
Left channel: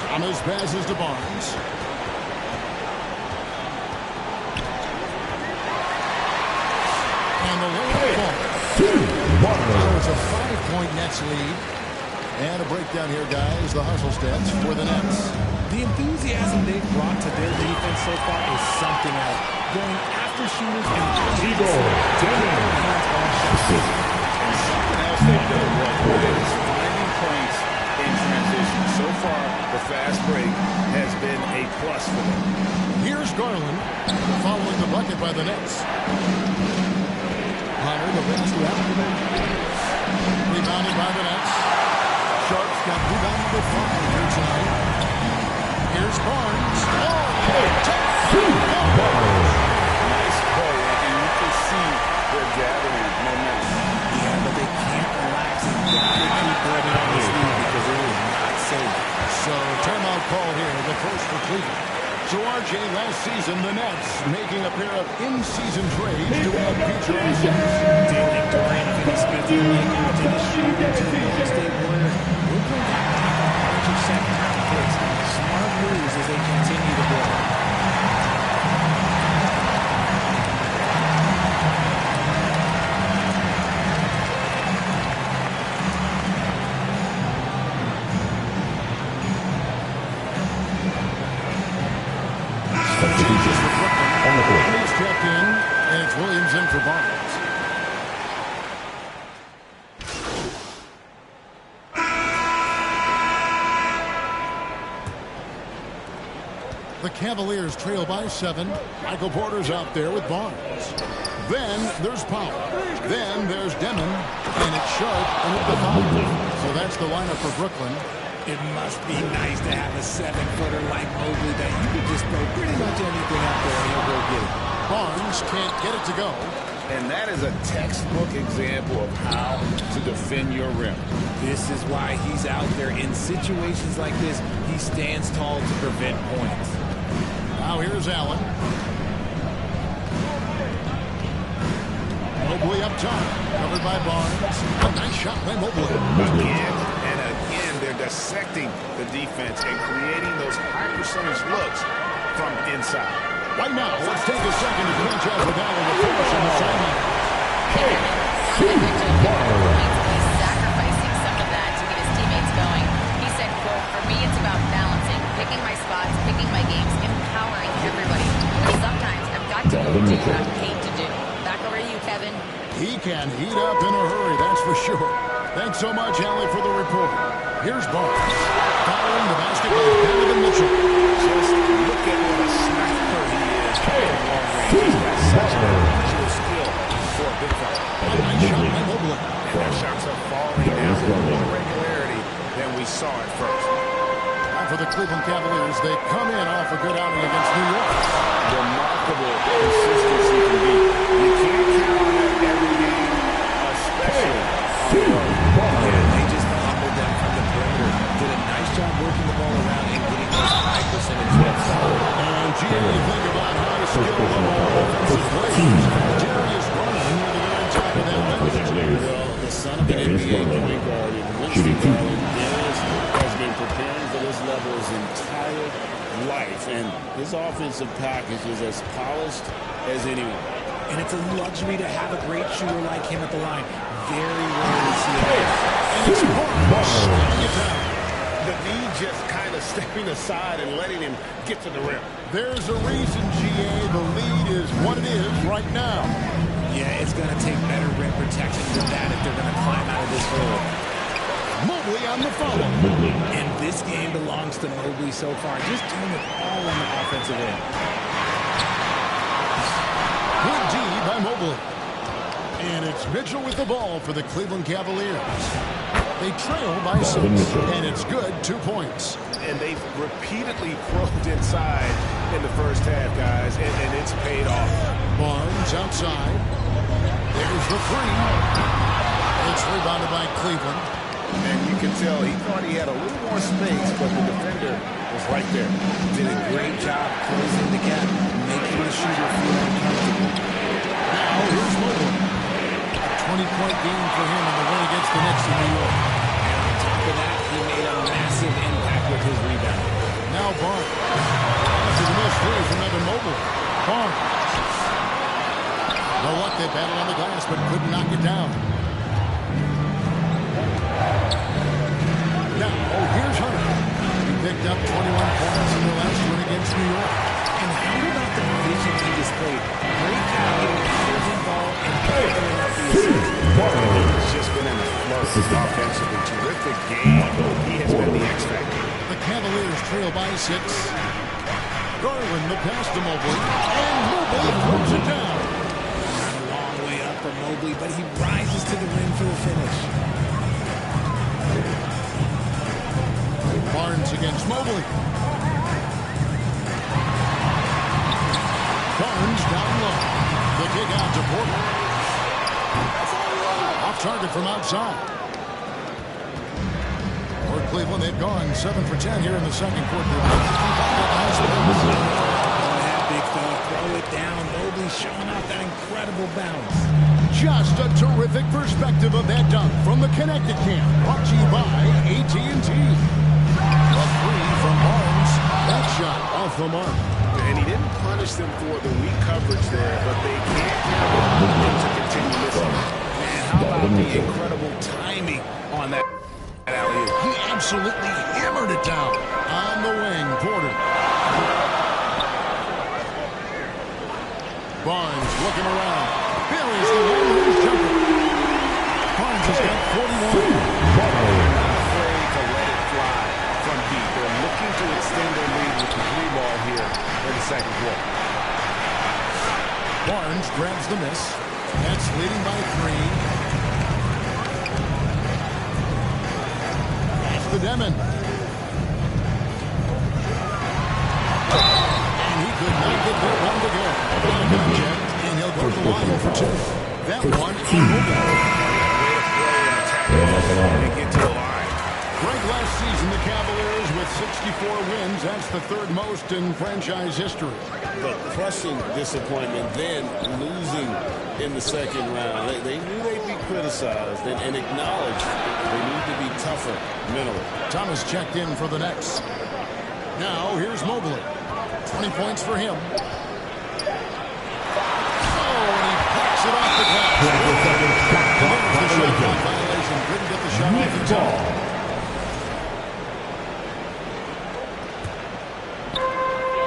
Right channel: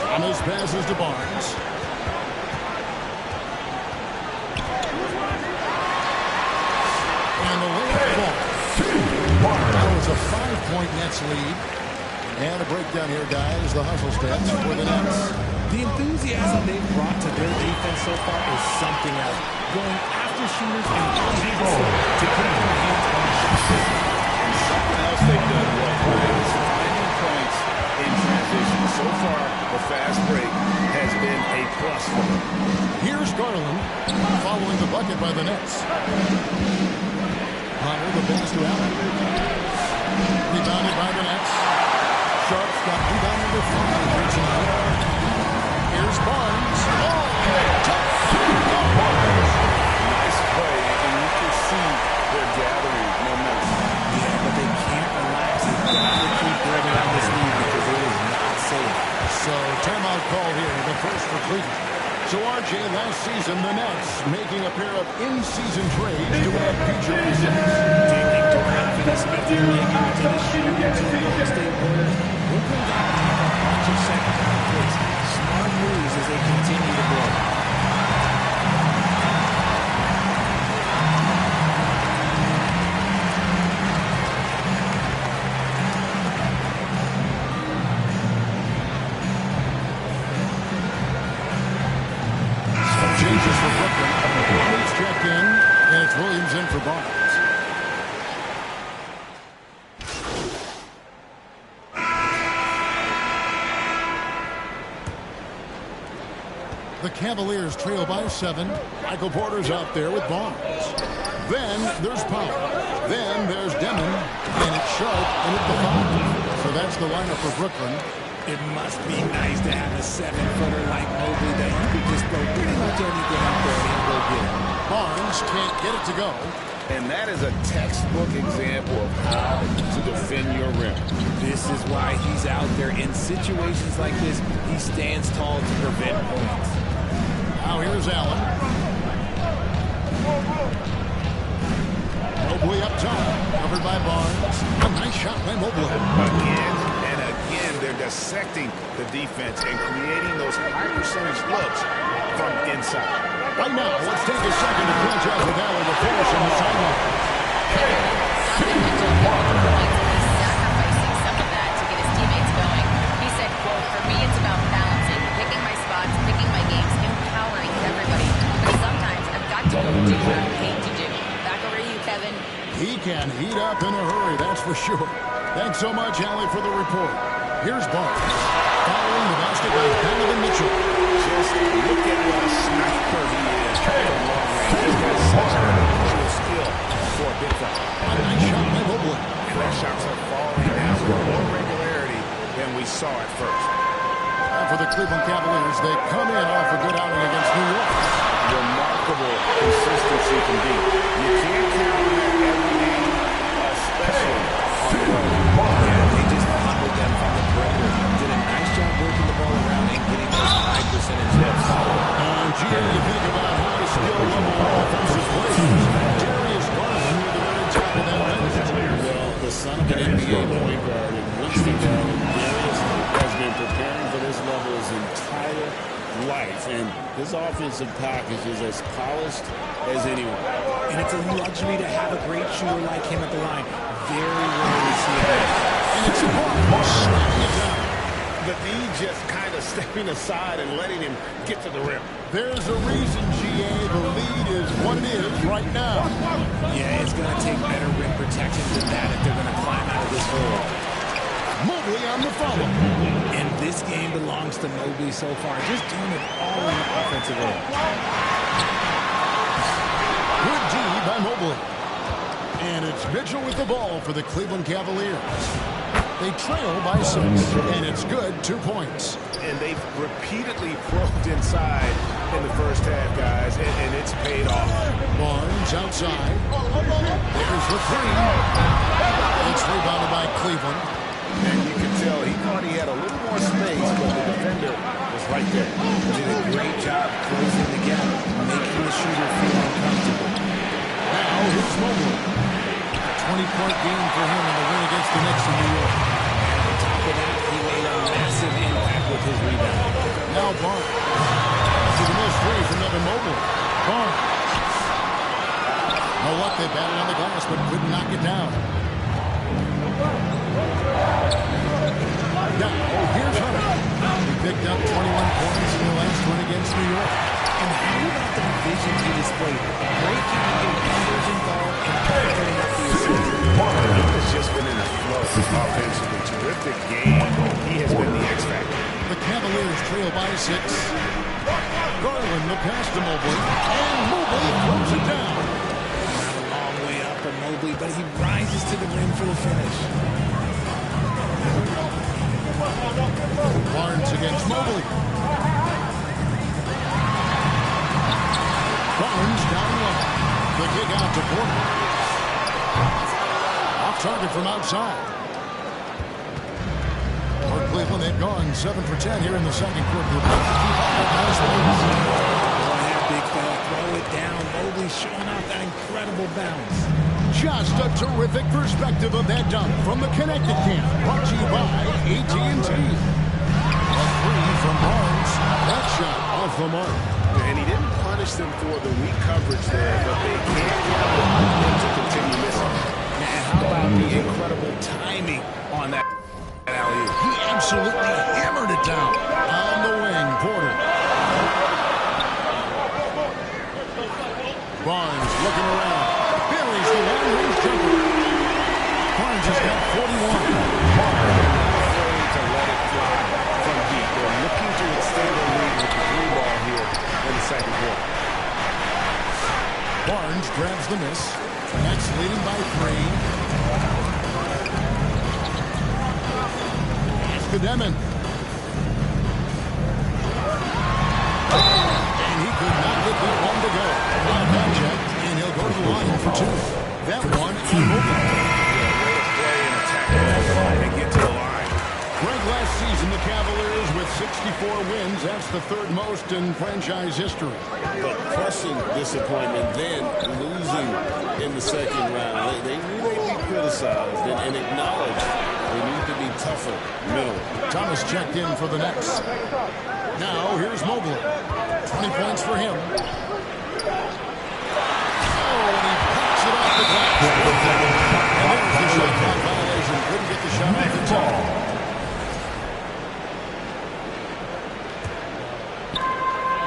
Thomas passes to Barnes. And the layup ball. Now it's a 5-point Nets lead. And a breakdown here, guys. The hustle stats for the Nets. The enthusiasm they've brought to their defense so far is something else. Going after shooters and to get their hands on shots. And something else they've done well tonight is finding points in transition. So far, the fast break has been a plus for them. Here's Garland following the bucket by the Nets. Hunter, the pass to Allen. Rebounded by the Nets. Sharp's got rebound number 5 here tonight. Here's Barnes. Oh, nice play, and you can see they're gathering momentum. Yeah, but they can't relax. They've got to keep building on this lead because it is not safe. So, timeout call here, the first for Cleveland. So, RJ, last season, the Nets making a pair of in-season trades to add future assets. Dealing Dorian Finney-Smith to the Lakers, Dennis Schroeder to the Golden State Warriors. Brooklyn got back a bunch of second-round picks. Smart moves as they continue to build. Changes for Brooklyn. He's checked in, and it's Williams in for Barnes. The Cavaliers trail by 7. Michael Porter's out there with Barnes. Then there's Powell. Then there's Demon, and it's Sharp in at the 5. So that's the lineup for Brooklyn. It must be nice to have a 7-footer like Mobley that you could just throw pretty much anything out there and he'll go get it. Barnes can't get it to go. And that is a textbook example of how to defend your rim. This is why he's out there. In situations like this, he stands tall to prevent points. Now here's Allen. Mobley up top, covered by Barnes. A nice shot by Mobley. Again and again, they're dissecting the defense and creating those high-percentage looks from inside. Right now, let's take a second to catch up with Allen LaForce on the sideline. Hey, Donovan Mitchell giving the points, but he's sacrificing some of that to get his teammates going. He said, quote, "For me, it's about balancing, picking my spots, picking my games, empowering everybody. But sometimes I've got to go do what I'm paid to do." Back over to you, Kevin. He can heat up in a hurry, that's for sure. Thanks so much, Allie, for the report. Here's Barnes, following the basket by Donovan Mitchell. Just look at what a sniper he is from long range. He's got such an unusual skill for a big fella. A nice shot by Mobley. And their shots are falling now with more regularity than we saw at first. And for the Cleveland Cavaliers, they come in off a good outing against New York. Remarkable consistency can be. You can't count on that every game, especially on the road. Yeah, they just pummeled them from the perimeter. Did a nice job working the ball around and getting those high percentage hits. Gee, you think about high skill level offensive players. Darius Garland near the very top of that list. Well, the son of an NBA point guard in Winston Garland, Darius has been preparing for this level his entire life, and his offensive package is as polished as anyone. And it's a luxury to have a great shooter like him at the line. Very rarely see it miss. And it's Barnes slamming it down. The D just kind of stepping aside and letting him get to the rim. There's a reason, GA, the lead is what it is right now. Yeah, it's going to take better rim protection than that if they're going to climb out of this hole. Mobley on the follow. And this game belongs to Mobley so far. Just doing it all on the offensive end. Good D by Mobley. And it's Mitchell with the ball for the Cleveland Cavaliers. They trail by 6, and it's good, 2 points. And they've repeatedly probed inside in the first half, guys, and it's paid off. Barnes outside. There's the 3. It's rebounded by Cleveland. And you can tell he thought he had a little more space, but the defender was right there. Did a great job closing the gap, making the shooter feel uncomfortable. Now here's Mobley. A 20-point game for him in the win against the Knicks in New York. And on top of that, he made a massive impact with his rebound. Now Barnes. To the missed 3 from Evan Mobley. Barnes. No luck, they battled on the glass, but couldn't knock it down. Now, here's Hunter. He picked up 21 points in the last win against New York. And how about the vision he displayed? Great job getting others involved and clearing up the assist. He has just been in a flow offensively. Terrific game. He has been the X factor. The Cavaliers trail by 6. Garland the pass to Mobley. And Mobley throws it down. Not a long way up for Mobley, but he rises to the rim for the finish. Barnes against Mobley. Barnes down low. The kick out to Porter. Off target from outside. For Cleveland, they've gone 7 for 10 here in the second quarter. They've got to keep up that nice pace. Go ahead, big fella. Throw it down. Mobley showing off that incredible bounce. Just a terrific perspective of that dunk from the Connected Camp. Brought to you by AT&T. A 3 from Barnes. That shot off the mark. And he didn't punish them for the weak coverage there, but they can't count on him to continue missing. Man, how about the incredible timing on that alley-oop? He absolutely hammered it down. On the wing, Porter. Barnes looking around. Buries the long-range jumper. Barnes has got 41. They're not afraid to let it fly from deep. They're looking to extend their lead with the 3 ball here in the second quarter. Barnes grabs the miss. Nets leading by 3. Pass to Demon. And he could not get that one to go. A lot of contact, and he'll go to the line for 2. That one on Mobley. Way to play and attack ball and get to the line. Ranked last season, the Cavaliers with 64 wins. That's the 3rd most in franchise history. But crushing disappointment, then losing in the second round. They knew they'd be criticized and acknowledged they need to be tougher mentally. Thomas checked in for the Nets. Now, here's Mobley. 20 points for him. Oh, and he plucks it off the glass. And there's the shot clock violation. Couldn't get the shot off in time.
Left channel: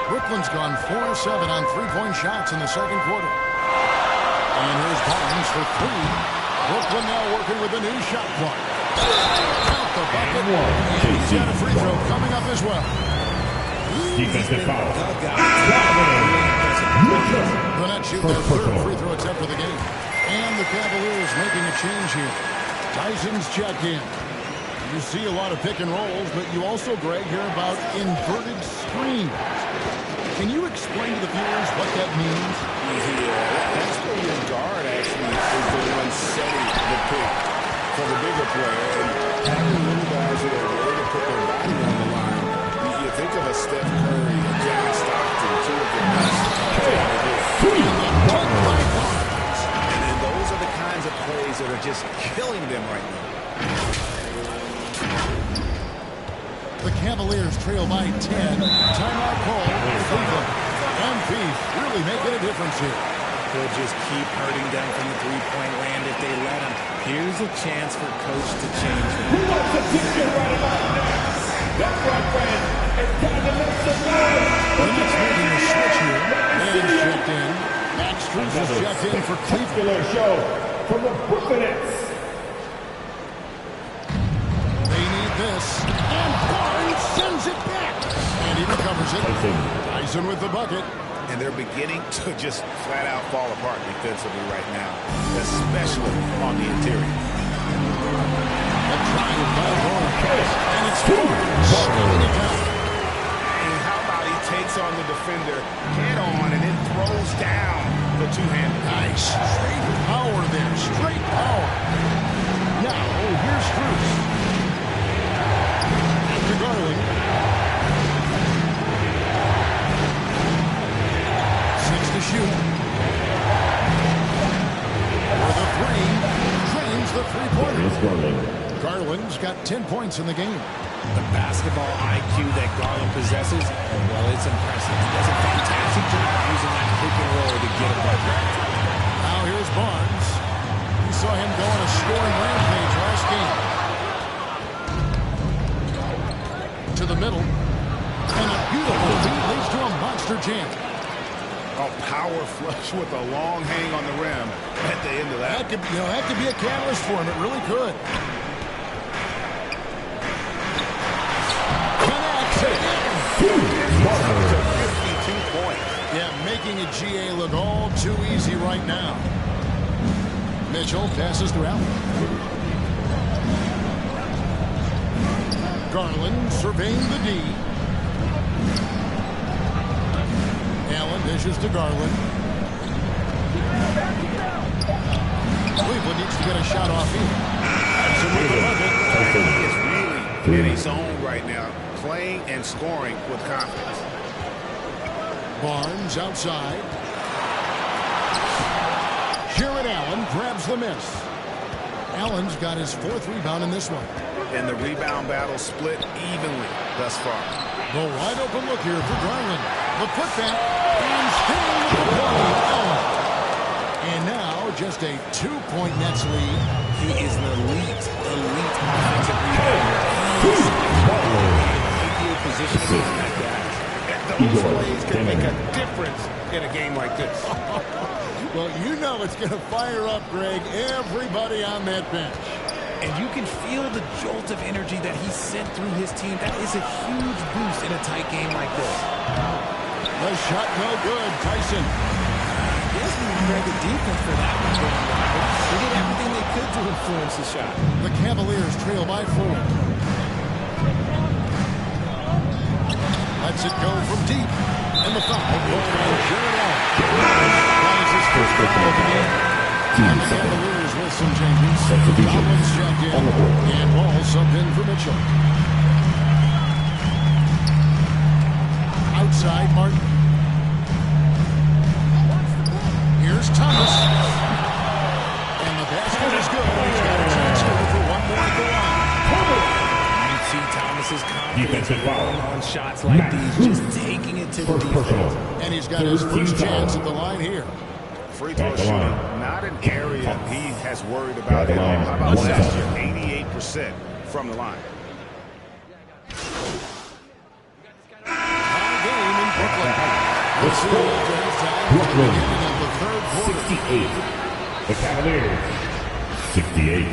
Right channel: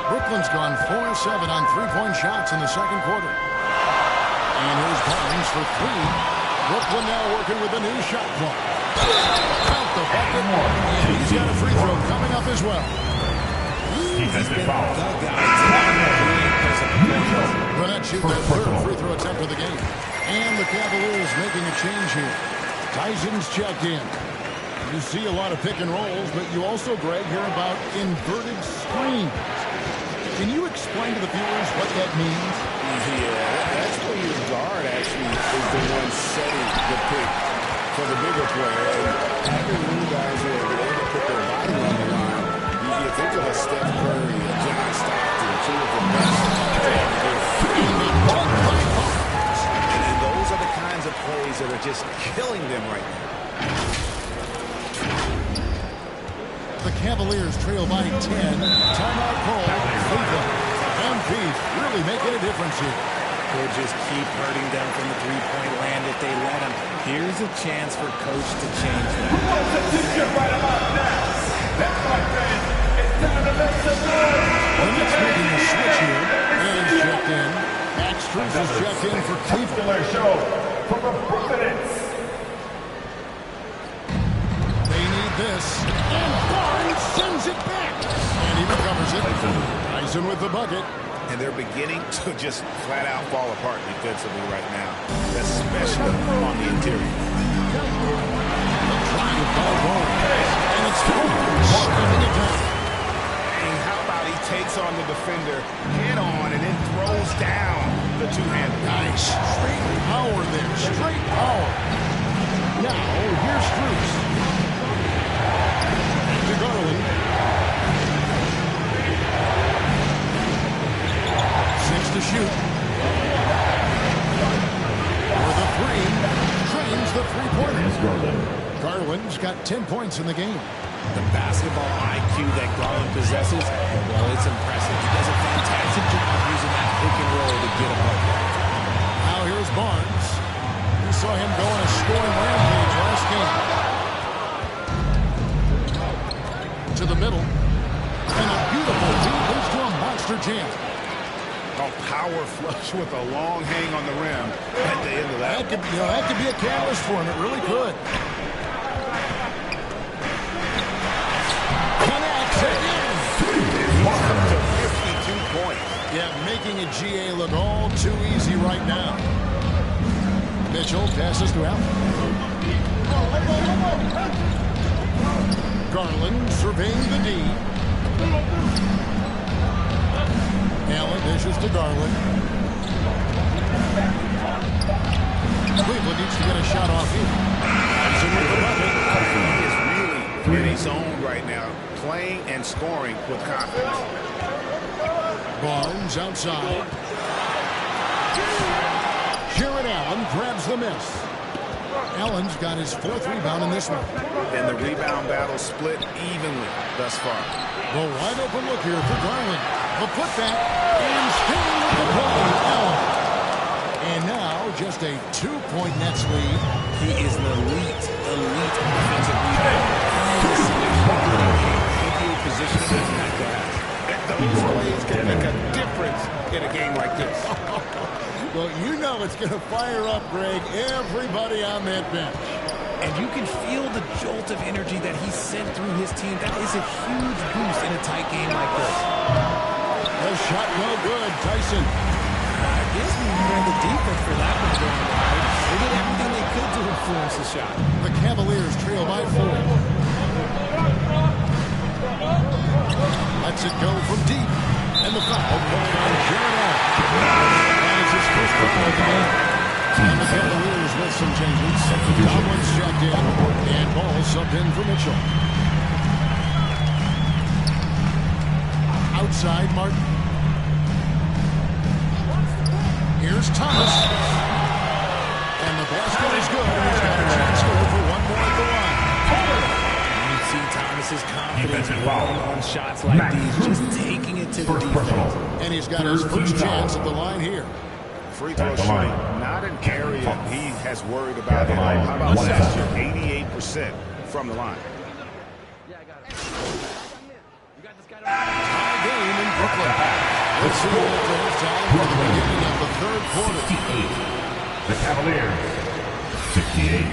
Brooklyn's gone 4-7 on 3-point shots in the second quarter. And here's Barnes for 3. Brooklyn now working with a new shot clock. Count the bucket. And he's got a free throw coming up as well. Defensive foul. The Nets shoot their 3rd free throw attempt of the game. And the Cavaliers making a change here. Tyson's checked in. You see a lot of pick and rolls, but you also, Greg, hear about inverted screens. Can you explain to the viewers what that means? Yeah, that's where your guard actually is the one setting the pick for the bigger player. And having little guys who are willing to put their body on the line, you think of a Steph Curry, a John Stockton, 2 of that are just killing them right now. The Cavaliers trail by 10. Timeout call. Cleveland. MP's really making a difference here. He'll just keep hurting them from the three-point land if they let him. Here's a chance for Coach to change that. Who wants to teach it right about now? That's right, fans. It's time to make some noise. The Nets making a switch here. And checked in. Max Strus is checked in for Cleveland. Show from the Brooklyn Nets. They need this. And Barnes sends it back. And he recovers it. Tyson with the bucket. And they're beginning to just flat out fall apart defensively right now, especially on the interior. The drive by Barnes. And it's Barnes slamming it down. And how about he takes on the defender head on and then throws down the two-handed. Nice. Straight power there. Straight power. Now, here's Strus. Back to Garland. 6 to shoot. For the three. Drains the three-pointer. Garland's got 10 points in the game. The basketball IQ that Garland possesses, well, it's impressive. He does a fantastic job using that pick and roll to get a bucket. Now here's Barnes. We saw him go on a scoring rampage last game. To the middle. And a beautiful lead leads to a monster jam. A power flush with a long hang on the rim at the end of that. That could be a catalyst for him. It really could. Connects again. He's up to 52 points. Yeah, making a GA look all too easy right now. Mitchell passes to Allen. Garland surveying the D. Allen dishes to Garland. Cleveland needs to get a shot off here. Tyson with the bucket. He is really in his zone right now, playing and scoring with confidence. Barnes outside. Jared Allen grabs the miss. Allen's got his 4th rebound in this one. And the rebound battle split evenly thus far. The wide open look here for Garland. The putback and staying with the play, Allen. And now just a 2-point Nets lead. He is an elite offensive rebounder. Ideal positioning is that guy. Those plays can make a difference in a game like this. Well, you know it's going to fire up, Greg, everybody on that bench. And you can feel the jolt of energy that he sent through his team. That is a huge boost in a tight game like this. The shot no good. Tyson. I guess we read the defense for that one going wide. They did everything they could to influence the shot. The Cavaliers trail by 4. Lets it go from deep. And the foul called on Jared Allen. That is his first foul of the game. And the Cavaliers with some changes. Tomlin's checked in. And Ball subbed in for Mitchell. Outside, Martin. Here's Thomas. And the basket is good. He's got a chance here for one more at the line. You see Thomas's confidence growing on shots like these, just taking it to the defense. And he's got his first chance at the line here. Free throw shooting, not an area he has worried about at all. How about last year? 88% from the line. Tie game in Brooklyn. Let's see after halftime for the beginning of the 3rd quarter. 68. The Cavaliers, 68.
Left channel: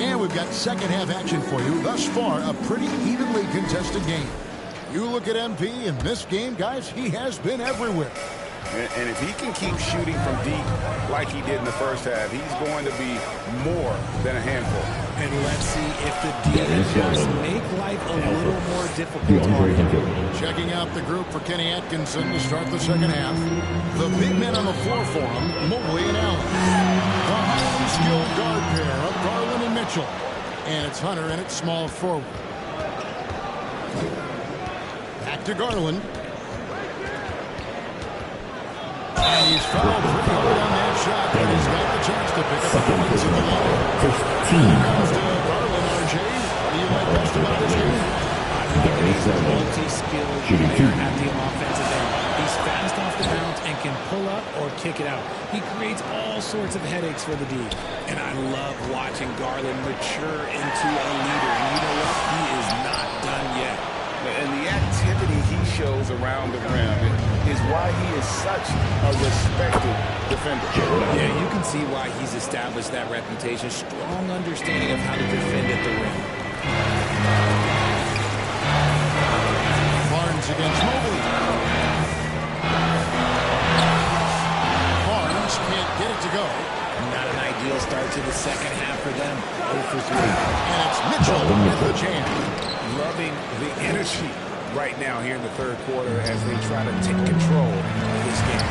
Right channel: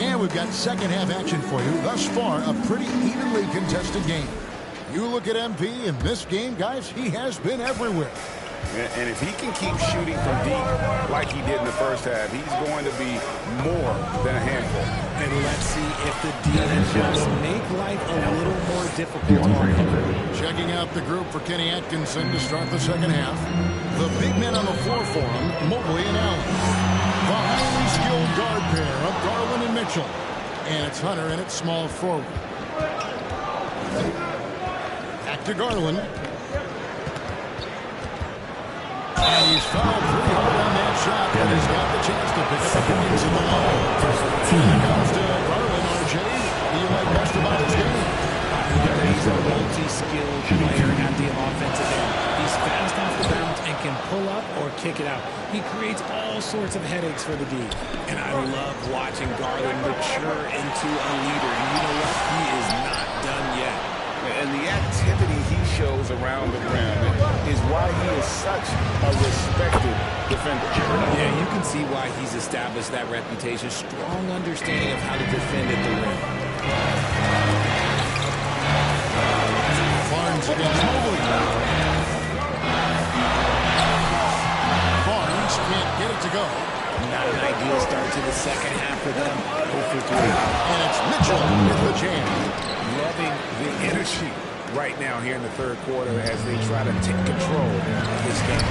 And we've got second half action for you. Thus far, a pretty evenly contested game. You look at MP in this game, guys, he has been everywhere. And if he can keep shooting from deep like he did in the first half, he's going to be more than a handful. And let's see if the D adjusts make life a little more difficult on him. Checking out the group for Kenny Atkinson to start the second half. The big men on the floor for him, Mobley and Allen. The highly skilled guard pair of Garland and Mitchell. And it's Hunter in at small forward. Back to Garland. And he's fouled pretty hard on that shot, but he's got the chance to pick up the points in the line. Here comes to Garland, RJ. What do you like best about his game? I love that he's a multi-skilled player at the offensive end. He's fast off the bounce and can pull up or kick it out. He creates all sorts of headaches for the D. And I love watching Garland mature into a leader. And you know what? He is not done yet. And the activity he shows around the rim is why he is such a respected defender. Yeah, you can see why he's established that reputation. Strong understanding of how to defend at the rim. Barnes against Mobley. Barnes can't get it to go. Not an ideal start to the second half for them. 0 for 3. And it's Mitchell with the jam. Loving the energy right now here in the third quarter as they try to take control of this game.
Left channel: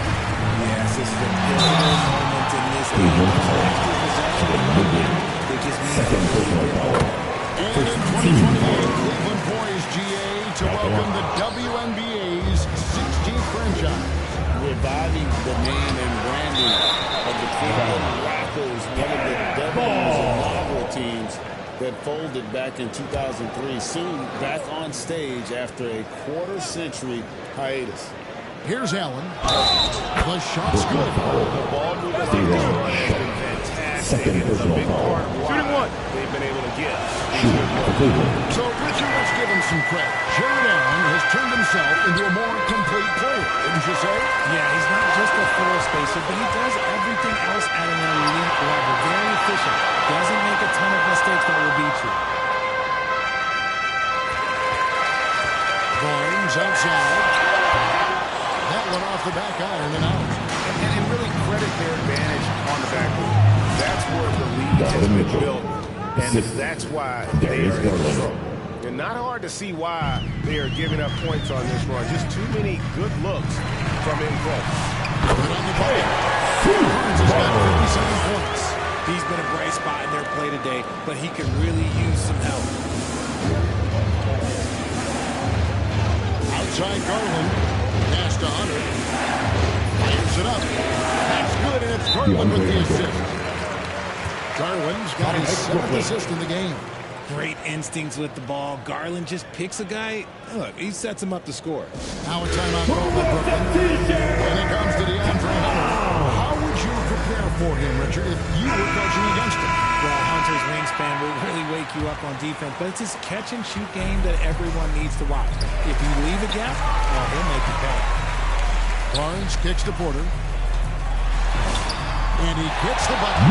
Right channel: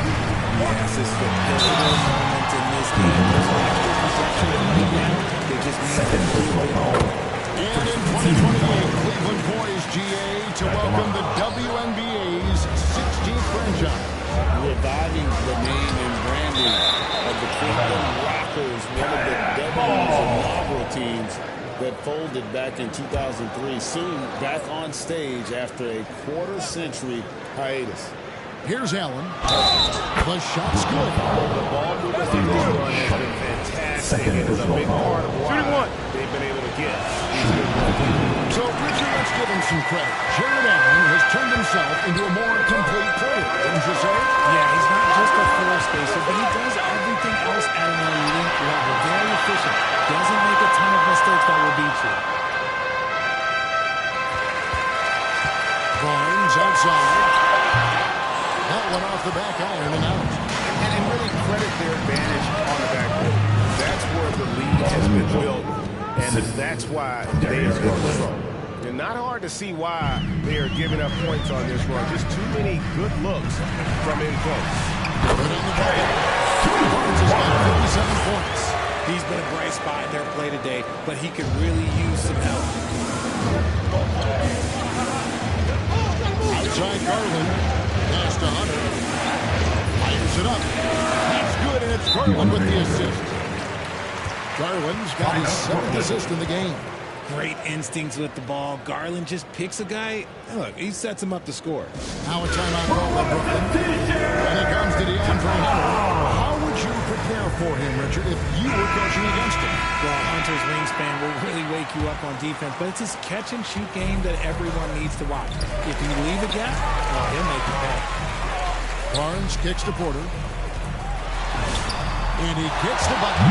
Yes, this is a pivotal moment in this game. There's an extra possession right now. They just need a little bit more. And in 2028, Cleveland poised GA to welcome the WNBA's 16th franchise. Reviving the name and branding of the Cleveland Rockers, one of the W's inaugural teams that folded back in 2003, soon back on stage after a quarter-century hiatus. Here's Allen. The shot's good. The ball movement on this run has been fantastic and is a big part of why they've been able to get these good runs. So, Richard, let's give him some credit. Jared Allen has turned himself into a more complete player, wouldn't you say? Yeah, he's not just a floor spacer, but he does everything else at an elite level. Very efficient. Doesn't make a ton of mistakes that will beat you. Barnes outside. That one off the back iron and out. And really credit their advantage on the backboard. That's where the lead has been built, and that's why they are in control. And not hard to see why they are giving up points on this run. Just too many good looks from in close. Good on the bucket. Barnes has got 57 points. He's been a bright spot in their play today, but he could really use some help. Outside Garland. Pass to Hunter. Fires it up. That's good, and it's Garland with the assist. Garland's got his 7th assist in the game. Great instincts with the ball. Garland just picks a guy. Look, he sets him up to score. Now a timeout call by Brooklyn. And it comes to DeAndre Hunter. How would you prepare for him, Richard, if you were coaching against him? Well, Hunter's wingspan will really wake you up on defense, but it's his catch-and-shoot game that everyone needs to watch. If you leave a gap, well, he'll make you pay. Barnes kicks to Porter. And he gets the bucket.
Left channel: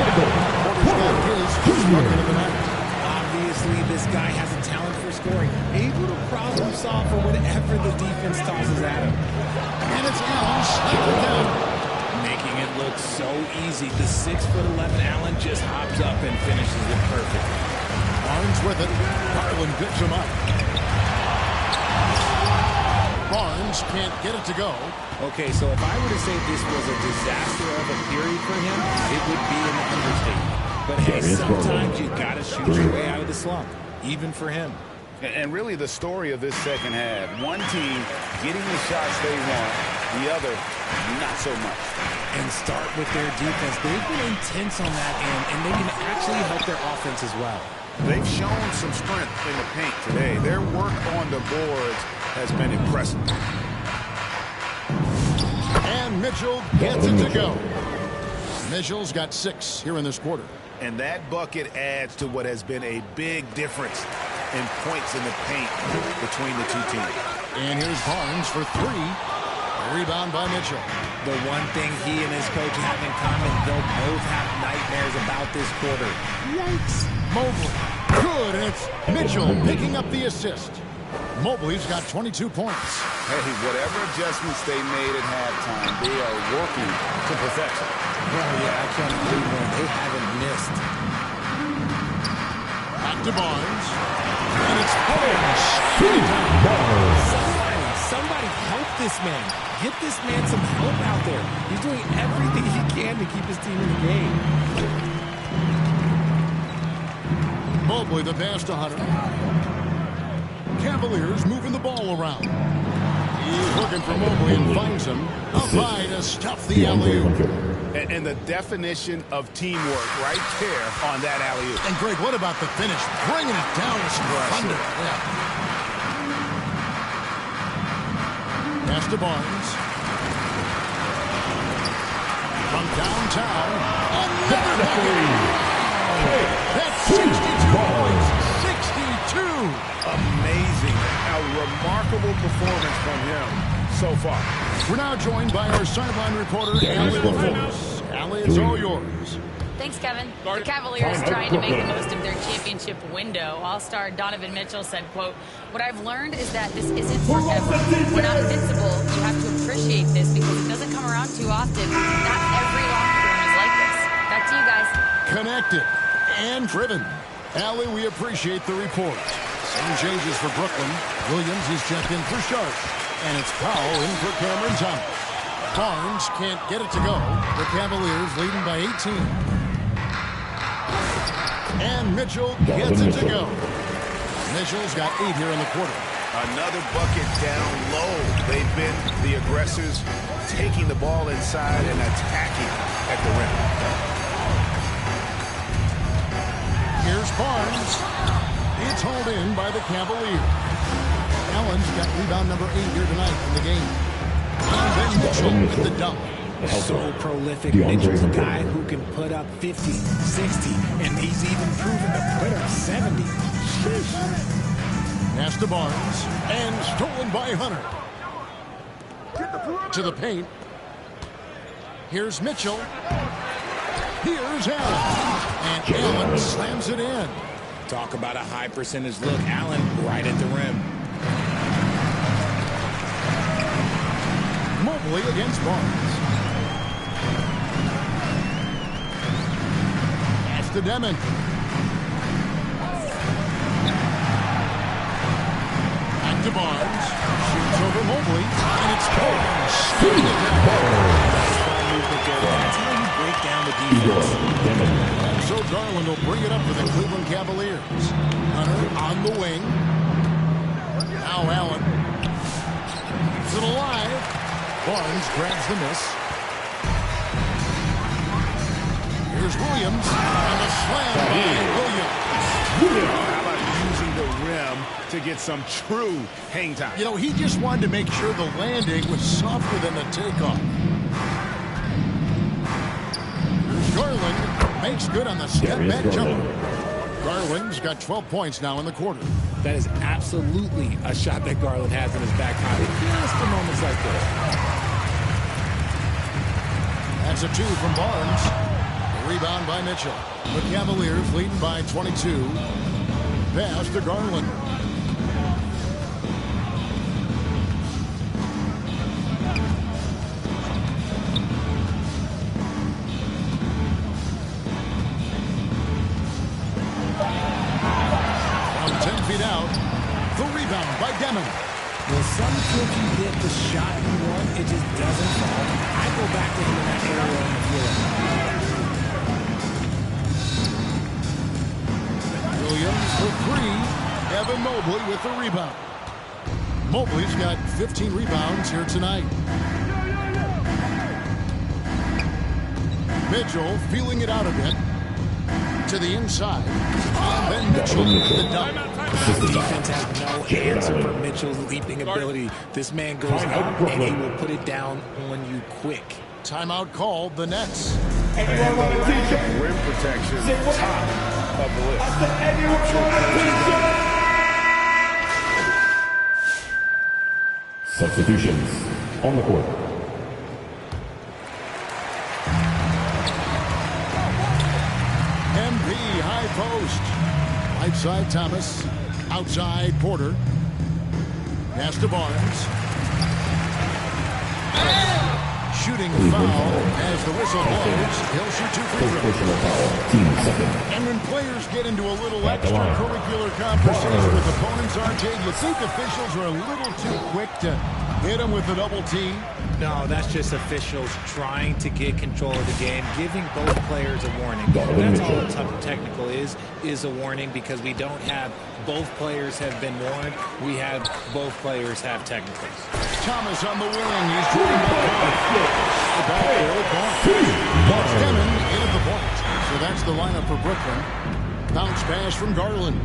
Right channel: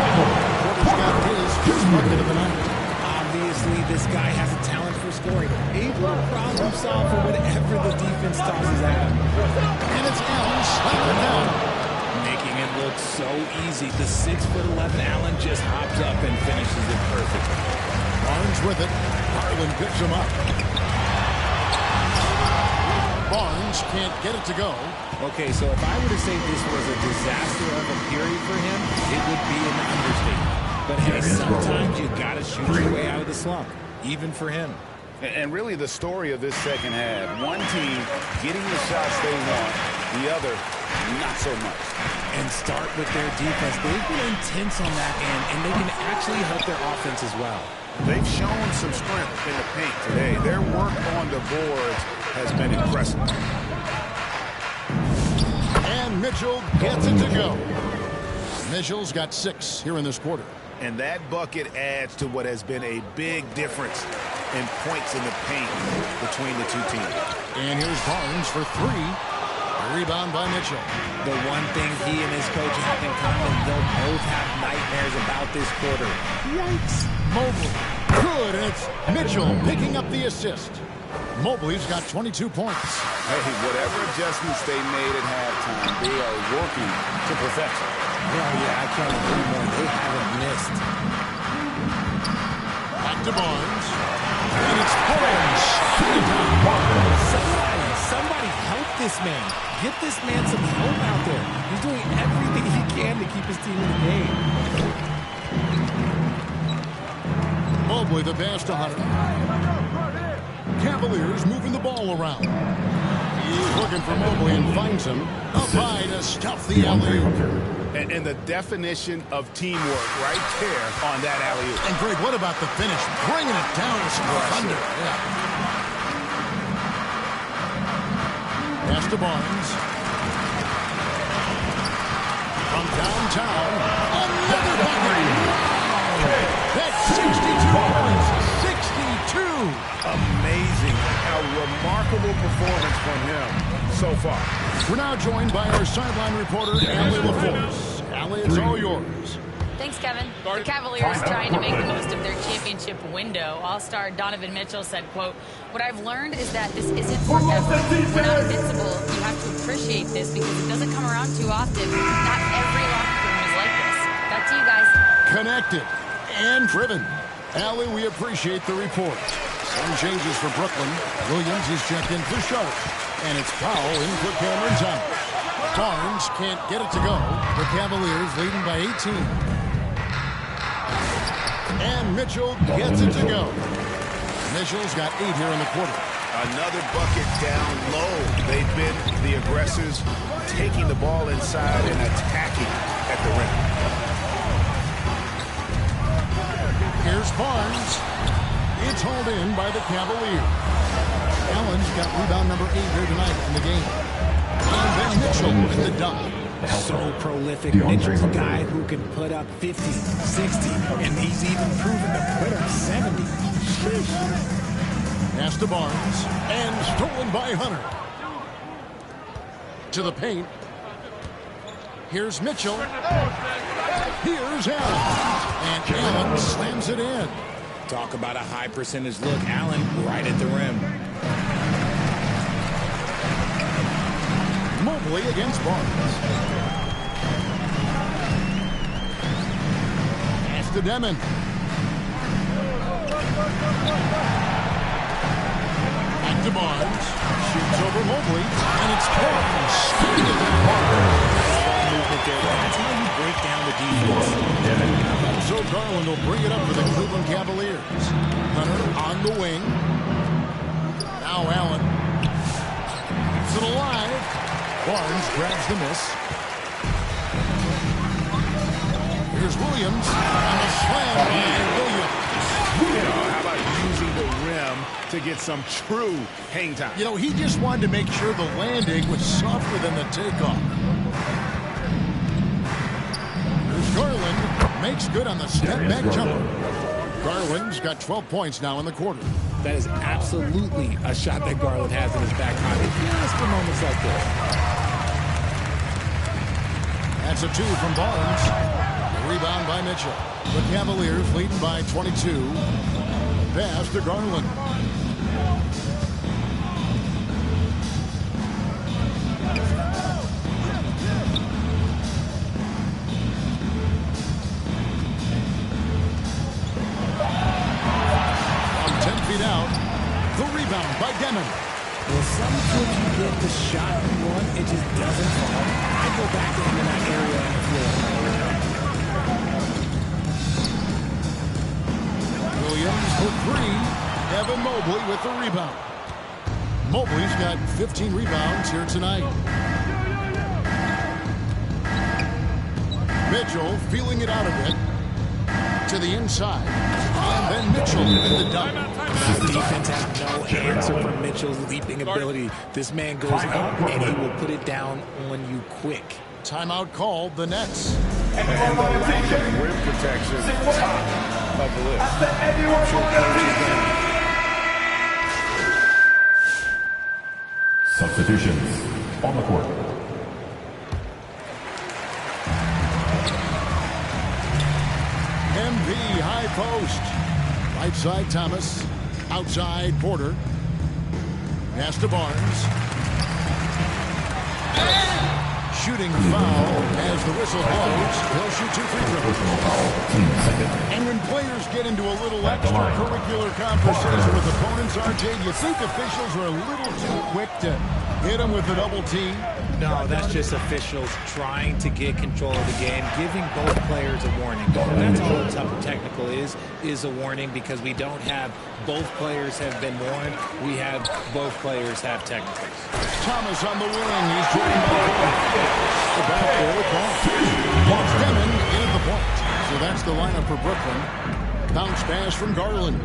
Porter's got his first bucket of the night. Obviously, this guy has a talent for scoring. Able to problem solve for whatever the defense tosses at him. And it's Allen slapping it down. Making it look so easy. The 6'11" Allen just hops up and finishes it perfectly. Barnes with it. Garland picks him up. Barnes can't get it to go. Okay, so if I were to say this was a disaster of a period for him, it would be an understatement. But hey, sometimes you got to shoot your way out of the slump, even for him. And really the story of this second half, one team getting the shots they want, the other not so much. And start with their defense. They've been intense on that end, and they can actually help their offense as well. They've shown some strength in the paint today. Their work on the boards has been impressive. And Mitchell gets it to go. Mitchell's got 6 here in this quarter. And that bucket adds to what has been a big difference in points in the paint between the two teams. And here's Barnes for 3. A rebound by Mitchell. The one thing he and his coach have in common, they'll both have nightmares about this quarter. Yikes. Mobley. Good, and it's Mitchell picking up the assist. Mobley's got 22 points. Hey, whatever adjustments they made at halftime, they are working to perfection. Well, yeah, I can't agree more. They haven't missed. Back to Barnes. And it's Barnes. Somebody help this man. Get this man some help out there. He's doing everything he can to keep his team in the game. Mobley the pass to Hunter. Cavaliers moving the ball around. He's looking for Mobley and finds him. Up high to stuff the alley-oop. And the definition of teamwork right there on that alley-oop. And Greg, what about the finish? Bringing it down with some thunder. Yeah. Pass to Barnes. From downtown, another bucket. Wow. That's 62 points. 62. Amazing. A remarkable performance from him so far. We're now joined by our sideline reporter, Allie LaForce. Allie, it's all yours. Thanks, Kevin. The Cavaliers trying to make the most of their championship window. All-star Donovan Mitchell said, quote, "What I've learned is that this isn't forever. We're not invincible. You have to appreciate this because it doesn't come around too often. Not every locker room is like this." Back to you guys. Connected and driven. Allie, we appreciate the report. Some changes for Brooklyn. Williams, he's checked in for Sharp. And it's Powell in for Cameron Thomas. Barnes can't get it to go. The Cavaliers leading by 18. And Mitchell gets it to go. Mitchell's got 8 here in the quarter. Another bucket down low. They've been the aggressors, taking the ball inside and attacking at the rim. Here's Barnes. It's hauled in by the Cavaliers. Allen's got rebound number 8 here tonight in the game. And then Mitchell with the dunk. So prolific. Mitchell's a guy who can put up 50, 60, and he's even proven to put up 70. Sheesh. Pass to Barnes. And stolen by Hunter. To the paint. Here's Mitchell. Here's Allen. And Allen slams it in. Talk about a high percentage look. Allen right at the rim. Mobley against Barnes. Pass to Demon. Back to Barnes. Shoots over Mobley. And it's Barnes. Shooting it down. Nice ball movement there. That's how you break down the defense. So Garland will bring it up for the Cleveland Cavaliers. Hunter on the wing. Now Allen. Keeps it alive. Barnes grabs the miss. Here's Williams. And the slam by Williams. How about using the rim to get some true hang time? You know, he just wanted to make sure the landing was softer than the takeoff. Here's Garland. Makes good on the step-back jumper. Garland's got 12 points now in the quarter. That is absolutely a shot that Garland has in his back pocket just for moments like this. That's a 2 from Barnes. The rebound by Mitchell. The Cavaliers leading by 22. Pass to Garland. From 10 feet out. The rebound by Demon. Well, sometimes you get the shot you want, it just doesn't fall. I go back to him in that area on the floor. Williams for 3. Evan Mobley with the rebound. Mobley's got 15 rebounds here tonight. Mitchell feeling it out a bit. To the inside. And then Mitchell with the dunk. The defense has no answer for Mitchell's leaping ability. This man goes up and he will put it down on you quick. Timeout called the Nets. And the lack of rim protection, top of the list. I'm sure coach is going to... Substitutions on the court. MP high post. Right side Thomas. Outside Porter. Pass to Barnes. Shooting foul as the whistle blows. He'll shoot 2 free throws. Personal foul. Team second. And when players get into a little extracurricular conversation with opponents, RJ, do you think officials are a little too quick to hit them with a double team? No, that's just officials trying to get control of the game, giving both players a warning. That's all a technical is a warning, because we don't have both players have been warned. We have both players have technicals. Thomas on the wing. He's joined by Barnes. The back there with Barnes. It's Demon in at the point. So that's the lineup for Brooklyn. Bounce pass from Garland.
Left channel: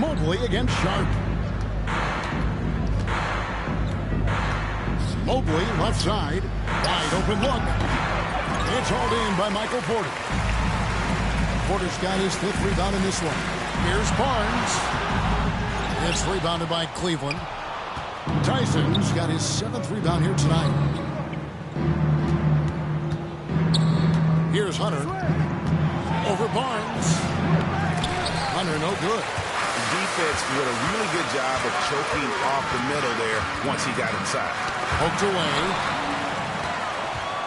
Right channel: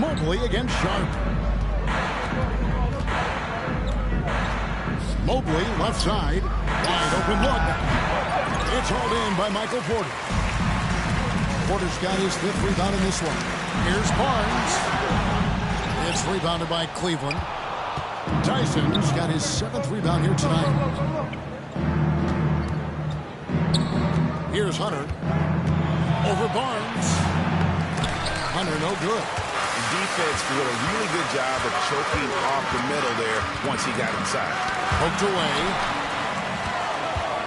Mobley against Sharp. Mobley left side. Wide open look. It's hauled in by Michael Porter. Porter's got his 5th rebound in this one. Here's Barnes. It's rebounded by Cleveland. Tyson's got his 7th rebound here tonight. Here's Hunter. Over Barnes. Hunter no good. Defense did a really good job of choking off the middle there once he got inside. Poked away.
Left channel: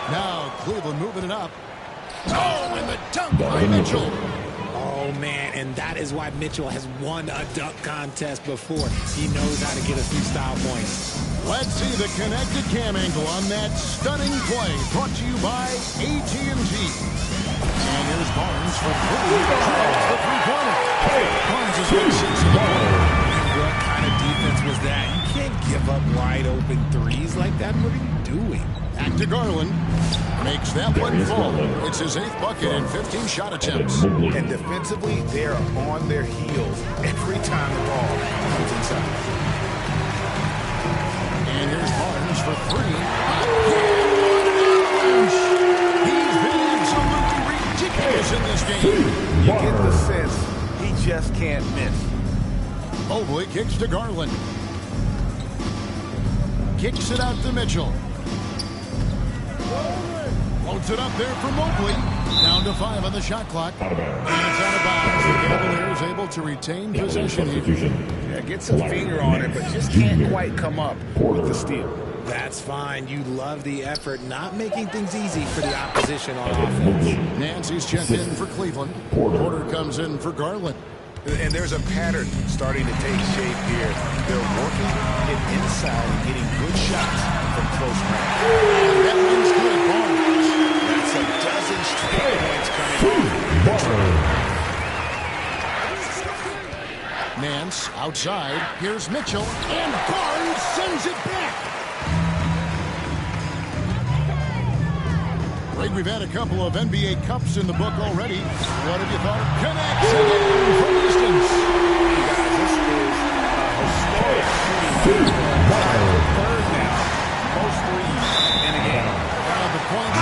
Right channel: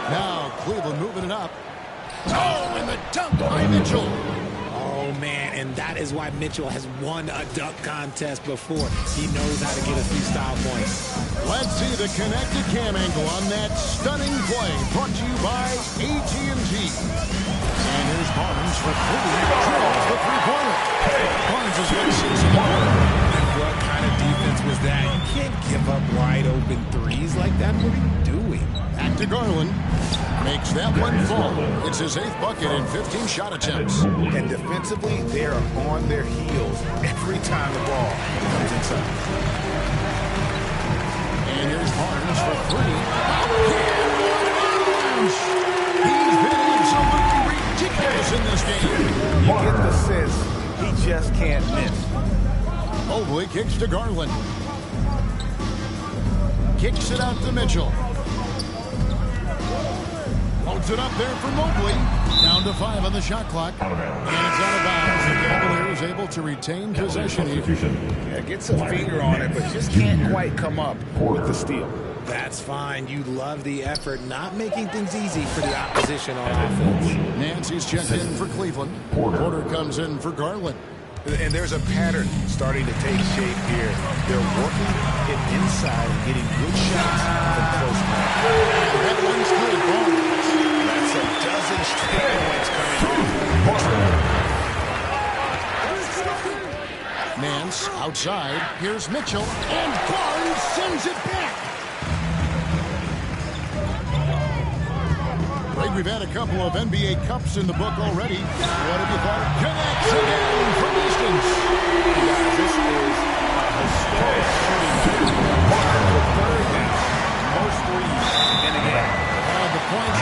Now Cleveland moving it up. Oh, and the dunk by Mitchell. Oh, man, and that is why Mitchell has won a dunk contest before. He knows how to get a few style points. Let's see the connected cam angle on that stunning play, brought to you by AT&T. And here's Barnes for 3. Drills the three-pointer. Barnes has got 6 in the quarter. And what kind of defense was that? You can't give up wide open threes like that. What are you doing? Back to Garland. Makes that one fall. It's his 8th bucket in 15 shot attempts. And defensively, they are on their heels every time the ball comes inside. And here's Barnes for 3. Again, what an avalanche! He's been absolutely ridiculous in this game. You get the sense he just can't miss. Mobley kicks to Garland. Kicks it out to Mitchell. Loads it up there for Mobley. Down to 5 on the shot clock. And it's out of bounds. The Cavaliers able to retain possession here. Yeah, gets a finger on it, but just can't quite come up with the steal. That's fine. You love the effort, not making things easy for the opposition on offense. Nancy's checked in for Cleveland. Porter comes in for Garland. And there's a pattern starting to take shape here. They're working it inside and getting good shots from close range. And that one's good. Barnes. That's a dozen straight points coming off. Nance outside. Here's Mitchell. And Barnes sends it back. Greg, we've had a couple of NBA Cups in the book already. What have you thought? Connects again from distance. Hey guys, this is a historic shooting game. Tied for 3rd now. Most threes in a game. The points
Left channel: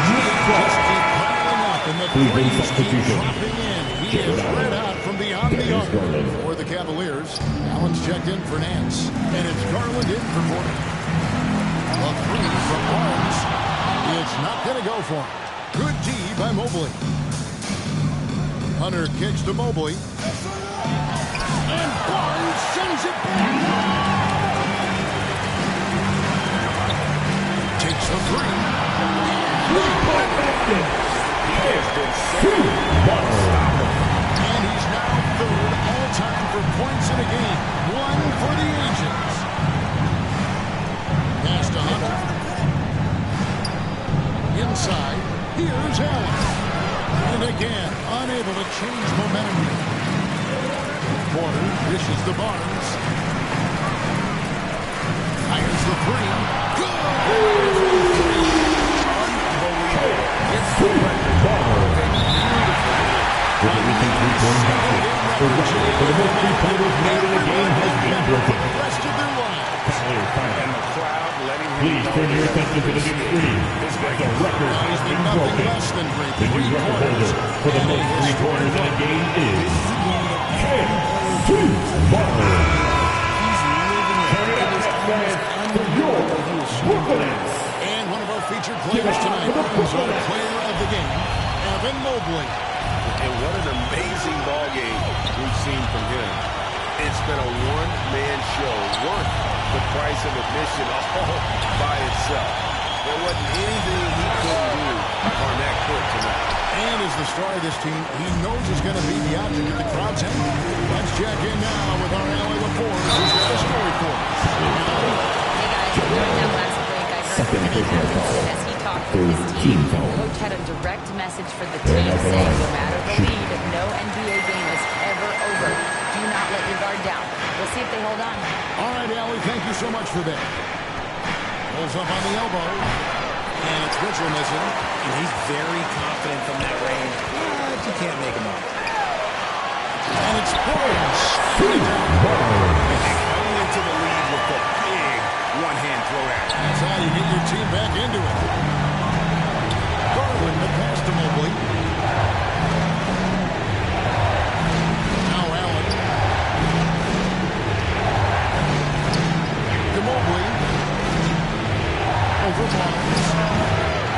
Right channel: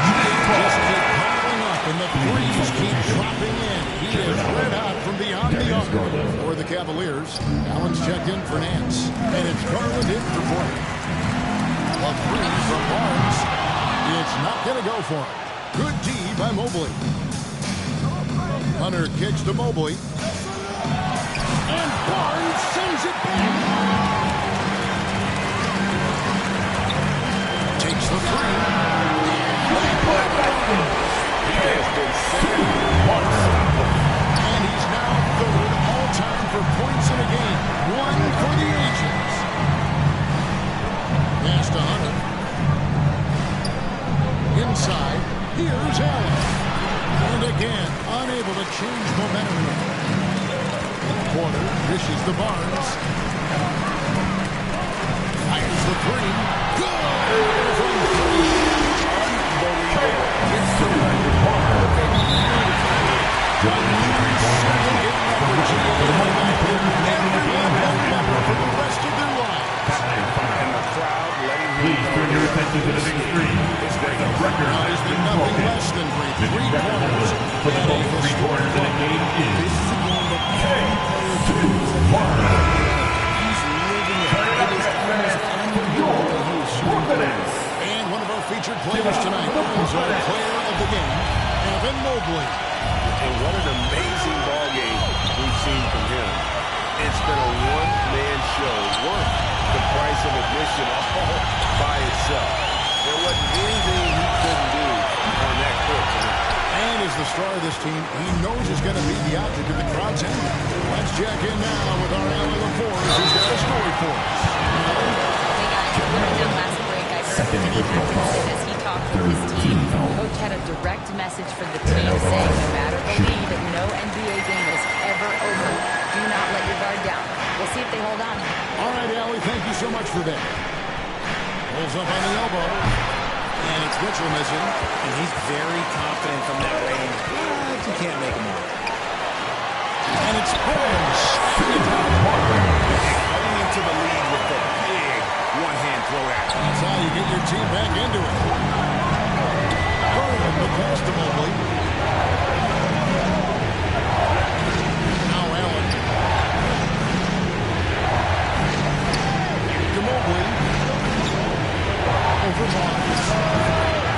just keep piling up, and the threes keep dropping in. He is red hot from beyond the arc for the Cavaliers. Allen's checked in for Nance, and it's Garland in for Porter. A 3 from Barnes. It's not going to go for him. Good D by Mobley. Hunter kicks to Mobley. And Barnes sends it back. Takes the 3. And they put it. He has been unstoppable. And he's now 3rd all-time for points in a game. 1 for the ages. Pass to Hunter. Inside. Here's Allen. And again, unable to change momentum here. Porter dishes to Barnes. Fires the 3. Good from 3. Unbelievable. Gets the record. They beautifully hit. For the rest of their lives. And the crowd letting him Please know turn your attention to the big screen. It's great. The record He's been nothing less than great. The new record holder for the most 3-pointers in a game is This is a game that every player dreams of having. He's living it. It is almost unbelievable that he is shooting threes. And one of our featured players tonight is our player of the game, Evan Mobley. And what an amazing ball game we've seen from him. It's been a one-man show worth the price of admission all by itself. There wasn't anything he couldn't do on that court tonight. And as the star of this team, he knows he's going to be the object of the crowd's anger. Let's check in now with our Allie LaForce, who's got a story for us. Allie? Hey guys, during that last break, I heard Kenny Atkinson as he talked with his team. Coach had a direct message for the team saying no matter the lead, no NBA game is ever over. Do not let your guard down. We'll see if they hold on. All right, Allie, thank you so much for that. Pulls up on the elbow. And it's Mitchell missing. And he's very confident from that range. But you can't make him up. And it's Barnes. Cutting into the lead with the big one-hand throw at. That's how you get your team back into it. Garland, the pass to Mobley. Now Allen. To Mobley. Over Barnes.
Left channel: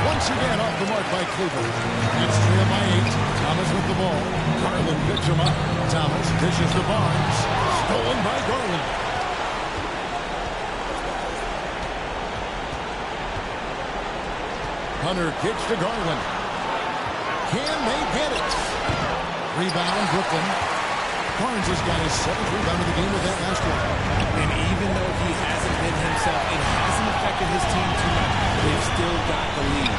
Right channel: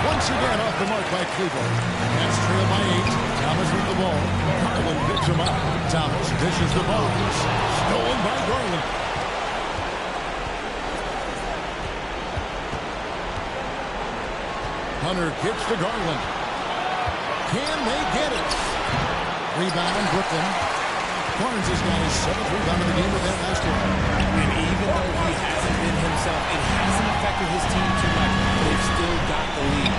Once again off the mark by Cleveland. It's trailed by 8. Thomas with the ball. Garland picks him up. Thomas dishes to Barnes. Stolen by Garland. Hunter kicks to Garland. Can they get it? Rebound, Brooklyn. Barnes has got his 7th rebound of the game with that last one. And even though he hasn't been himself, it hasn't affected his team too much. They've still got the lead.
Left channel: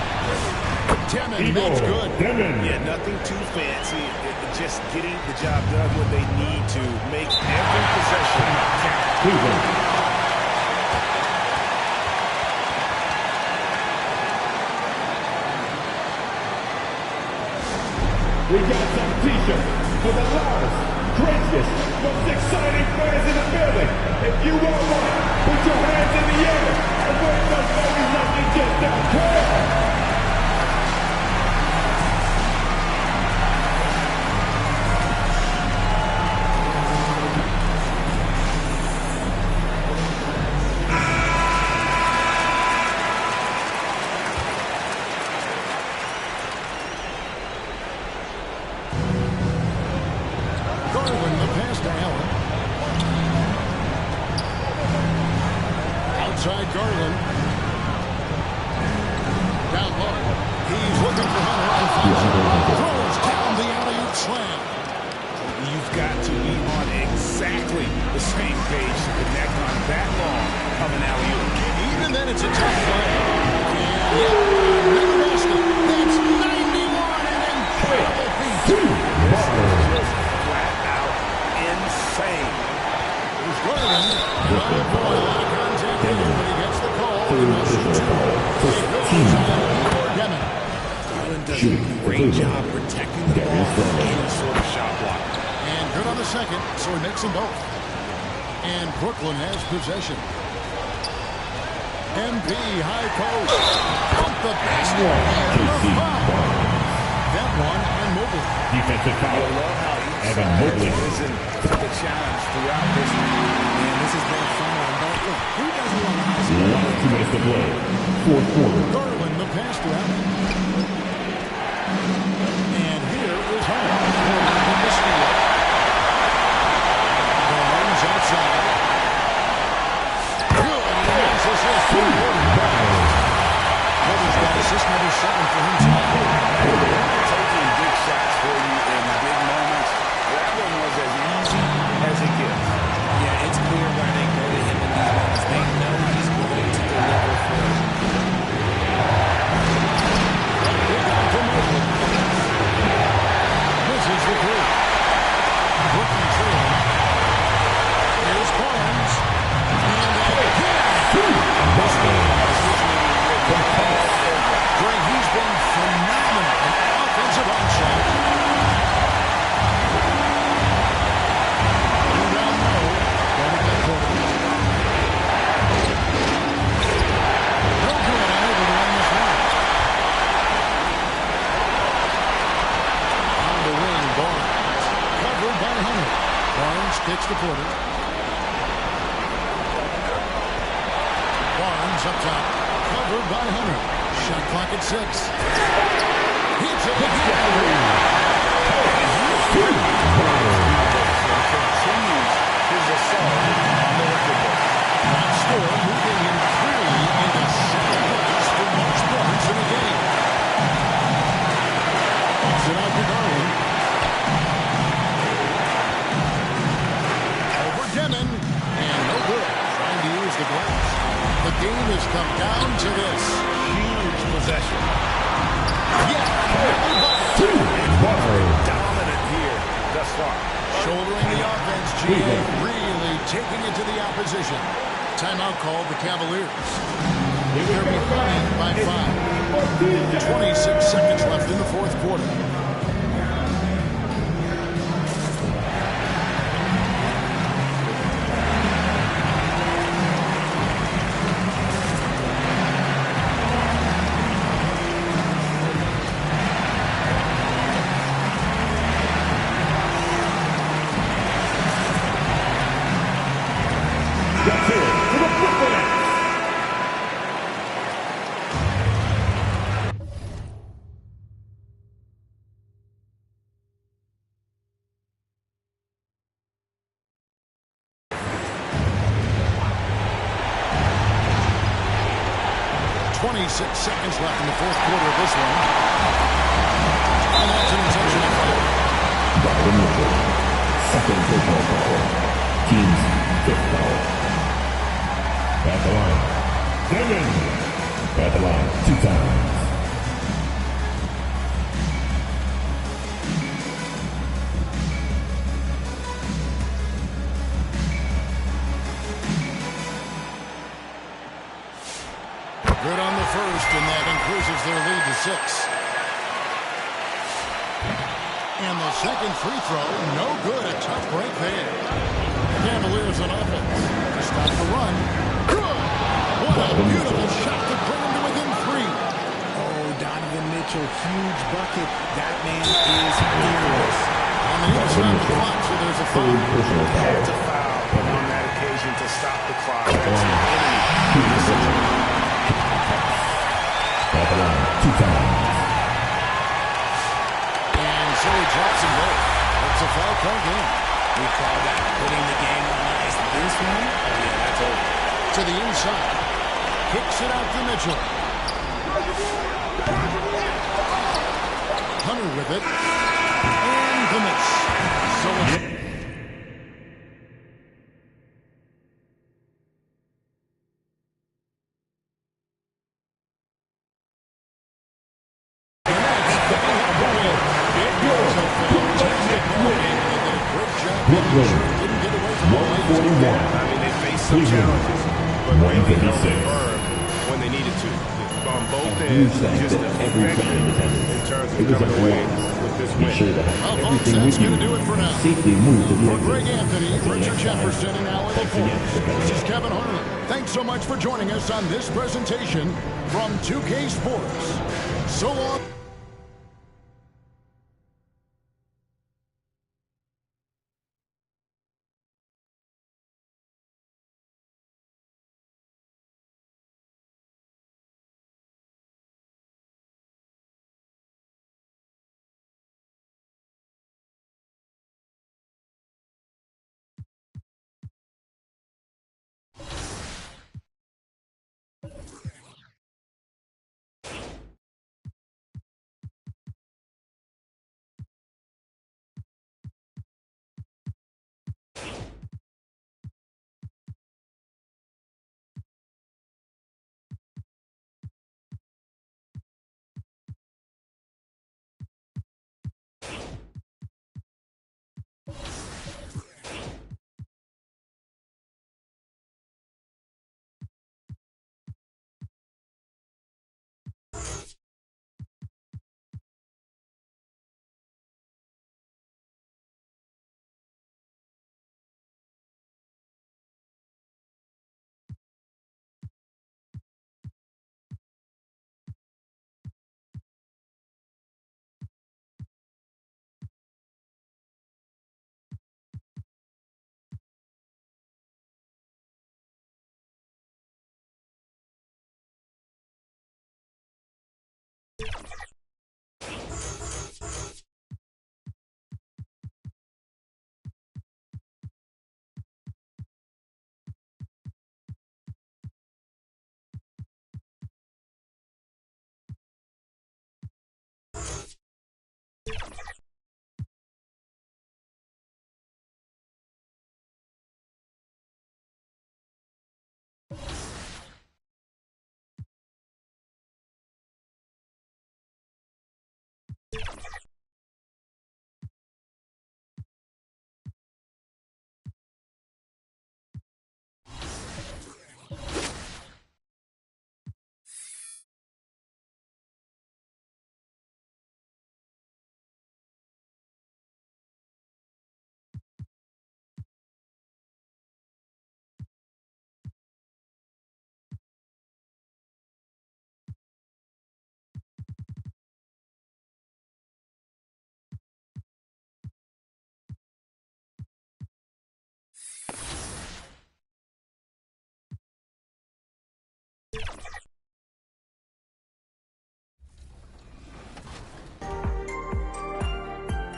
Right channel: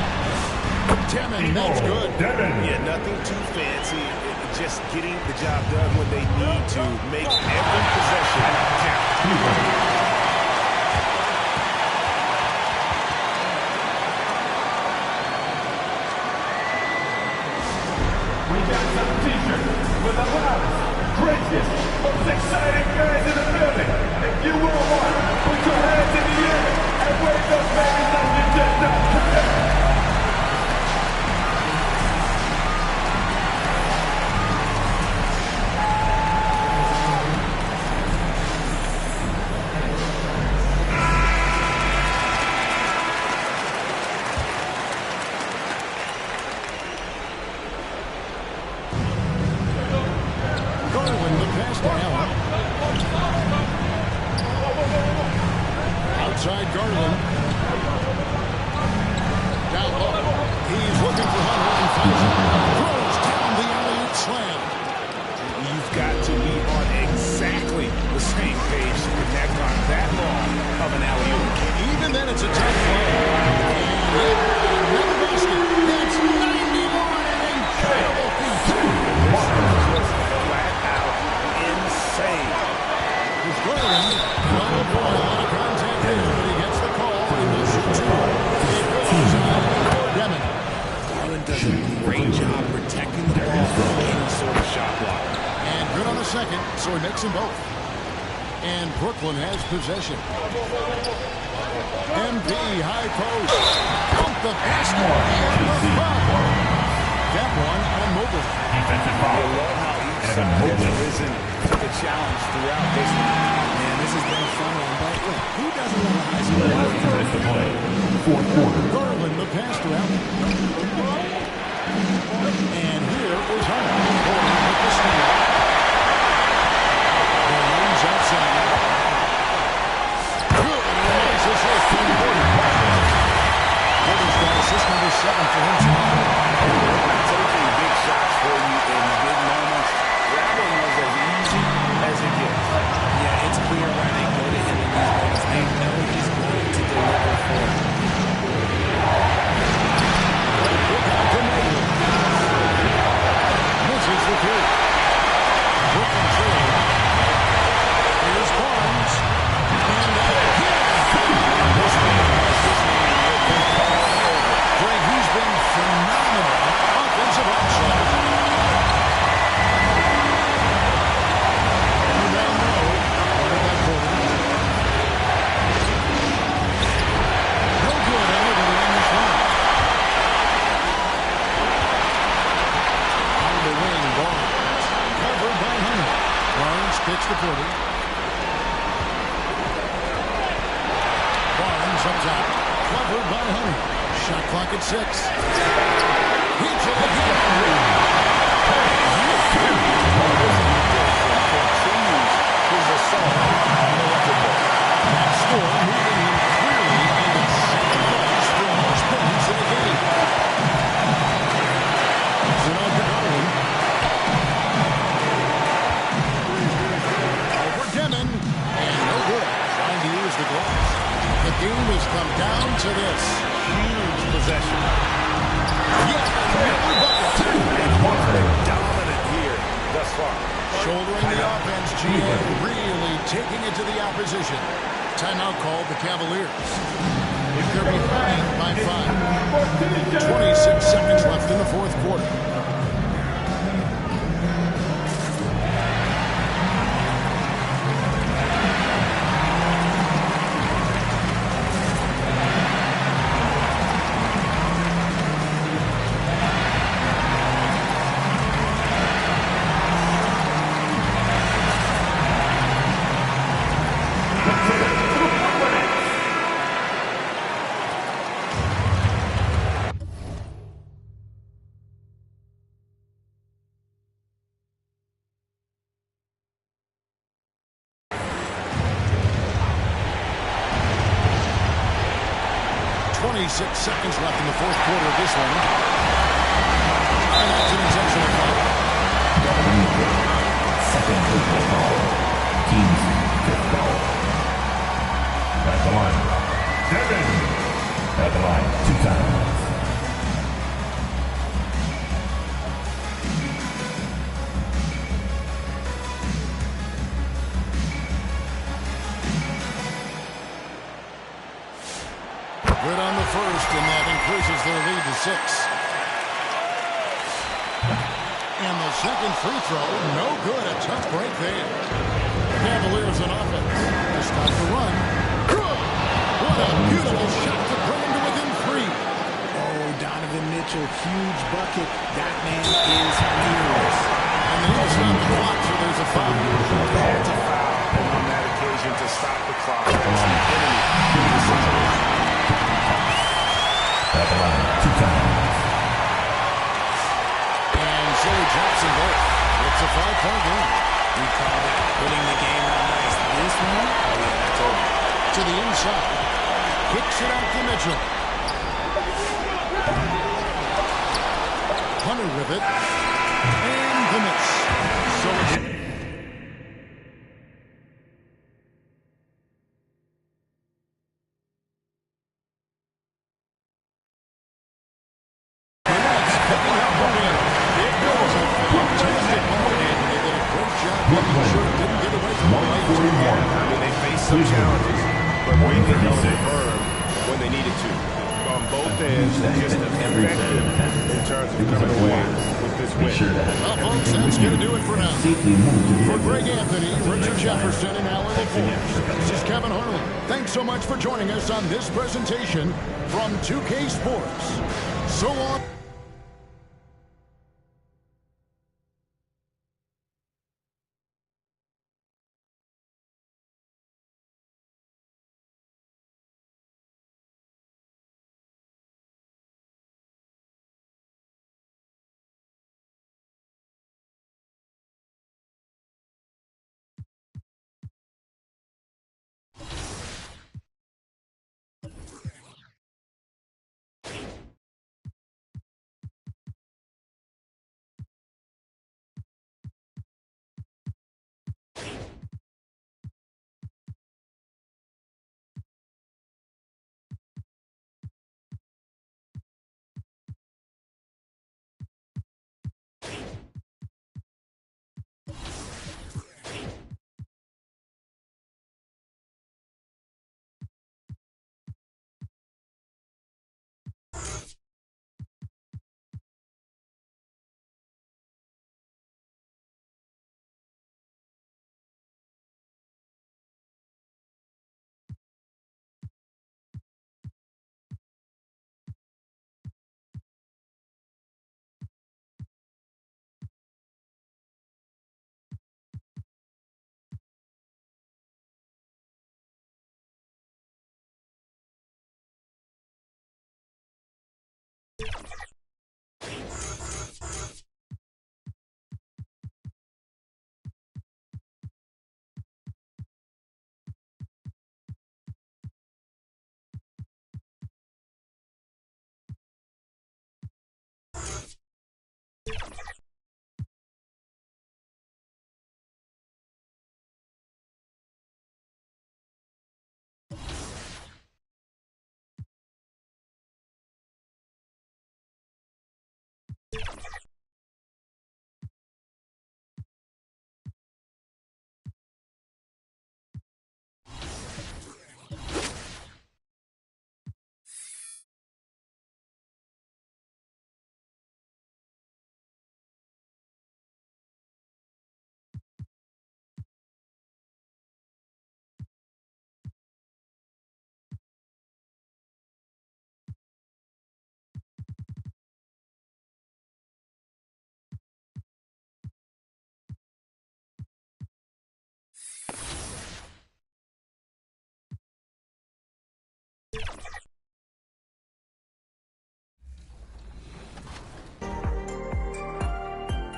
Demon, that's good. Yeah, nothing too fancy. Just getting the job done when they need to. Make every possession count. We got some t-shirts for the loudest, craziest, most exciting fans in the building. If you want one, put your hands in the air and wave those babies like you just don't care. Garland, the pass to Allen. Outside Garland. Down low. He's looking for Hunter and finds him. Throws down the alley-oop slam. You've got to be on exactly the same page to connect on that long of an alley-oop. Even then, it's a tough play. And yet, another basket. That's 91, an incredible feat. This is just flat out insane. Here's Garland. Oh boy, a lot of contact there, but he gets the call. He will shoot 2. It goes on for Demon. Garland does a great job protecting the ball from any sort of shot block. And good on the second, so he makes them both. And Brooklyn has possession. MP high post. Count the basket and the foul. That one on Mobley. Defensive foul. You love how each side has risen to the challenge throughout this. Man, this has been a fun one, but look, who doesn't love a high school? Last 2 minutes to play. Fourth quarter. Garland, the pass to Allen. And here is Hunter. Porter with the steal. Barnes outside. Good. And a nice assist from Porter. Porter's got assist number 7 for him tonight. Hey, they're taking big shots for you in big moments. That one was as easy as it gets. Yeah, it's clear why they go to him in these moments. They know he's going to deliver for it. Kick out to Mobley. Misses the 3. Brooklyn trailing. Here's Barnes. And again. This game has his name written all over. Greg, he's been phenomenal in offensive onslaught. Rebound low. Guarded by Porter. No good. Unable to end this one. On the wing, Barnes. Covered by Hunter. Barnes kicks to Porter. Barnes up top. Covered by Hunter. Shot clock at 6. Hits it again. And continues his assault on the record book. That score moving him clearly into second place for most points in a game. It's it out to Garland. Over Demon, and no good. Trying to use the glass. The game has come down to this. Huge possession. Yet another bucket. And he's been dominant here thus far. Shouldering the offense, GA really taking it to the opposition. Timeout called the Cavaliers. They're behind by 5. 26 seconds left in the fourth quarter. Six seconds left in the fourth quarter of this one. And that's an intentional foul. Second personal foul. Team's fifth foul. At the line. Devin. At the line 2 times. Good on the first, and that increases their lead to 6. And the second free throw, no good. A tough break there. Cavaliers on offense to stop the run. Good! What a beautiful shot to bring him to within 3. Oh, Donovan Mitchell, huge bucket. That man is fearless. And they need to stop the clock, so there's a foul. Had to foul, and on that occasion to stop the clock. That's the enemy in this situation. At the line 2 times. And so he drops them both. It's a 5-point game. We call that putting the game on ice. This one, oh yeah, that's over. To the inside. Kicks it out to Mitchell. Hunter with it. And the miss. So it's... I mean, they faced some challenges, but really held firm when they needed to. On both ends, just effective in terms of coming away with this win. Well, folks, that's going to do it for now. For Greg Anthony, Richard Jefferson, and Allie LaForce, this is Kevin Harlan. Thanks so much for joining us on this presentation from 2K Sports. So long.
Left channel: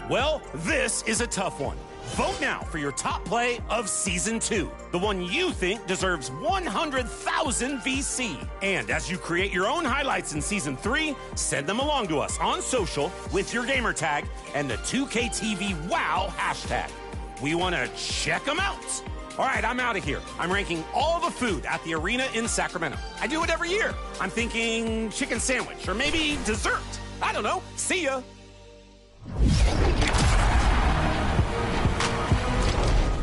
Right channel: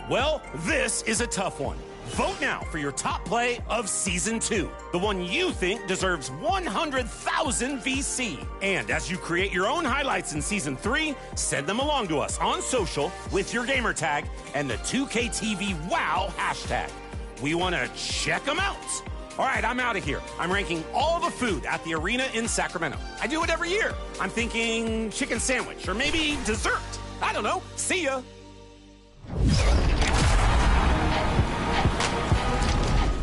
Well, this is a tough one. Vote now for your top play of Season 2, the one you think deserves 100,000 VC. And as you create your own highlights in Season 3, send them along to us on social with your gamer tag and the 2KTVWOW hashtag. We want to check them out. All right, I'm out of here. I'm ranking all the food at the arena in Sacramento. I do it every year. I'm thinking chicken sandwich or maybe dessert. I don't know. See ya.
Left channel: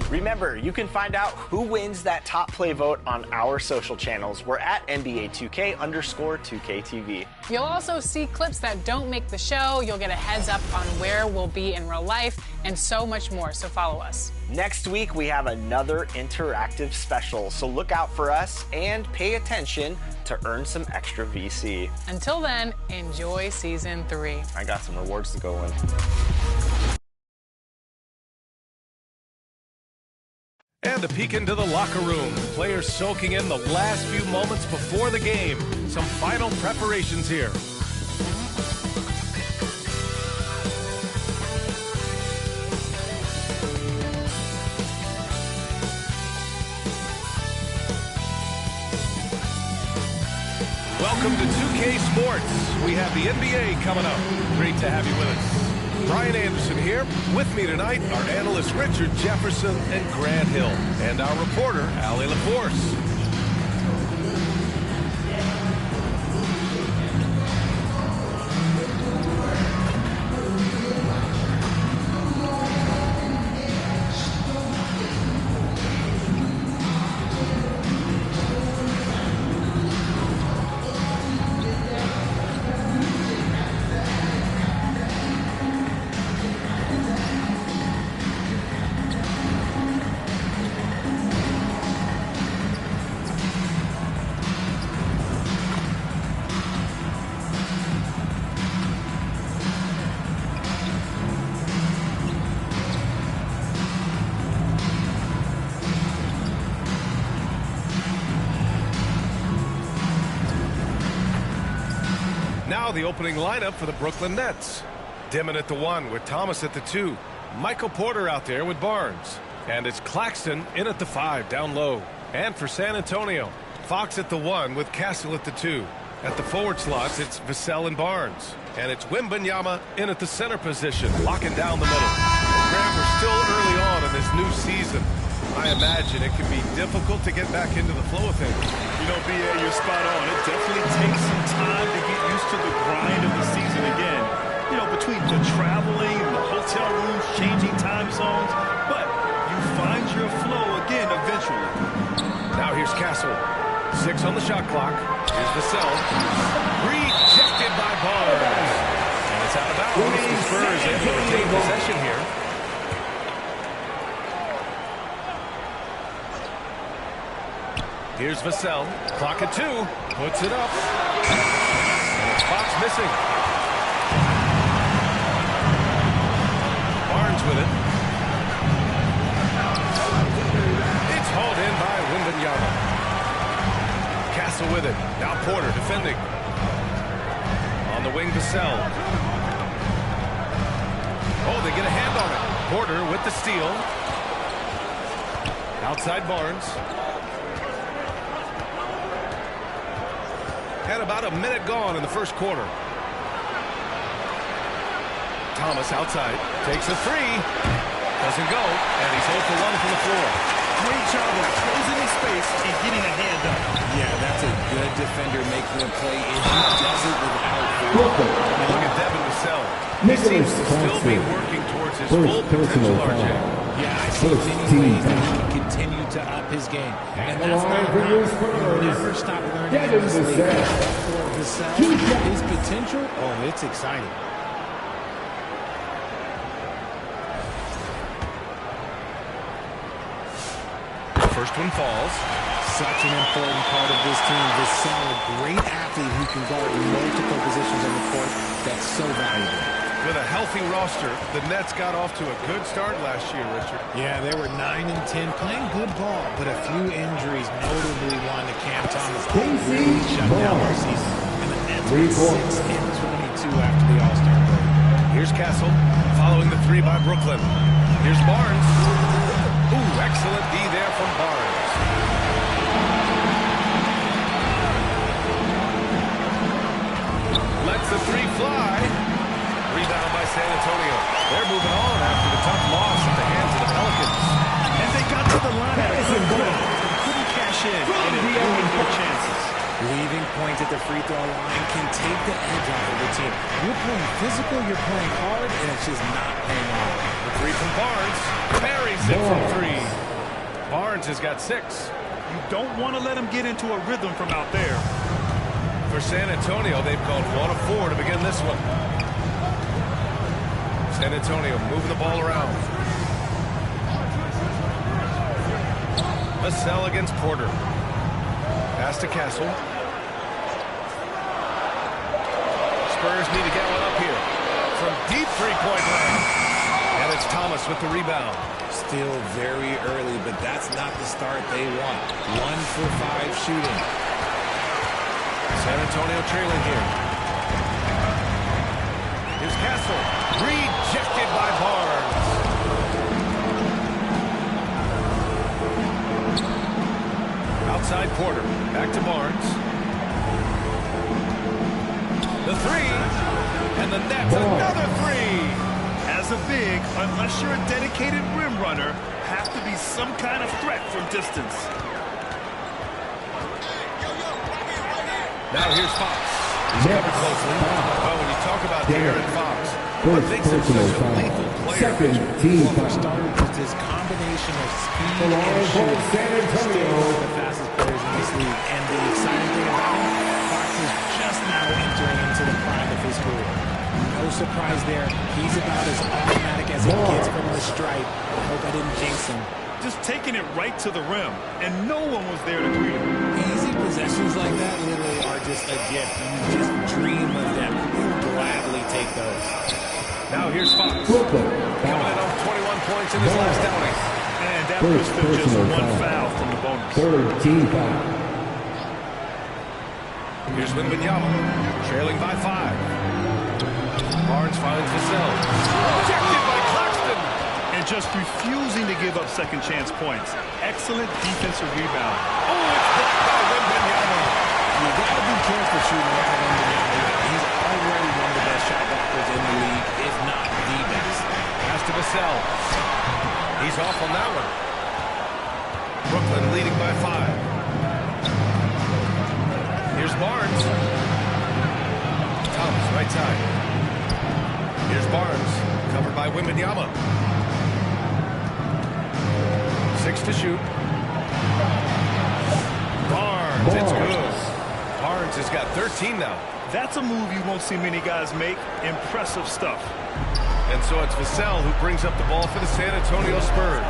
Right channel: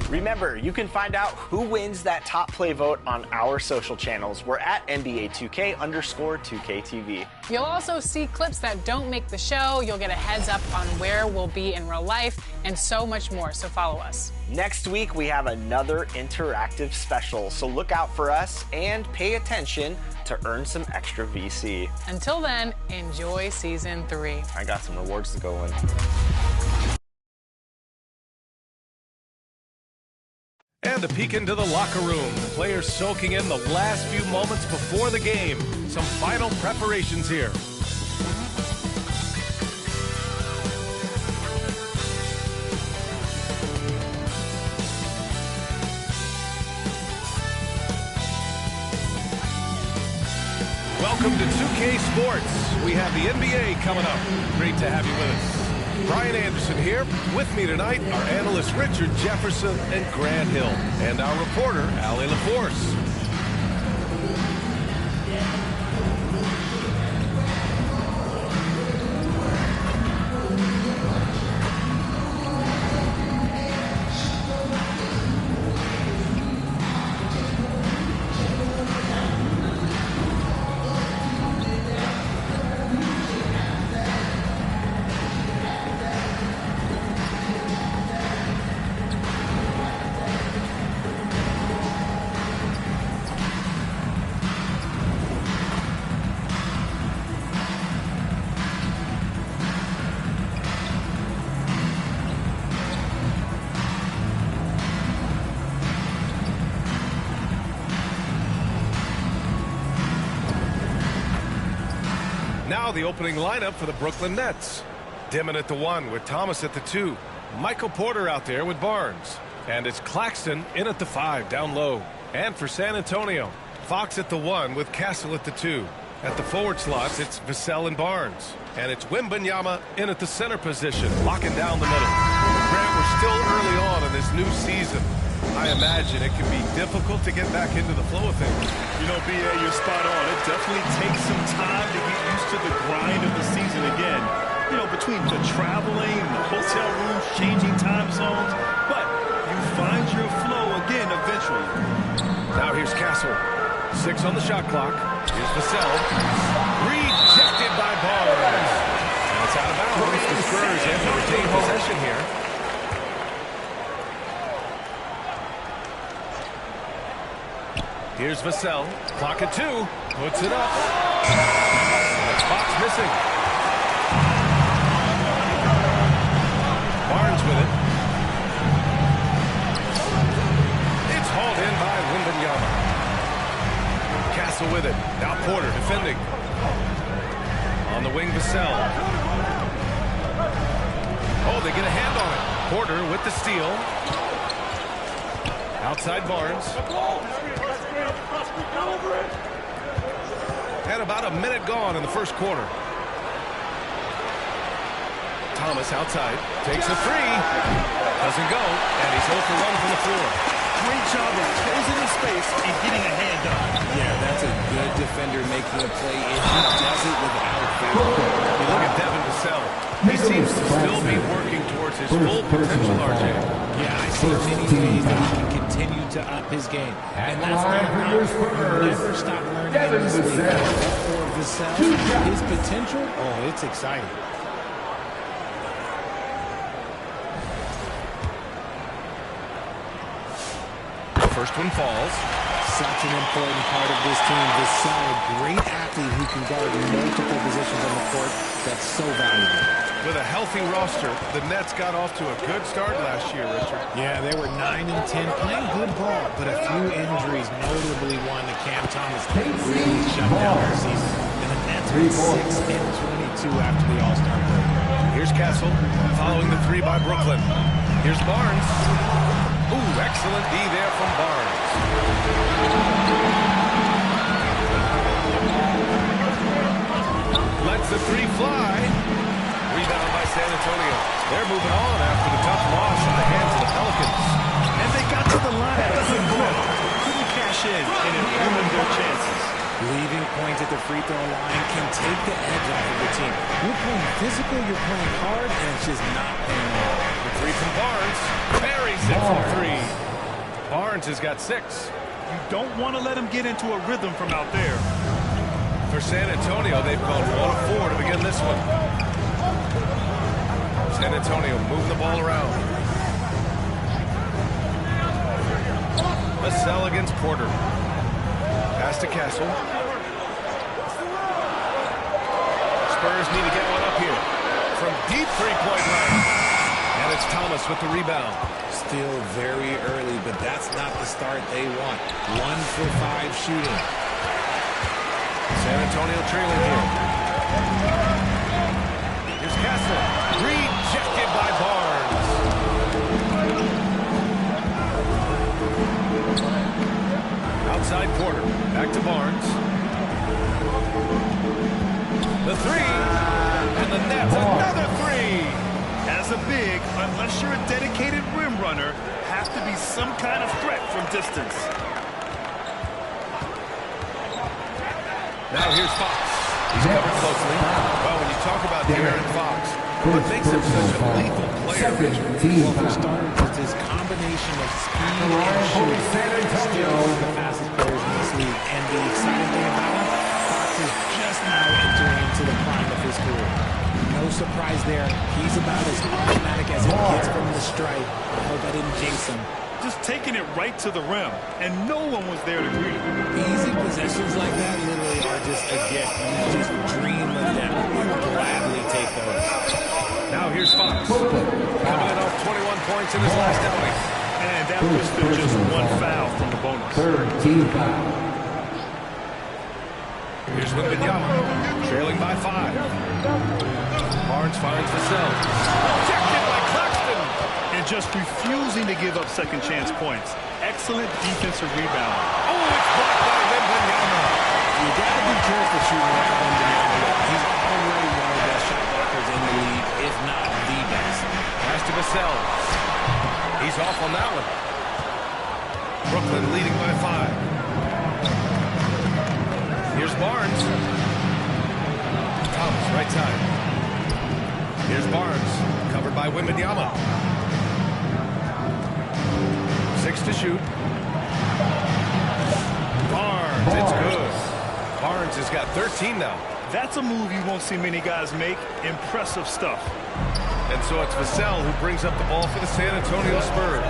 Remember, you can find out who wins that top play vote on our social channels. We're at NBA2K_2KTV. You'll also see clips that don't make the show. You'll get a heads up on where we'll be in real life and so much more. So follow us. Next week, we have another interactive special. So look out for us and pay attention to earn some extra VC. Until then, enjoy Season 3. I got some rewards to go in. And a peek into the locker room. Players soaking in the last few moments before the game. Some final preparations here. Welcome to 2K Sports. We have the NBA coming up. Great to have you with us. Brian Anderson here. With me tonight, our analysts Richard Jefferson and Grant Hill, and our reporter, Allie LaForce. Now the opening lineup for the Brooklyn Nets. Dimon at the 1 with Thomas at the 2. Michael Porter out there with Barnes. And it's Claxton in at the 5 down low. And for San Antonio, Fox at the 1 with Castle at the 2. At the forward slots, it's Vassell and Barnes. And it's Wembanyama in at the center position, locking down the middle. Grant, we're still early on in this new season. I imagine it can be difficult to get back into the flow of things. You know, B.A., you're spot on. It definitely takes some time to get used to the grind of the season again. You know, between the traveling, the hotel rooms, changing time zones. But you find your flow again eventually. Now here's Castle. 6 on the shot clock. Here's Vassell. Rejected by Barnes. And it's out of bounds. The Spurs able to retain possession here. Here's Vassell. Clock at 2. Puts it up. And it's Fox missing. Barnes with it. It's hauled in by Wembanyama. Castle with it. Now Porter defending. On the wing, Vassell. Oh, they get a hand on it. Porter with the steal. Outside Barnes. Had about a minute gone in the first quarter. Thomas outside. Takes a 3. Doesn't go. And he's 0 for 1 from the floor. Great job of closing the space and getting a hand up. Yeah, that's a good defender making a play, and he does it without foul. You look at Devin Vassell. He seems to still be working towards his full potential, RJ. Yeah, I see many ways that he can continue to up his game. And that's not you never stop learning in this league. But for Vassell, his potential, oh, it's exciting. First one falls. Such an important part of this team. Vassell, a great athlete who can guard multiple positions on the court. That's so valuable. With a healthy roster, the Nets got off to a good start last year, Richard. Yeah, they were 9-10, playing good ball, but a few injuries, notably one to Cam Thomas, really shut down their season. And the Nets with 6 and 22 after the All-Star break. Here's Castle, following the three by Brooklyn. Here's Barnes. Ooh, excellent D there from Barnes. Lets the three fly. Rebound by San Antonio. They're moving on after the tough loss at the hands of the Pelicans. And they got to the line at a good clip. Couldn't cash in, and it ruined their chances. Leaving points at the free throw line can take the edge off of the team. You're playing physical, you're playing hard, and it's just not paying off. The three from Barnes. Buries it from three. Barnes has got 6. You don't want to let him get into a rhythm from out there. For San Antonio, they've gone 1 of 4 to begin this one. San Antonio moving the ball around. Vassell against Porter. Pass to Castle. Spurs need to get one up here. From deep three-point land. And it's Thomas with the rebound. Still very early, but that's not the start they want. 1 for 5 shooting. San Antonio trailing here. Here's Castle. Rejected by Barnes. Outside Porter. Back to Barnes. The three. And the Nets another three. As a big, unless you're a dedicated rim runner, have to be some kind of threat from distance. Now here's Fox. He's covered closely. Well, when you talk about De'Aaron Fox, what makes him such a lethal player? Well, for starters, it's his combination of speed and shooting. Still one of the fastest players in this league. And the exciting thing about him, Fox is just now entering into the prime of his career. No surprise there. He's about as automatic as it gets from the stripe. I hope I didn't jinx him. Just taking it right to the rim, and no one was there to greet him. Easy possessions like that literally are just a gift. You just dream of them. You'll gladly take those. Now here's Fox. Coming in off 21 points in his last outing. And that puts them just 1 foul from the bonus. Third team foul. Here's Wembanyama, trailing by 5. Barnes finds Vassell. Rejected by Claxton. And just refusing to give up second chance points. Excellent defensive rebound. Oh, it's blocked by Wembanyama. You got to be careful shooting around Wembanyama. He's already one of the best shot blockers in the league, if not the best. Pass to Vassell. He's off on that one. Brooklyn leading by 5. Here's Barnes. Thomas, right side. Here's Barnes, covered by Wembanyama. 6 to shoot. Barnes, it's good. Barnes has got 13 now. That's a move you won't see many guys make. Impressive stuff. And so it's Vassell who brings up the ball for the San Antonio Spurs.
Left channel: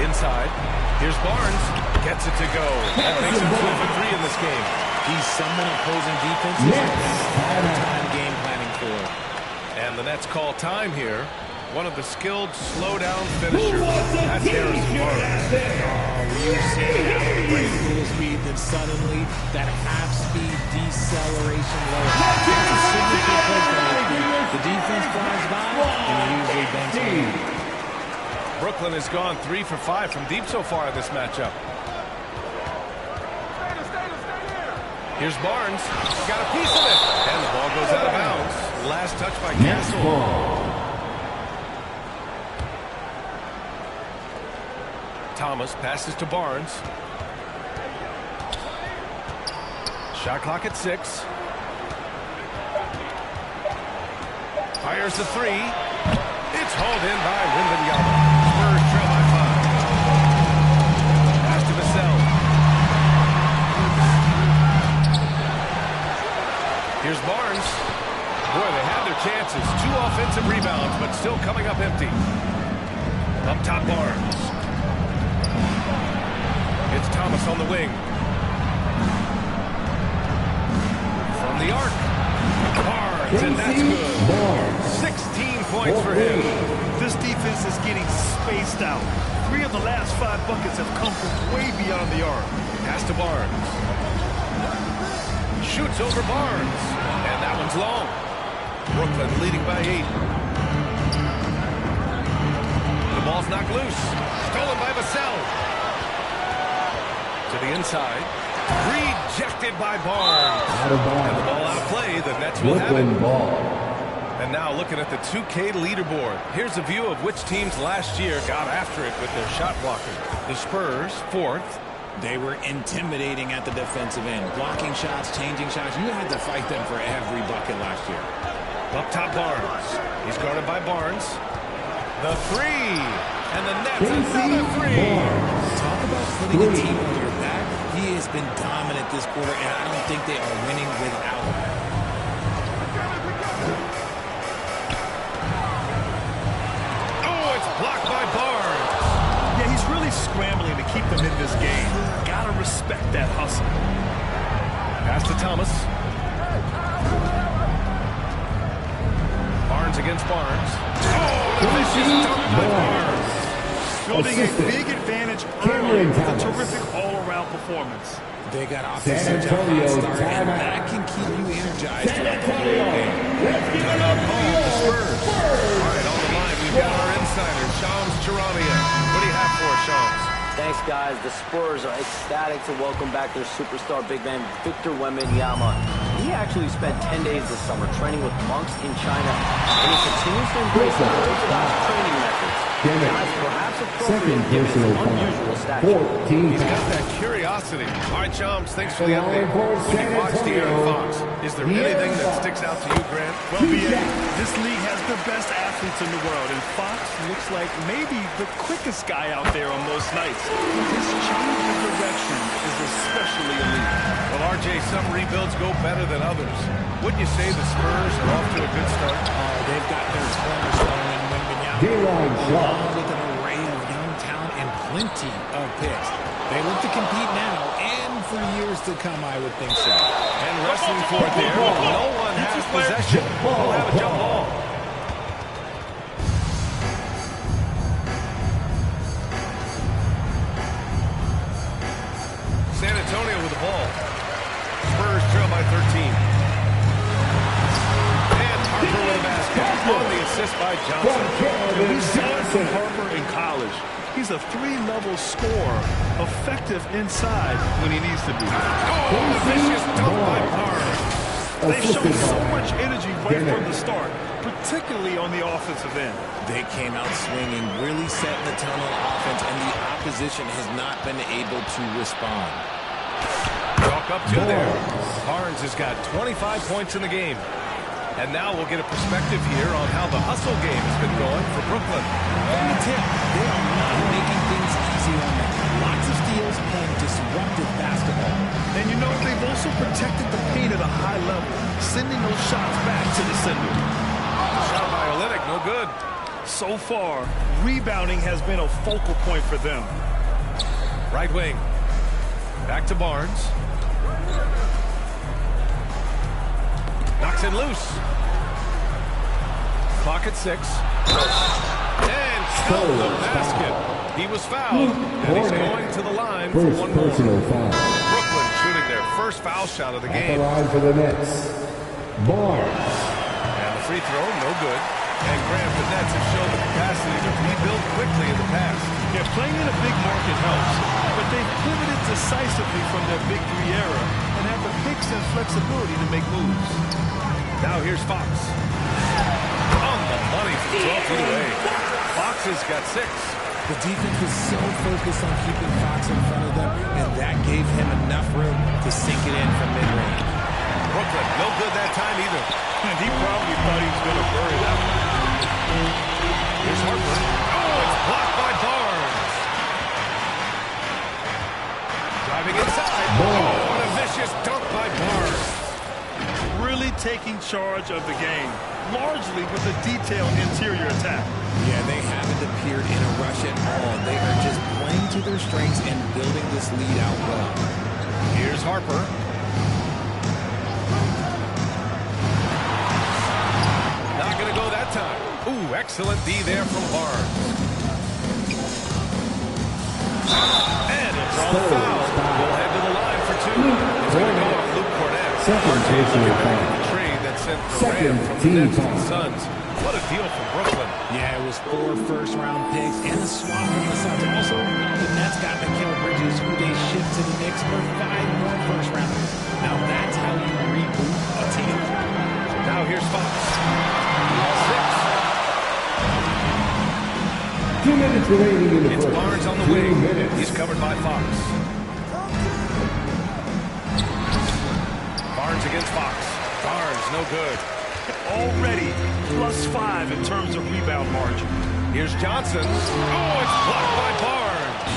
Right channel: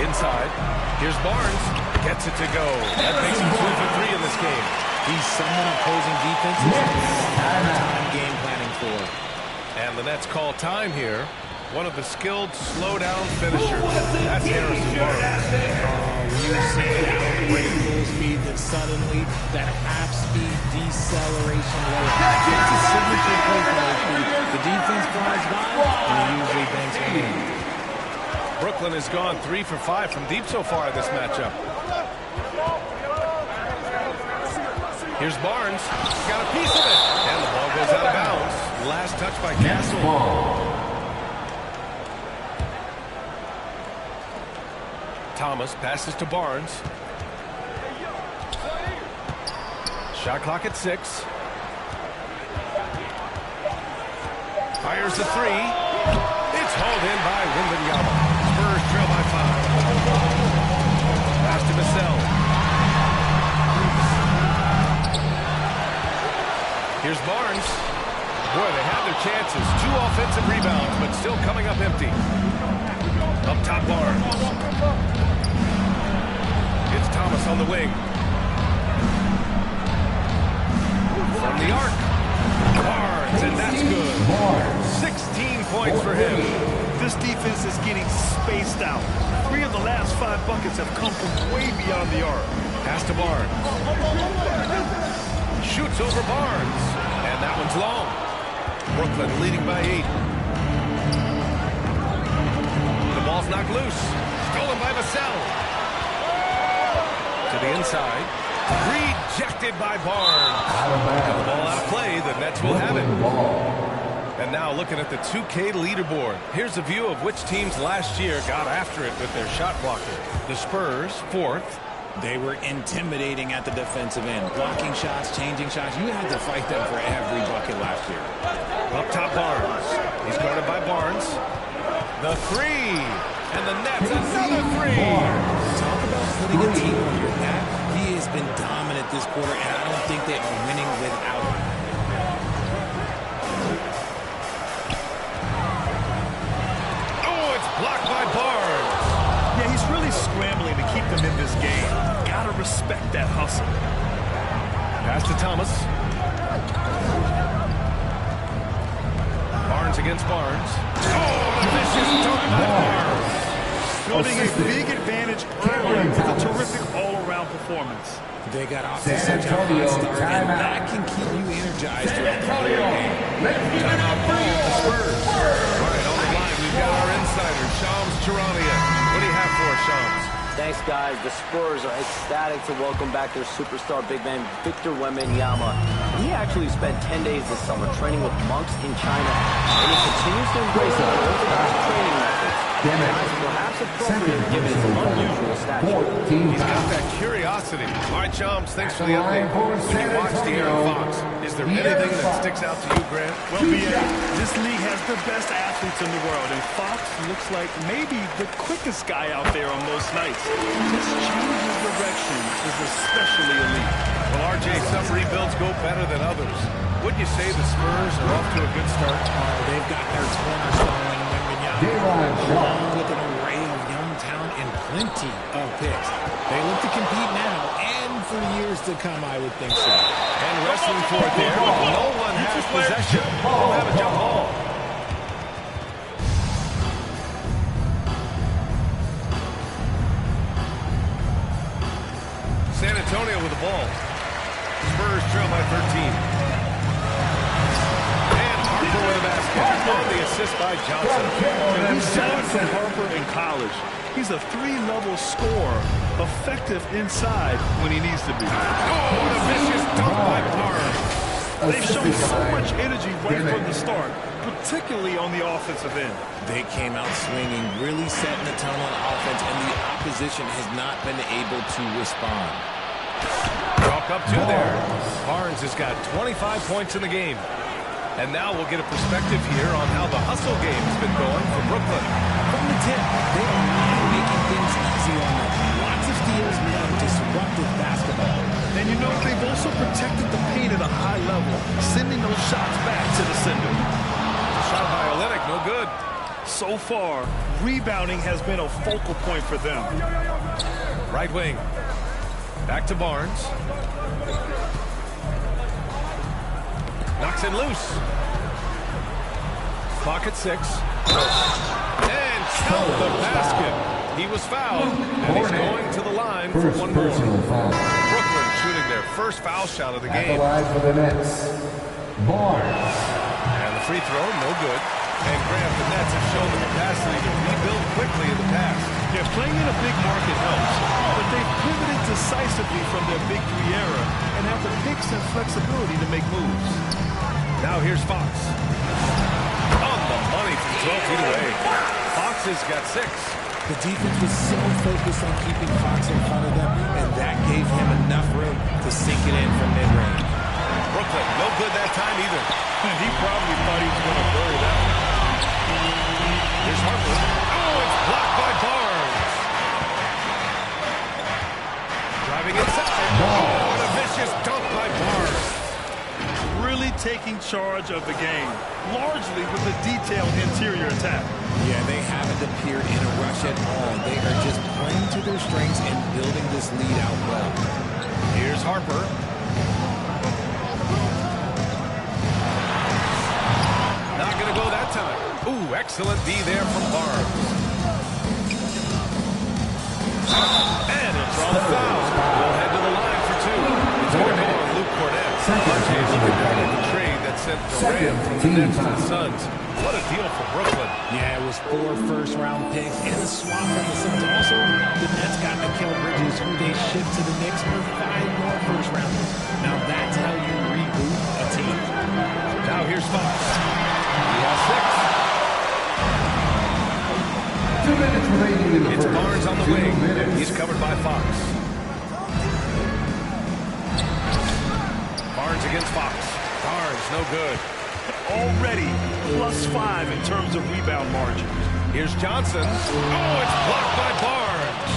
Inside. Here's Barnes. Gets it to go. That makes him 2 for 3 in this game. He's someone opposing defenses have a hard time game planning for. And the Nets call time here. One of the skilled slow-down finishers. That's Harrison Barnes. Oh, you've seen it out on the break full speed, then suddenly that half-speed deceleration lower. That's a signature play from HP. The defense flies by, and he usually banks one in. Brooklyn has gone 3 for 5 from deep so far in this matchup. Here's Barnes. Got a piece of it. And the ball goes out of bounds. Last touch by Castle. Thomas passes to Barnes. Shot clock at 6. Fires the 3. It's hauled in by Wembanyama. Spurs trail by 5. Pass to Vassell. Here's Barnes. Boy, they had their chances. 2 offensive rebounds, but still coming up empty. Up top, Barnes. It's Thomas on the wing. From the arc. Barnes, and that's good. 16 points for him. This defense is getting spaced out. 3 of the last 5 buckets have come from way beyond the arc. Pass to Barnes. Shoots over Barnes. And that one's long. Brooklyn leading by 8. The ball's knocked loose. Stolen by Vassell. To the inside. Rejected by Barnes. And the ball out of play. The Nets will have it. And now looking at the 2K leaderboard. Here's a view of which teams last year got after it with their shot blocking. The Spurs, 4th. They were intimidating at the defensive end. Blocking shots, changing shots. You had to fight them for every bucket last year. Up top, Barnes. He's guarded by Barnes. The 3. And the Nets, another 3. Talk about putting a team on your back. He has been dominant this quarter, and I don't think they are winning without him. Oh, it's blocked by Barnes. Yeah, he's really scrambling to keep them in this game. Gotta respect that hustle. Pass to Thomas. Barnes against Barnes. Oh, the vicious dunk by Barnes. Building a big advantage early with a terrific all-around performance. They got off to such a hot start, and that can keep you energized throughout the whole game. Timeout called, the Spurs. All right, on the line, we've got our insider, Shams Charania. What do you have for us, Shams? Thanks, guys. The Spurs are ecstatic to welcome back their superstar big man, Victor Wembanyama. He actually spent 10 days this summer training with monks in China, and he continues to embrace unorthodox training methods. Guys, perhaps appropriate given his unusual stature. He's got that curiosity. All right, Shams, thanks for the update. When you watch De'Aaron Fox, is there anything that sticks out to you, Grant? Well, BA, this league has the best athletes in the world, and Fox looks like maybe the quickest guy out there on most nights. His change of direction is especially elite. Well, RJ, some rebuilds go better than others. Wouldn't you say the Spurs are off to a good start? Oh, they've got their cornerstone in Wembanyama, along with an array of young talent and plenty of picks. They look to compete now and for years to come, I would think so. And wrestling for it there. No one has possession. We'll have a jump ball. San Antonio with the ball. Spurs trail by 13. And Harper with a basket. On the assist by Johnson. And we saw it from Harper in college. He's a 3-level scorer, effective inside when he needs to be. Oh, and a vicious dunk by Barnes. They've shown so much energy right from the start, particularly on the offensive end. They came out swinging, really setting the tone on offense, and the opposition has not been able to respond. Walk up two there. Barnes has got 25 points in the game. And now we'll get a perspective here on how the hustle game has been going for Brooklyn. From the tip, they are not making things easy on them. Lots of steals, playing disruptive basketball. And you know, they've also protected the paint at a high level, sending those shots back to the sender. The shot by Olynyk, no good. So far, rebounding has been a focal point for them. Right wing. Back to Barnes. Knocks it loose. Clock at 6. And count the basket. He was fouled, and he's going to the line for one more. Brooklyn shooting their first foul shot of the game. At the line for the Nets, Barnes. And the free throw, no good. And Grant, the Nets have shown the capacity to rebuild quickly in the past. Yeah, playing in a big market helps, but they've pivoted decisively from their Big 3 era and have the picks and flexibility to make moves. Now here's Fox. On the money from 12 feet away. Fox has got 6. The defense was so focused on keeping Fox in front of them, and that gave him enough room to sink it in from mid-range. Brooklyn, no good that time either. And he probably thought he was going to bury that one. Here's Harper. Oh, it's blocked by Barnes. Driving inside. Oh, and a vicious dunk by Barnes. Really taking charge of the game, largely with a detailed interior attack. Yeah, they haven't appeared in a rush at all. They are just playing to their strengths and building this lead out well. Here's Harper. Not going to go that time. Ooh, excellent D there from Barnes. And he'll draw the foul. We'll head to the line for two. It's going to go on Luke Cornett. RJ looking back at the trade that sent Durant from the Nets to the Suns. What a deal for Brooklyn. Yeah, it was 4 first-round picks and a swap from the Suns. Also, the Nets got Mikal Bridges, who they shipped to the Knicks for 5 more first-rounders. Now that's how you reboot a team. Now here's Fox. He has 6. 2 minutes remaining in the first. It's Barnes on the wing. He's covered by Fox. Barnes against Fox. Barnes, no good. Already +5 in terms of rebound margin. Here's Johnson. Oh, it's blocked by Barnes.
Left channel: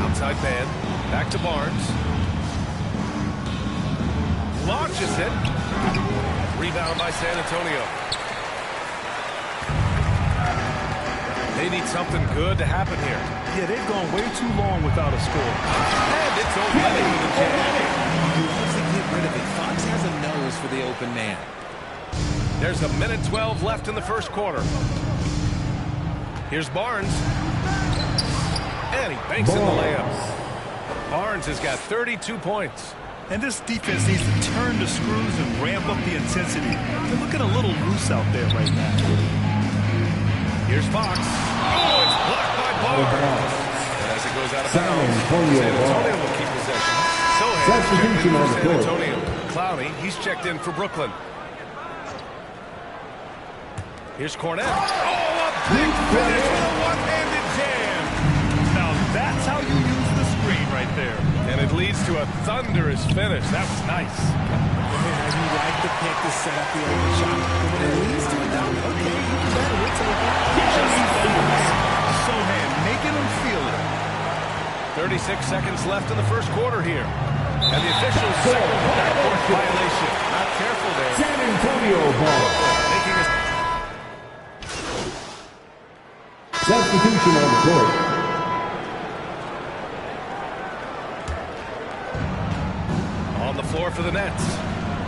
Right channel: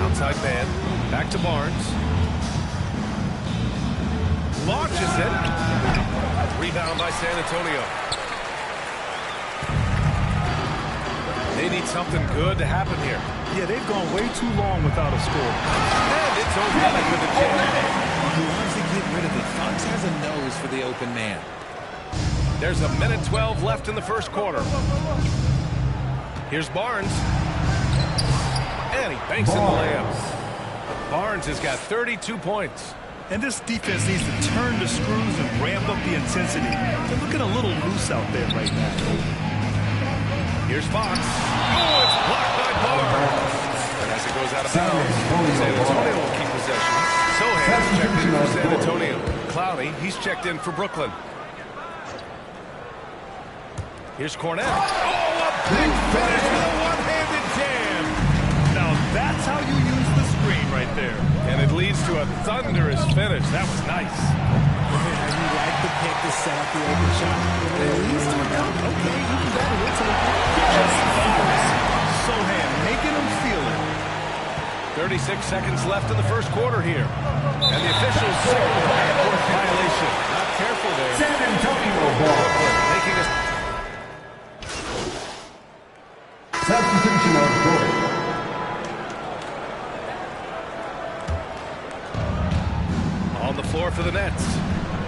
Outside man. Back to Barnes. Launches it. Rebound by San Antonio. They need something good to happen here. Yeah, they've gone way too long without a score. And it's O'Leary with a jam. He loves to get rid of it. Fox has a nose for the open man. There's a minute 12 left in the first quarter. Here's Barnes. And he banks in the layup. Barnes has got 32 points. And this defense needs to turn the screws and ramp up the intensity. They're looking a little loose out there right now. Here's Fox. Oh, it's blocked by Barnes. And as it goes out of bounds, San Antonio will keep possession. Sohan's checked in for San Antonio. Clowney, he's checked in for Brooklyn. Here's Cornett. Oh, a big finish with a one-handed jam. Now that's how you use the screen right there. And it leads to a thunderous finish. That was nice. Yeah, you like the pick to set up the open shot. But when it leads to a dunk, okay, even better, we'll take it. Just thunderous. Sohan making them feel it. 36 seconds left in the first quarter here. And the officials signal the backcourt violation. Not careful there. San Antonio ball. Making a substitution on the court. On the floor for the Nets.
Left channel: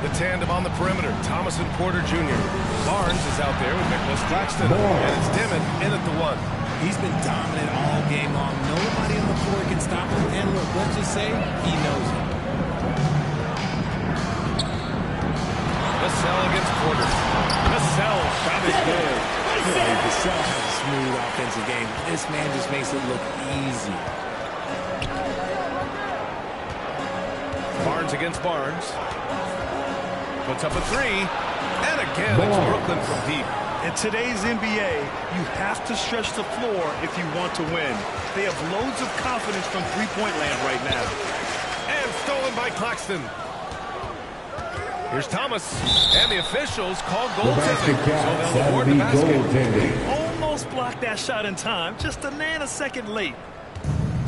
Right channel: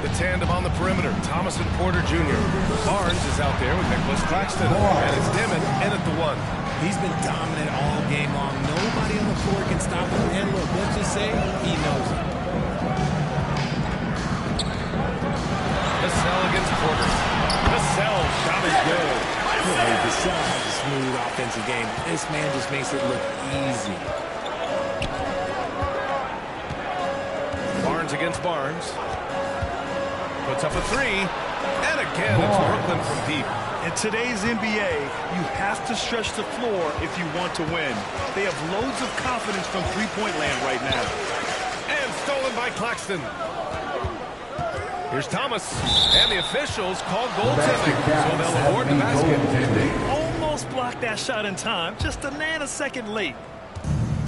The tandem on the perimeter, Thomas and Porter Jr. Barnes is out there with Nicholas Claxton. And it's Dimon in at the 1. He's been dominant all game long. Nobody on the floor can stop him. And look, let's just say he knows it. Vassell against Porter. Vassell, shot is good. Yeah, Vassell has a smooth offensive game. This man just makes it look easy. Barnes against Barnes. Puts up a 3. And again, it's Brooklyn from deep. In today's NBA, you have to stretch the floor if you want to win. They have loads of confidence from three-point land right now. And stolen by Claxton. Here's Thomas. And the officials call goaltending, so they'll award the basket. He almost blocked that shot in time, just a nanosecond late.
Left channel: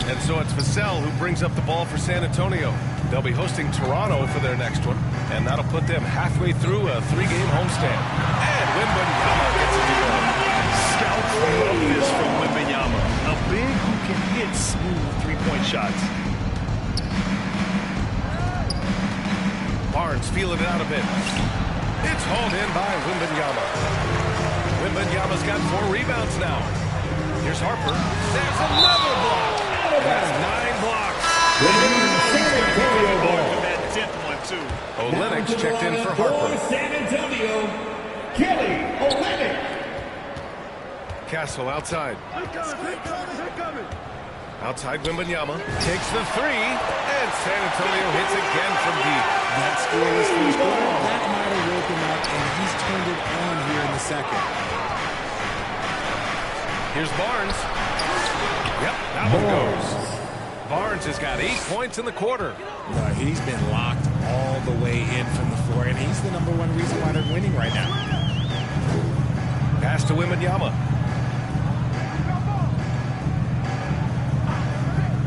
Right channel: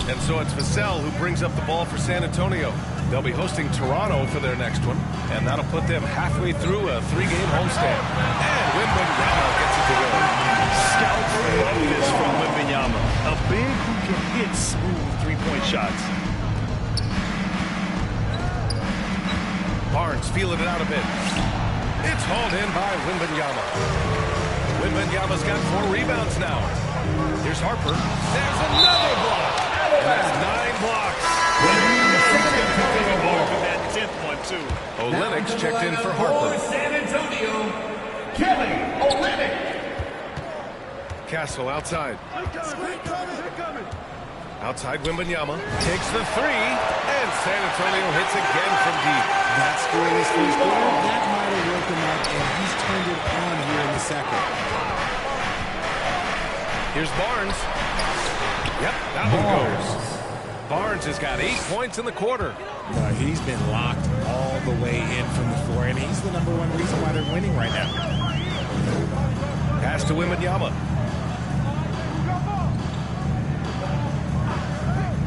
And so it's Vassell who brings up the ball for San Antonio. They'll be hosting Toronto for their next one, and that'll put them halfway through a 3-game homestand. And Wembanyama gets it to go. Scouts love this from Wembanyama, a big who can hit smooth three-point shots. Barnes feeling it out a bit. It's hauled in by Wembanyama. Wembanyama's got 4 rebounds now. Here's Harper. There's another block. And that's 9 blocks. He's going to be coming hard for that 10th one, too. Olynyk's checked in for Harper. San Antonio, Kelly Olynyk. Castle outside. They're coming. Outside Wembanyama. Takes the 3. And San Antonio hits again from deep. That scoreless first quarter, that might have woke him up, and he's turned it on here in the second. Here's Barnes. Yep, that one goes. Barnes has got 8 points in the quarter. He's been locked all the way in from the floor, and he's the #1 reason why they're winning right now. Pass to Wembanyama.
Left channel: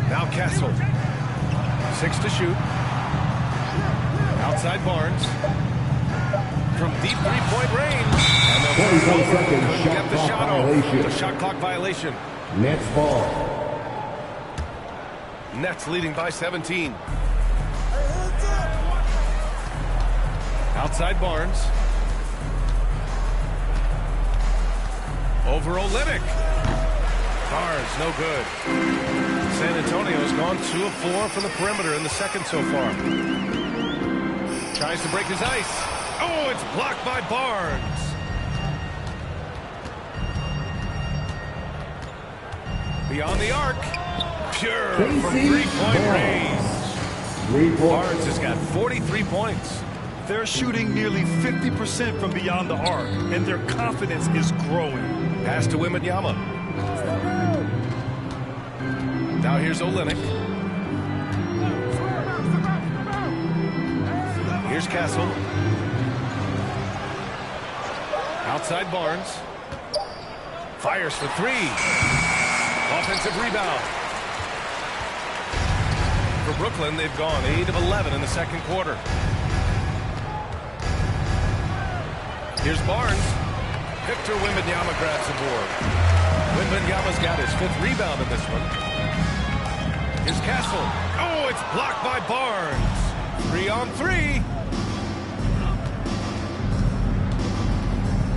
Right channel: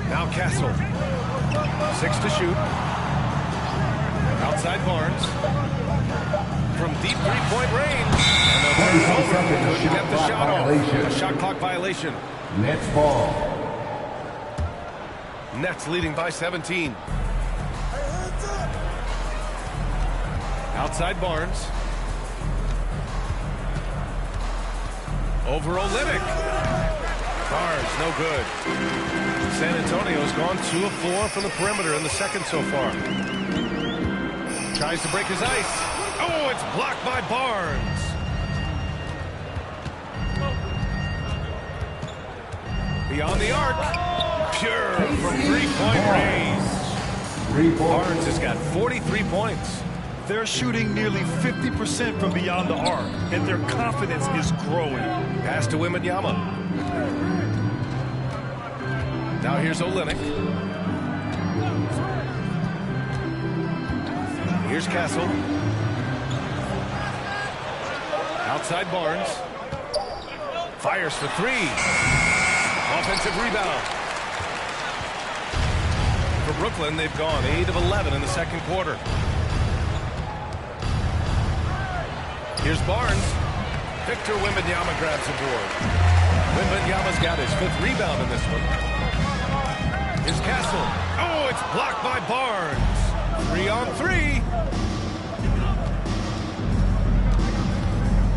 Now Castle. 6 to shoot. Outside Barnes. From deep 3-point range. And they'll turn it over. Couldn't get the shot off. A shot clock violation. Nets ball. Nets leading by 17. Outside Barnes. Over Olynyk. Barnes, no good. San Antonio's gone 2 of 4 from the perimeter in the second so far. Tries to break his ice. Oh, it's blocked by Barnes. Beyond the arc. Pure from three-point range. Barnes has got 43 points. They're shooting nearly 50% from beyond the arc, and their confidence is growing. Pass to Wembanyama. Now here's Olynyk. Here's Castle. Outside Barnes. Fires for 3. Offensive rebound. For Brooklyn, they've gone 8 of 11 in the second quarter. Here's Barnes. Victor Wembanyama grabs the board. Wembanyama's got his 5th rebound in this one. Here's Castle. Oh, it's blocked by Barnes. 3 on 3.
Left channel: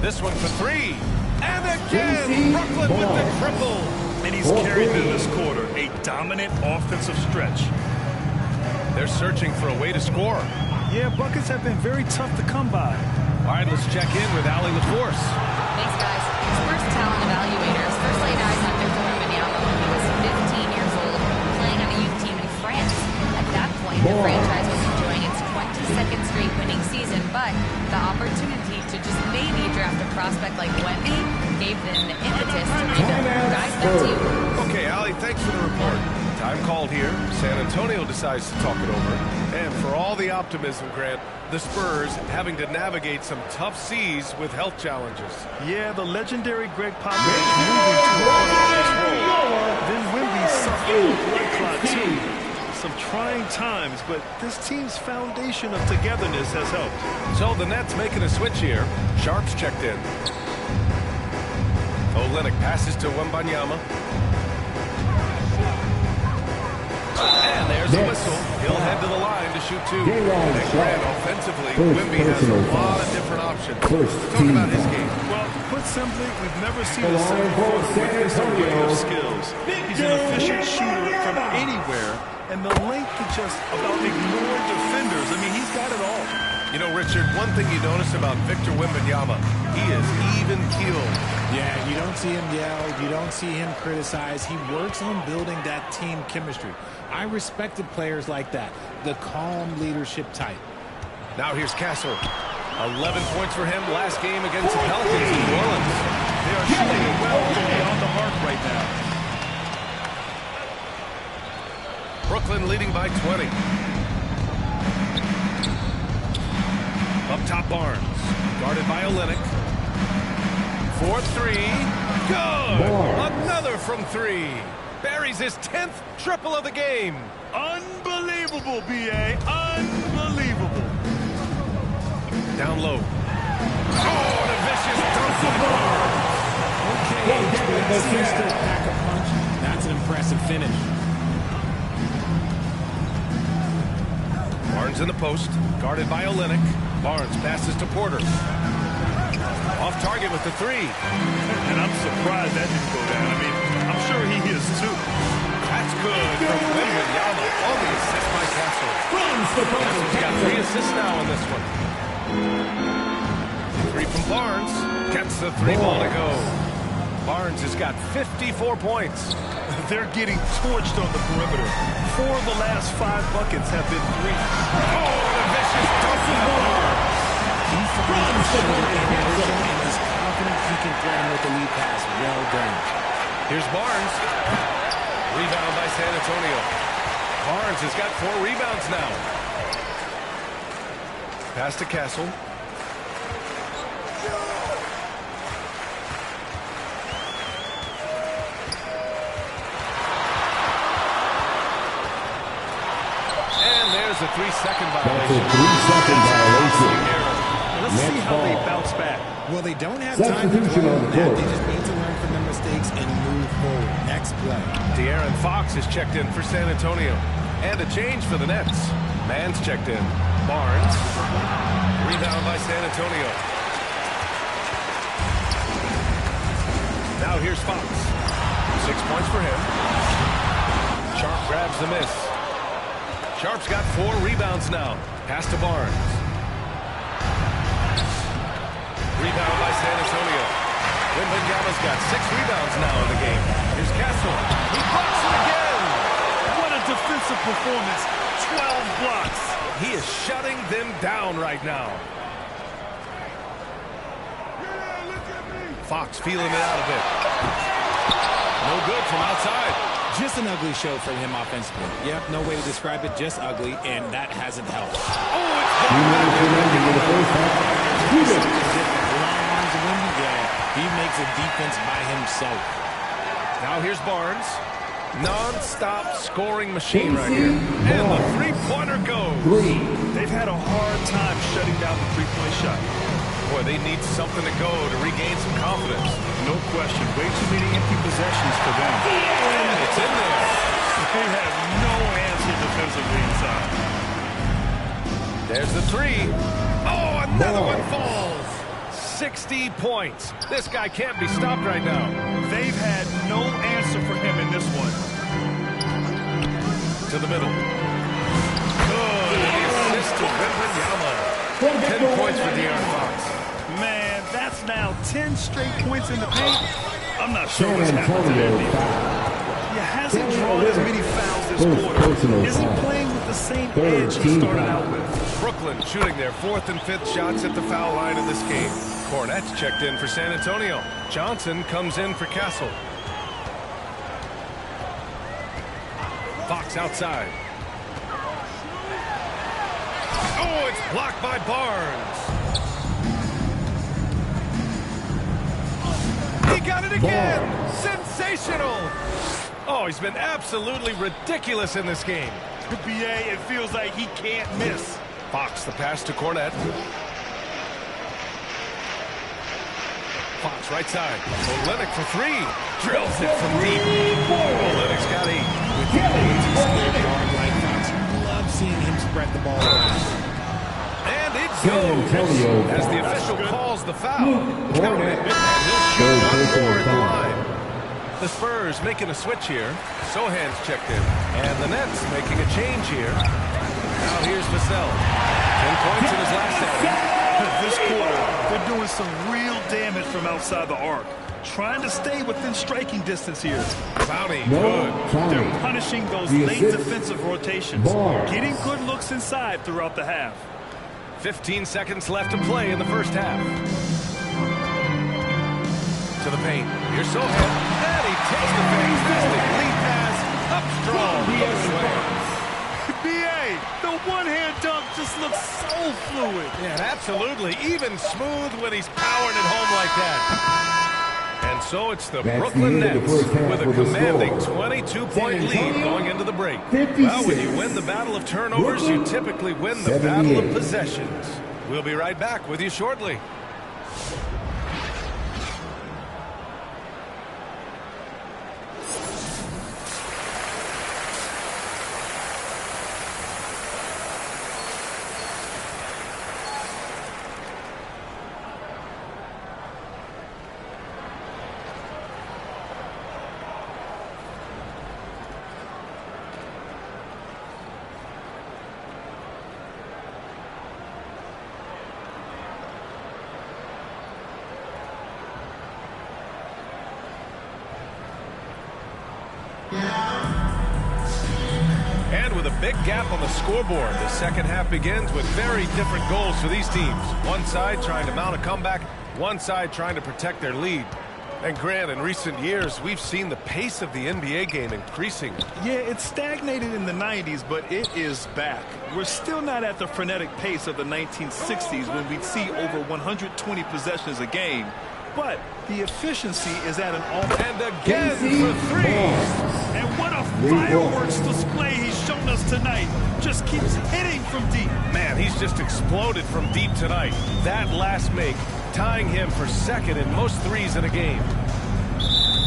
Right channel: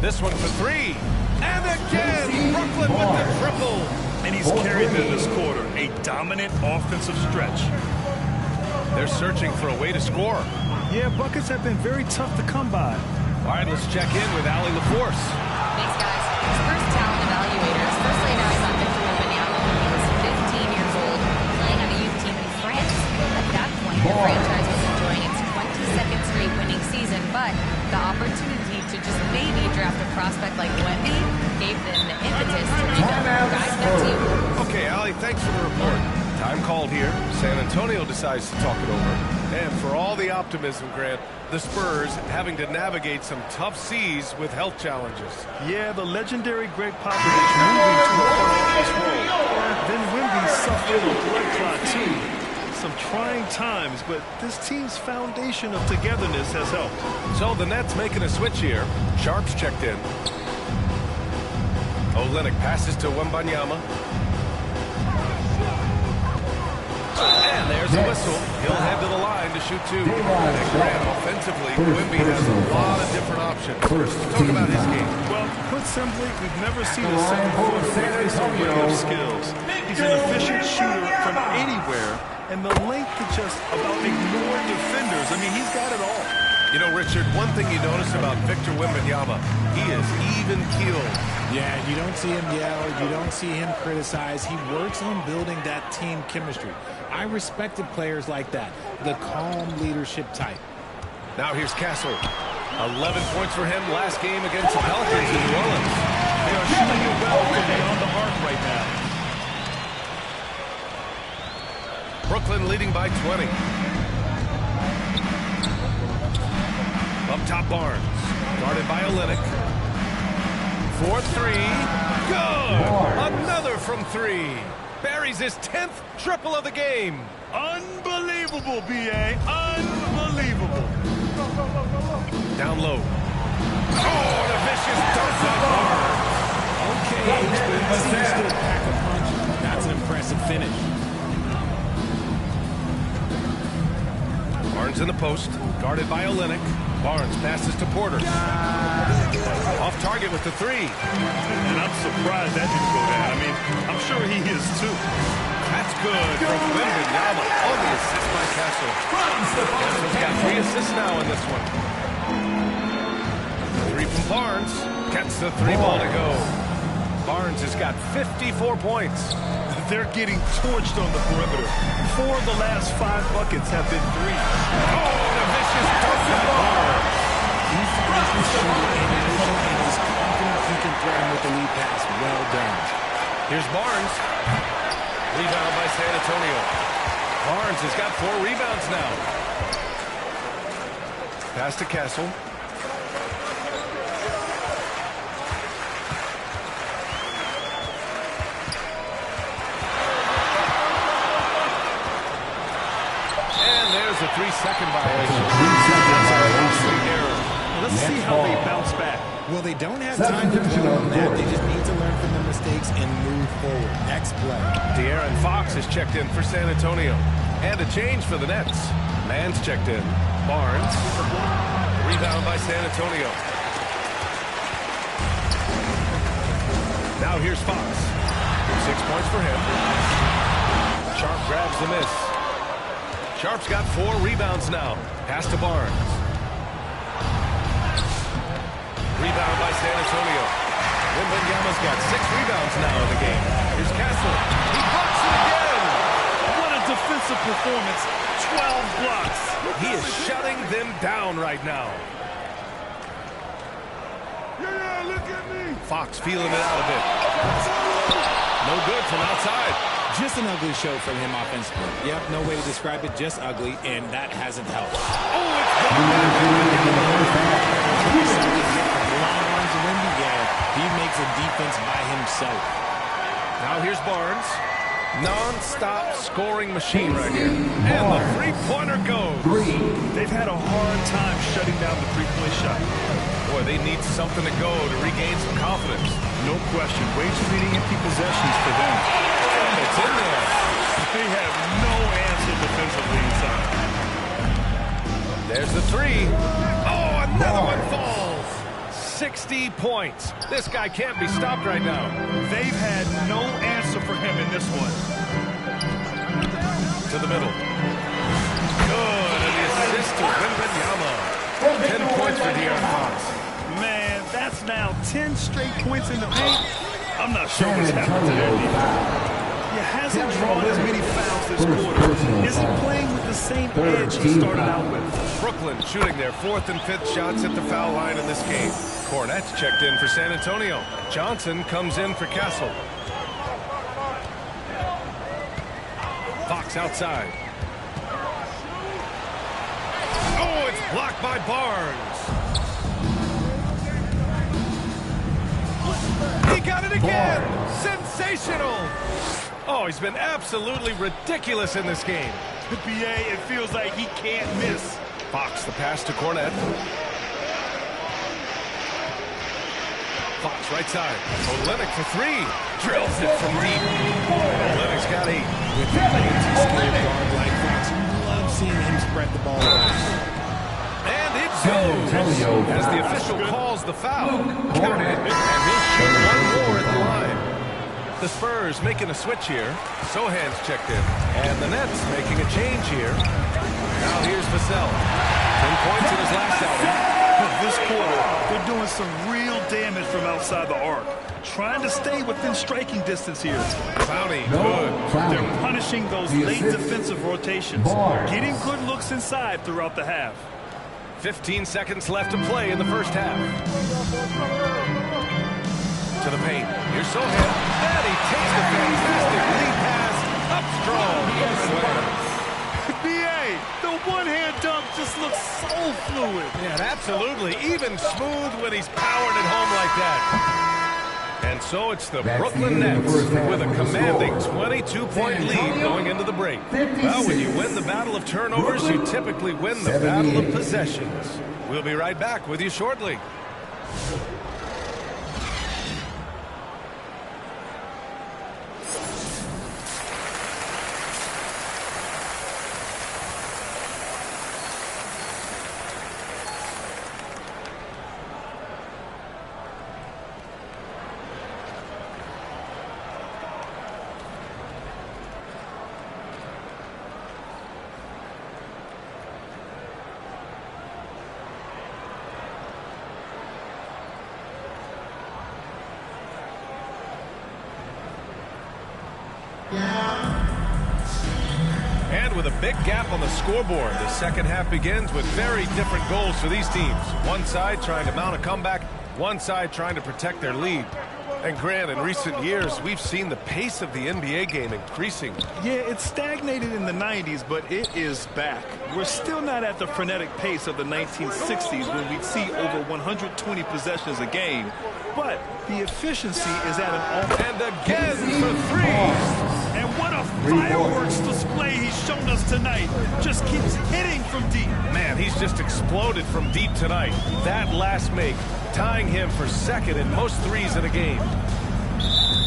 This one for 3. And again, Brooklyn with the triple. And he's carried them this quarter. A dominant offensive stretch. They're searching for a way to score. Yeah, buckets have been very tough to come by. All right, let's check in with Allie LaForce. Thanks, guys. Spurs talent evaluators first laid eyes on Victor Wembanyama when he was 15 years old, playing on a youth team in France. At that point, the franchise was enjoying its 22nd straight winning season, but the opportunity to just maybe draft a prospect like Wemby gave them the impetus to rebuild. Guys, back to you. Okay, Allie, thanks for the report. Time called here. San Antonio decides to talk it over. And for all the optimism, Grant, the Spurs having to navigate some tough seas with health challenges. Yeah, the legendary Greg Popovich moving to a front office role. Then Wemby suffering a blood clot, too. Some trying times, but this team's foundation of togetherness has helped. So the Nets making a switch here. Sharp's checked in. Olynyk passes to Wembanyama. And there's a whistle. He'll head to the line to shoot 2. And Grant, offensively, Wemby has a lot of different options. Talk about his game. Well, put simply, we've never seen a seven-footer with this array of skills. He's an efficient shooter from anywhere, and the length to just about ignore defenders. I mean, he's got it all. You know, Richard, one thing you notice about Victor Wembanyama, he is even-keeled. Yeah, you don't see him yell. You don't see him criticize. He works on building that team chemistry. I respected players like that, the calm leadership type. Now here's Castle. 11 points for him last game against the Pelicans in New Orleans. They are shooting it well from beyond the arc right now. Brooklyn leading by 20. Up top, Barnes. Guarded by Olynyk. 4-3. Good! Another from 3. Buries his 10th triple of the game. Unbelievable, B.A. Unbelievable. Down low. Oh, and a vicious dunk by Barnes. Okay, but he still pack a punch. That's an impressive finish. Barnes in the post. Guarded by Olynyk. Barnes passes to Porter. Off target with the 3. And I'm surprised that didn't go down. I mean, I'm sure he is too. That's good from Wembanyama on the assist by Castle. Castle's got 3 assists now in this one. 3 from Barnes. Gets the 3 ball to go. Barnes has got 54 points. They're getting torched on the perimeter. 4 of the last 5 buckets have been threes. Oh, and a vicious dunk by Barnes. He finds the shooter in motion and is confident he can thread him with the lead pass. Well done. Here's Barnes. Rebound by San Antonio. Barnes has got 4 rebounds now. Pass to Castle. And there's a 3-second violation. Now let's see how they bounce back. Well, they don't have time to dwell on that. They just need to learn from their mistakes and move forward. Next play. De'Aaron Fox is checked in for San Antonio. And a change for the Nets. Mann's checked in. Barnes. Rebound by San Antonio. Now here's Fox. 6 points for him. Sharp grabs the miss. Sharp's got 4 rebounds now. Pass to Barnes. Rebound by San Antonio. Wembanyama's got 6 rebounds now in the game. Here's Castle. He blocks it again. What a defensive performance. 12 blocks. He is shutting them down right now. Yeah, look at me. Fox feeling it out a bit. No good from outside. Just an ugly show from him offensively. Yep, no way to describe it, just ugly, and that hasn't helped. Oh, it's blocked by Something different. Long arms of Wemby, yeah, he makes a defense by himself. Now here's Barnes. Non-stop scoring machine right here. And the three-pointer goes. They've had a hard time shutting down the three-point shot. Boy, they need something to go to regain some confidence. No question. Way too many empty possessions for them. And it's in there. They have no answer defensively inside. There's the three. Oh, another one falls. 60 points. This guy can't be stopped right now. They've had no answer for him in this one. To the middle. Good. And the assist to Wembanyama. 10 points for De'Aaron Fox. Man, that's now 10 straight points in the paint. I'm not sure what's happened to their defense. He hasn't drawn as many fouls this quarter. Isn't playing with the same edge he started out with. Brooklyn shooting their 4th and 5th shots at the foul line in this game. Cornette's checked in for San Antonio. Johnson comes in for Castle. Fox outside. Oh, it's blocked by Barnes. He got it again. Barnes. Sensational. Oh, he's been absolutely ridiculous in this game. The BA, it feels like he can't miss. Fox, the pass to Cornette. Fox, right side. Olynyk for 3. Drills it from deep. Olynyk's got 8. With the multi-skilled guard like Fox, you love seeing him spread the ball around. And it goes as the official calls the foul. Count it, and he'll shoot one more at the line. The Spurs making a switch here. Sohan's checked in. And the Nets making a change here. Now here's Vassell. 10 points in his last outing. This quarter, they're doing some real damage from outside the arc. Trying to stay within striking distance here. Bounty, good. They're punishing those late defensive rotations. Getting good looks inside throughout the half. 15 seconds left to play in the first half. To the paint. Here's Sohan. And he takes the fantastic lead pass. Up strong. BA, the one-hand dunk just looks so fluid. Yeah, absolutely. Even smooth when he's powering it home like that. And so it's the Brooklyn Nets with a commanding 22-point lead going into the break. Well, when you win the battle of turnovers, you typically win the battle of possessions. We'll be right back with you shortly. And with a big gap on the scoreboard, the second half begins with very different goals for these teams. One side trying to mount a comeback, one side trying to protect their lead. And Grant, in recent years, we've seen the pace of the NBA game increasing. Yeah, it stagnated in the 90s, but it is back. We're still not at the frenetic pace of the 1960s when we'd see over 120 possessions a game. But the efficiency is at an all. And again for 3. And what a fireworks display he's shown us tonight. Just keeps hitting from deep. Man, he's just exploded from deep tonight. That last make, tying him for second in most threes in a game.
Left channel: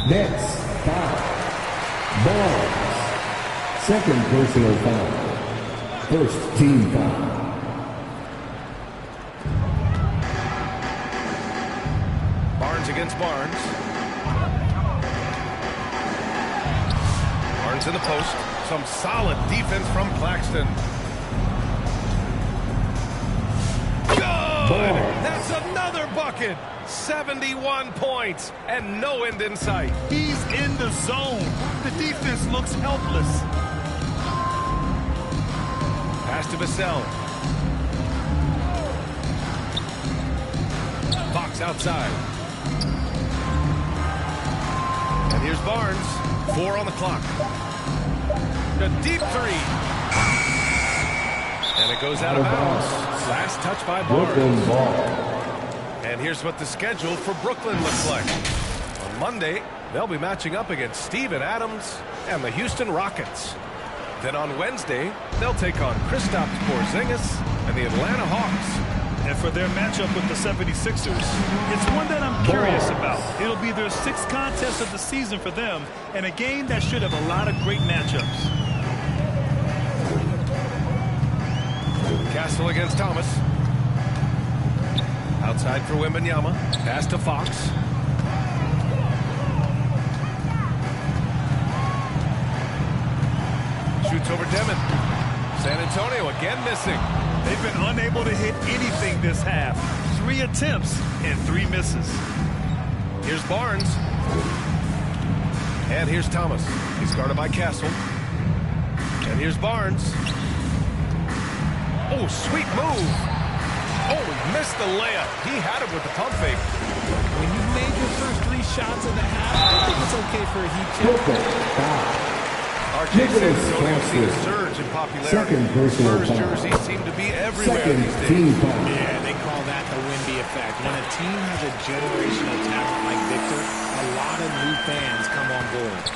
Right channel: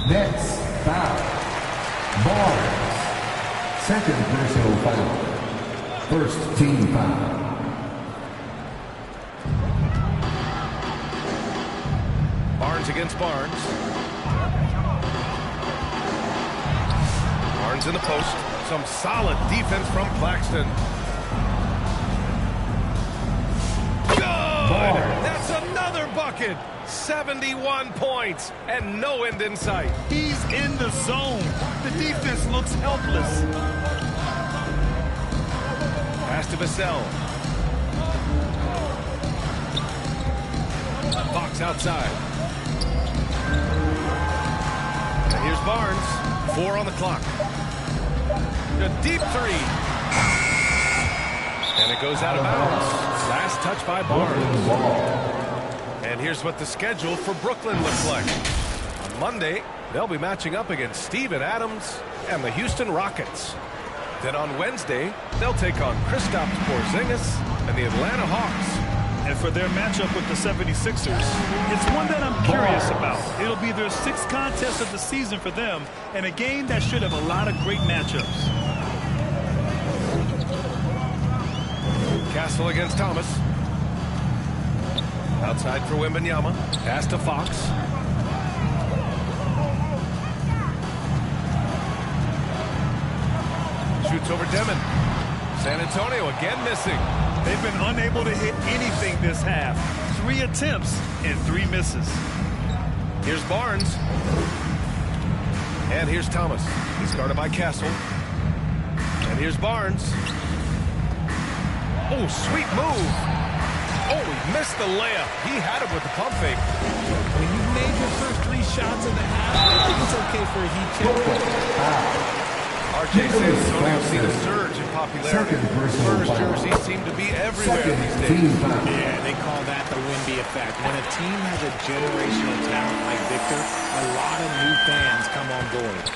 Nets foul. Barnes. Second personal foul. First team foul. Barnes against Barnes. Barnes in the post. Some solid defense from Claxton. Good! That's another bucket. 71 points and no end in sight. He's in the zone. The defense looks helpless. Pass to Vassell. Fox outside. And here's Barnes. 4 on the clock. A deep three. And it goes out of bounds. Last touch by Barnes. And here's what the schedule for Brooklyn looks like. On Monday, they'll be matching up against Steven Adams and the Houston Rockets. Then on Wednesday, they'll take on Kristaps Porzingis and the Atlanta Hawks. And for their matchup with the 76ers, it's one that I'm curious about. It'll be their 6th contest of the season for them, and a game that should have a lot of great matchups. Castle against Thomas. Outside for Wembanyama. Pass to Fox. Shoots over Demon. San Antonio again missing. They've been unable to hit anything this half. 3 attempts and 3 misses. Here's Barnes. And here's Thomas. He's guarded by Castle. And here's Barnes. Oh, sweet move. Oh, he missed the layup. He had it with the pump fake. When you've made your first 3 shots of the half, I think it's okay for a heat check. RJ San Antonio seen a surge in popularity. Spurs jerseys seem to be everywhere these days. Yeah, they call that the Wemby effect. When a team has a generational talent like Victor, a lot of new fans come on board.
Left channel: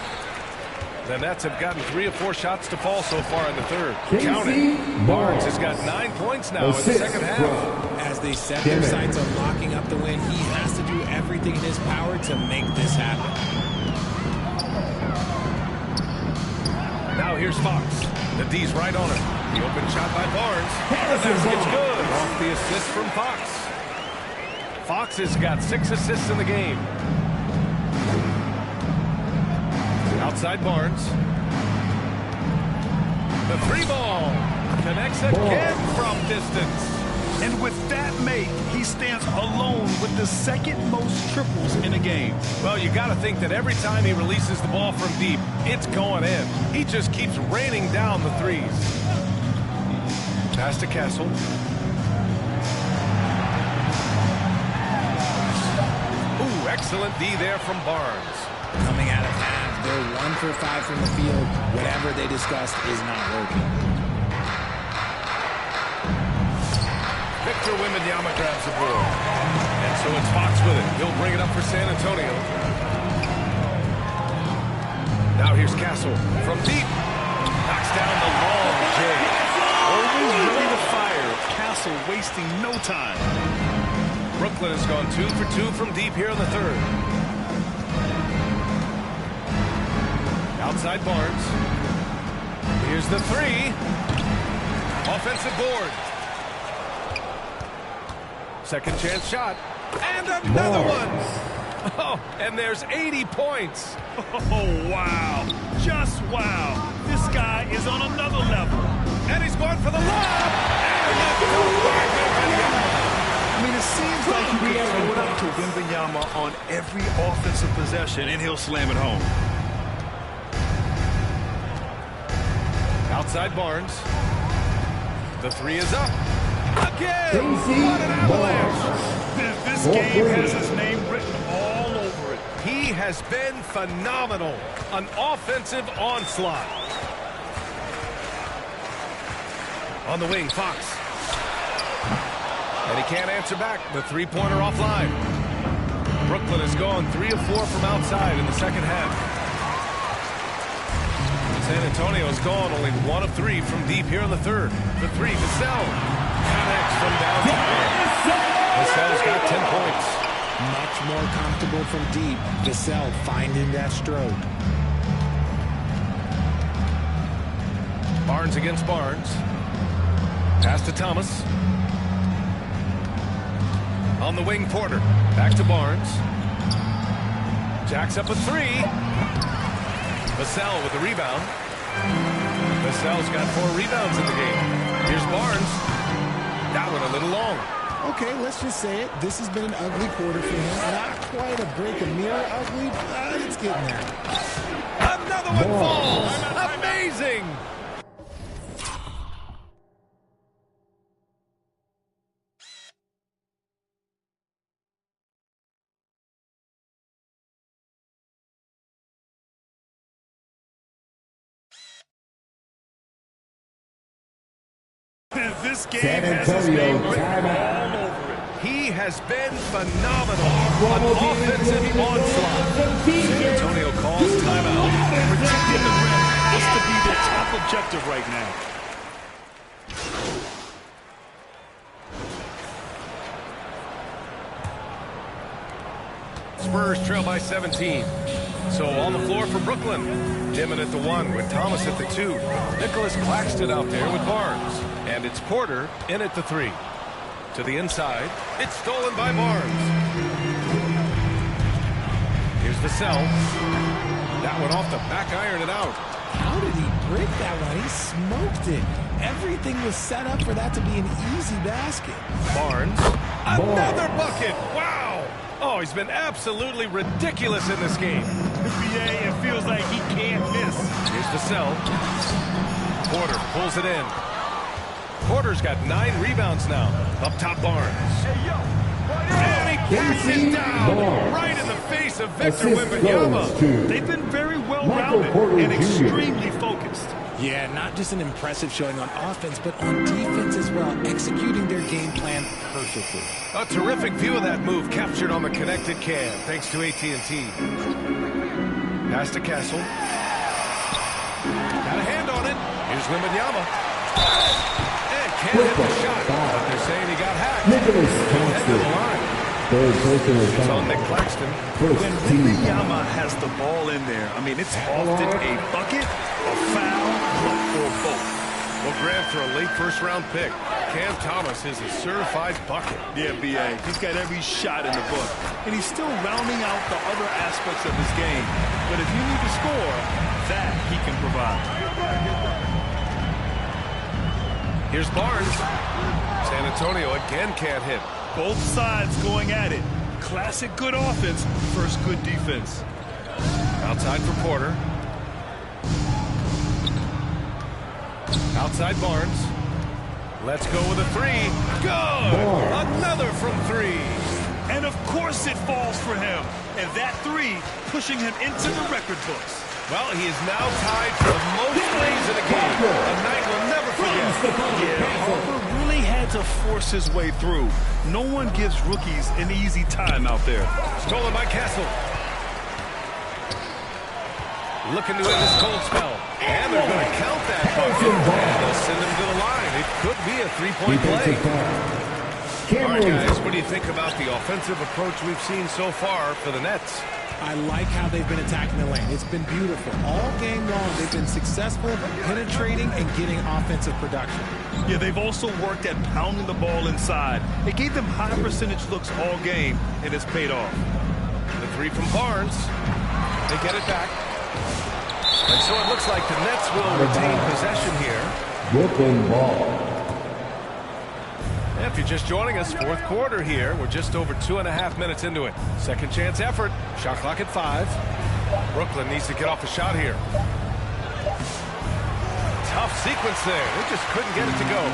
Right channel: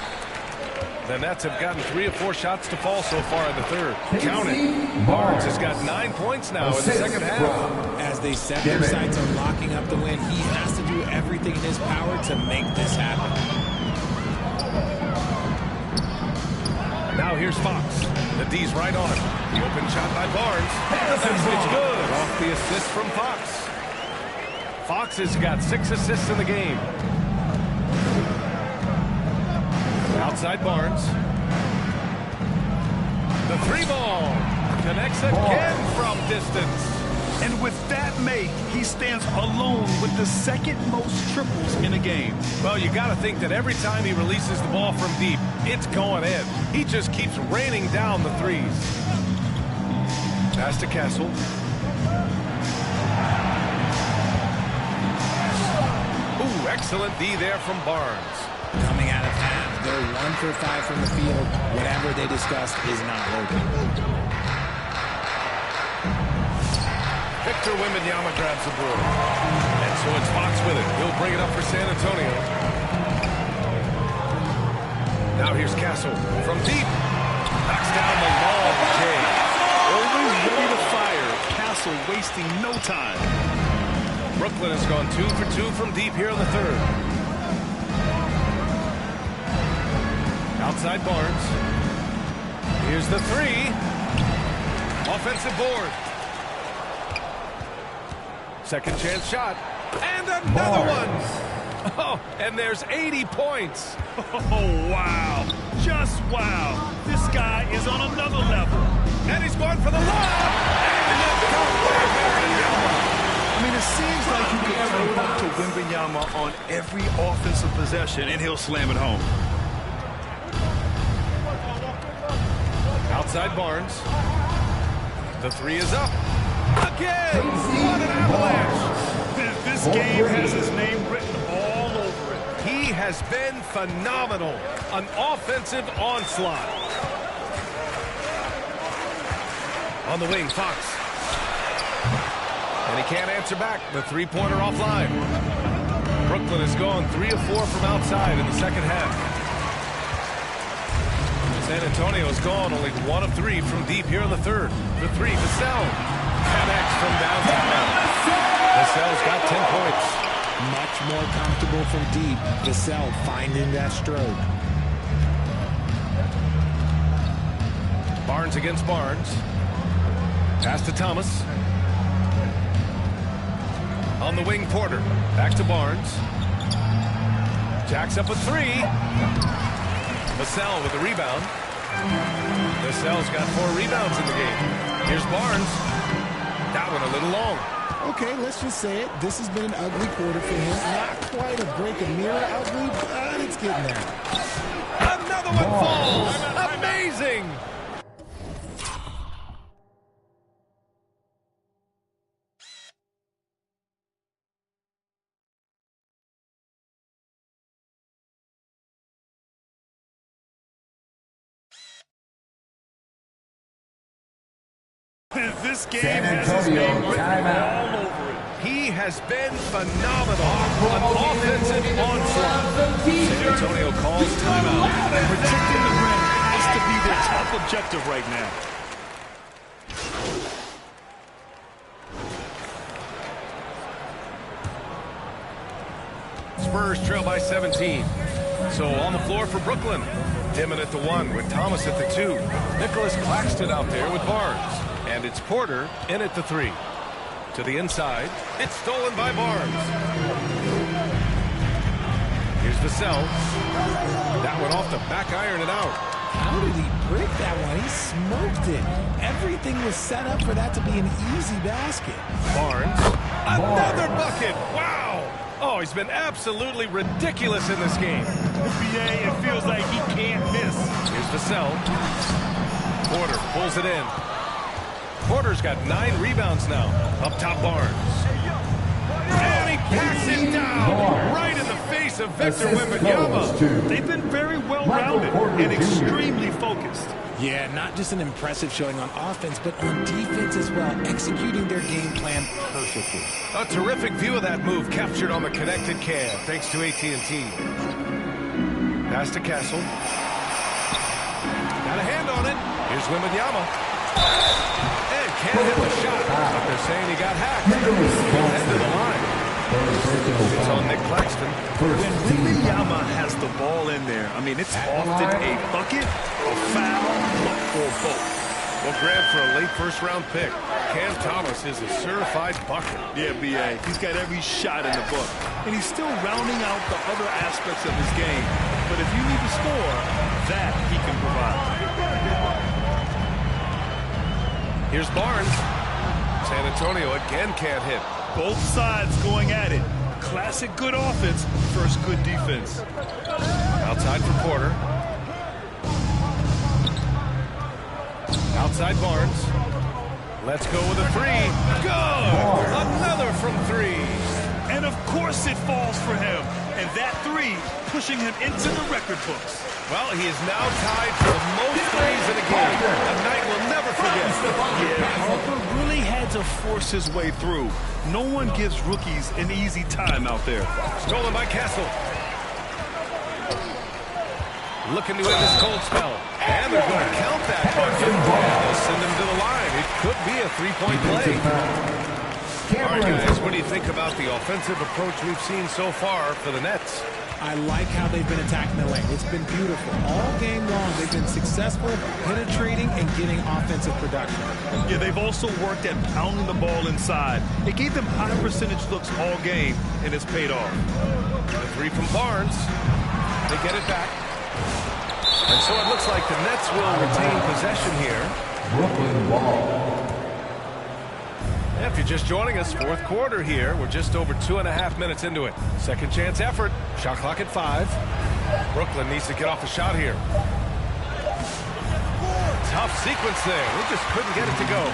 The Nets have gotten 3 or 4 shots to fall so far in the third. Count it. Barnes has got 9 points now in the second half. As they set their sights on locking up the win, he has to do everything in his power to make this happen. Now here's Fox. The D's right on him. The open shot by Barnes. The basket's good. Off the assist from Fox. Fox has got 6 assists in the game. Outside Barnes. The 3 ball. Connects again from distance. And with that make, he stands alone with the 2nd most triples in a game. Well, you got to think that every time he releases the ball from deep, it's going in. He just keeps raining down the threes. Pass to Castle. Ooh, excellent D there from Barnes. Coming out of half, they're 1 for 5 from the field. Whatever they discussed is not working. Victor Wembanyama grabs the board. And so it's Fox with it. He'll bring it up for San Antonio. Now here's Castle from deep. Knocks down the long J. Always ready to fire. Castle wasting no time. Brooklyn has gone 2 for 2 from deep here in the third. Outside Barnes. Here's the 3. Offensive board. Second chance shot. And another one. Oh, and there's 80 points. Oh, wow. Just wow. This guy is on another level. And he's going for the lob. And it's caught by Wembanyama. I mean, it seems like you can throw it up to Wembanyama on every offensive possession, and he'll slam it home. Outside Barnes. The 3 is up. Again! What an avalanche! This game has his name written all over it. He has been phenomenal. An offensive onslaught. On the wing, Fox. And he can't answer back. The 3-pointer offline. Brooklyn has gone 3 of 4 from outside in the second half. San Antonio has gone only 1 of 3 from deep here in the third. The 3, Vassell connects from downtown. Vassell's got 10 points. Much more comfortable from deep. Vassell finding that stroke. Barnes against Barnes. Pass to Thomas. On the wing, Porter. Back to Barnes. Jacks up a three. Vassell with the rebound. Vassell's got 4 rebounds in the game. Here's Barnes. That one a little long. Okay, let's just say it. This has been an ugly quarter for him. Not quite a break a mirror ugly, but it's getting there. Another one falls. Amazing. This game has his name written all over it. He has been phenomenal. An offensive onslaught. San Antonio calls timeout. Protecting the rim has to be their top objective right now. Spurs trail by 17. So on the floor for Brooklyn. Dimon at the 1 with Thomas at the 2. Nicholas Claxton out there with Barnes. And it's Porter in at the 3. To the inside. It's stolen by Barnes. Here's Vassell. That one off the back iron and out. How did he break that one? He smoked it. Everything was set up for that to be an easy basket. Barnes. Another bucket. Wow. Oh, he's been absolutely ridiculous in this game. BA, it feels like he can't miss. Here's Vassell. Porter pulls it in. Porter's got 9 rebounds now. Up top, Barnes. And he backs it down right in the face of Victor Wembanyama. They've been very well-rounded and extremely focused. Yeah, not just an impressive showing on offense, but on defense as well, executing their game plan perfectly. A terrific view of that move captured on the connected cam, thanks to AT&T. Pass to Castle. Got a hand on it. Here's Wembanyama. And can't hit the shot, but they're saying he got hacked. He'll head to the line. It's on Nick Claxton. When Wembanyama has the ball in there, I mean, it's often a bucket, a foul, or both. Well, Grant, for a late first-round pick, Cam Thomas is a certified bucket. Yeah, B.A. He's got every shot in the book. And he's still rounding out the other aspects of his game. But if you need to score, that he can provide. Here's Barnes. San Antonio again can't hit. Both sides going at it. Classic good offense versus good defense. Outside for Porter. Outside Barnes. Let's go with a 3. Good! Another from 3. And of course it falls for him. And that 3 pushing him into the record books. Well, he is now tied for the most threes in a game. A night we'll never forget. Yeah, Harper really had to force his way through. No one gives rookies an easy time out there. Stolen by Castle. Looking to end this cold spell. And they're going to count that bucket. And they'll send him to the line. It could be a 3-point play. All right, guys, what do you think about the offensive approach we've seen so far for the Nets? I like how they've been attacking the lane. It's been beautiful. All game long, they've been successful penetrating and getting offensive production. Yeah, they've also worked at pounding the ball inside. It gave them high percentage looks all game, and it's paid off. The 3 from Barnes. They get it back. And so it looks like the Nets will retain possession here. Brooklyn ball. If you're just joining us, fourth quarter here. We're just over 2.5 minutes into it. Second chance effort. Shot clock at 5. Brooklyn needs to get off a shot here. Tough sequence there. They just couldn't get it to go.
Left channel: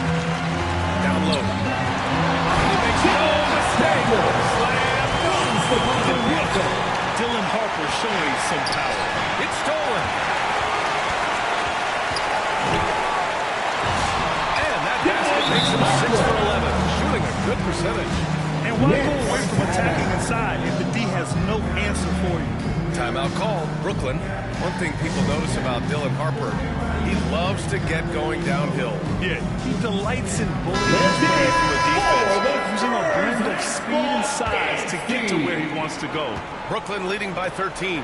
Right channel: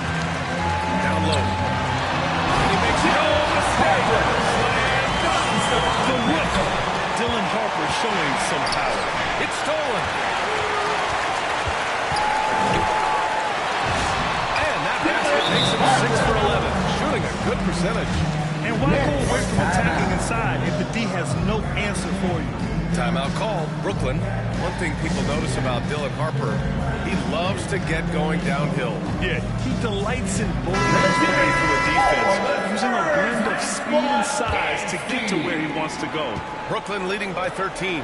Down low. And he makes no mistake. Slam dunk. The rookie, Dylan Harper, showing some power. It's stolen. Basket makes him 6 for 11, shooting a good percentage. And why go away from attacking inside if the D has no answer for you? Timeout called. Brooklyn. One thing people notice about Dylan Harper, he loves to get going downhill. Yeah, he delights in bullying his way through a defense, using a blend of speed and size to get to where he wants to go. Brooklyn leading by 13.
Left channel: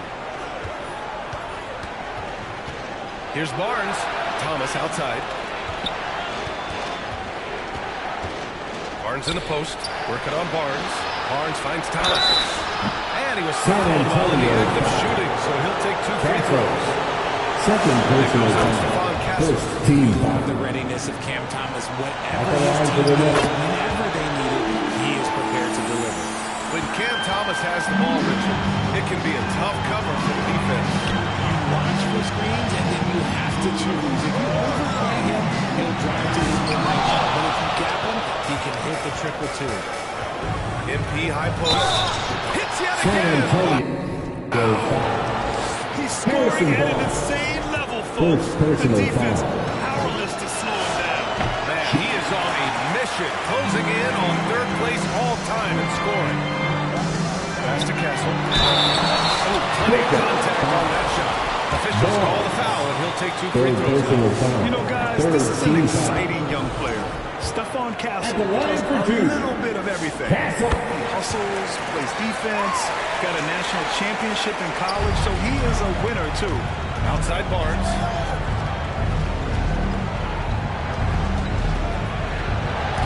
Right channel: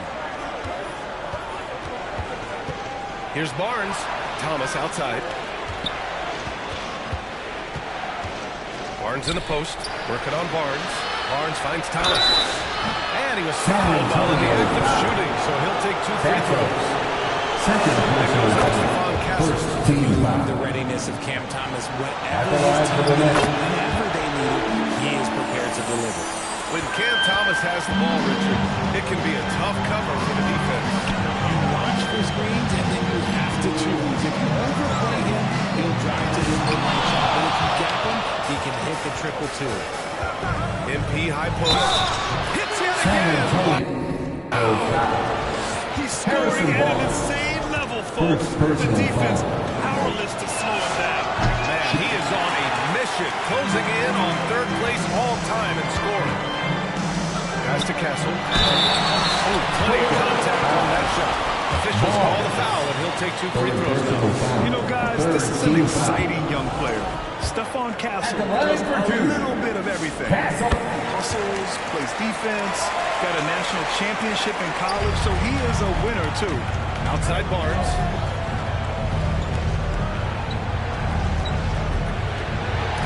Here's Barnes. Thomas outside. Barnes in the post, working on Barnes. Barnes finds Thomas. And he was fouled while in the act of shooting, so he'll take 2 free throws. Second personal foul. First team foul. The readiness of Cam Thomas, whatever his team needs, whenever they need it, he is prepared to deliver. When Cam Thomas has the ball, Richard, it can be a tough cover for the defense. You watch for screens, and then you have to choose. If you overplay him, he'll drive to his midnight shot. But if you gap him, he can hit the 2-2. MP high post. Hits yet again. He's scoring at an insane level, folks. The defense powerless to slow him down. Man, he is on a mission, closing in on 3rd place all time in scoring. Pass to Castle. Oh, plenty of contact on that shot. Officials call the foul, and he'll take 2 free throws now. You know, guys, this is an exciting young player. Stephon Castle does a little bit of everything. He hustles, plays defense, got a national championship in college, so he is a winner, too. Outside Barnes.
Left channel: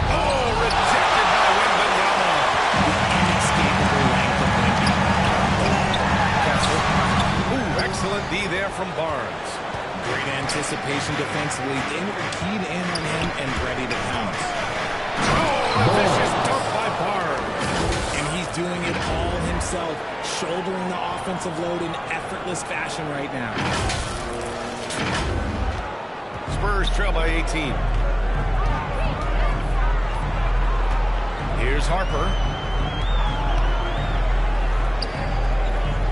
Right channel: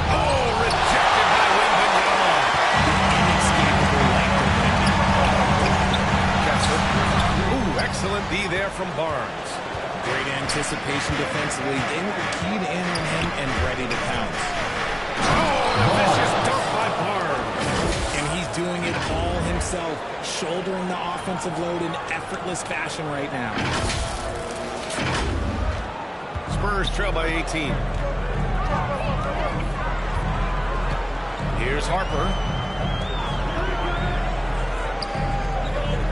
Oh, rejected by Wembanyama. The inescapable length of Wemby. Castle. Ooh, excellent D there from Barnes. Great anticipation defensively. They were keyed in on him and ready to pounce. Oh, and a vicious dunk by Barnes. And he's doing it all himself, shouldering the offensive load in effortless fashion right now. Spurs trail by 18. Here's Harper.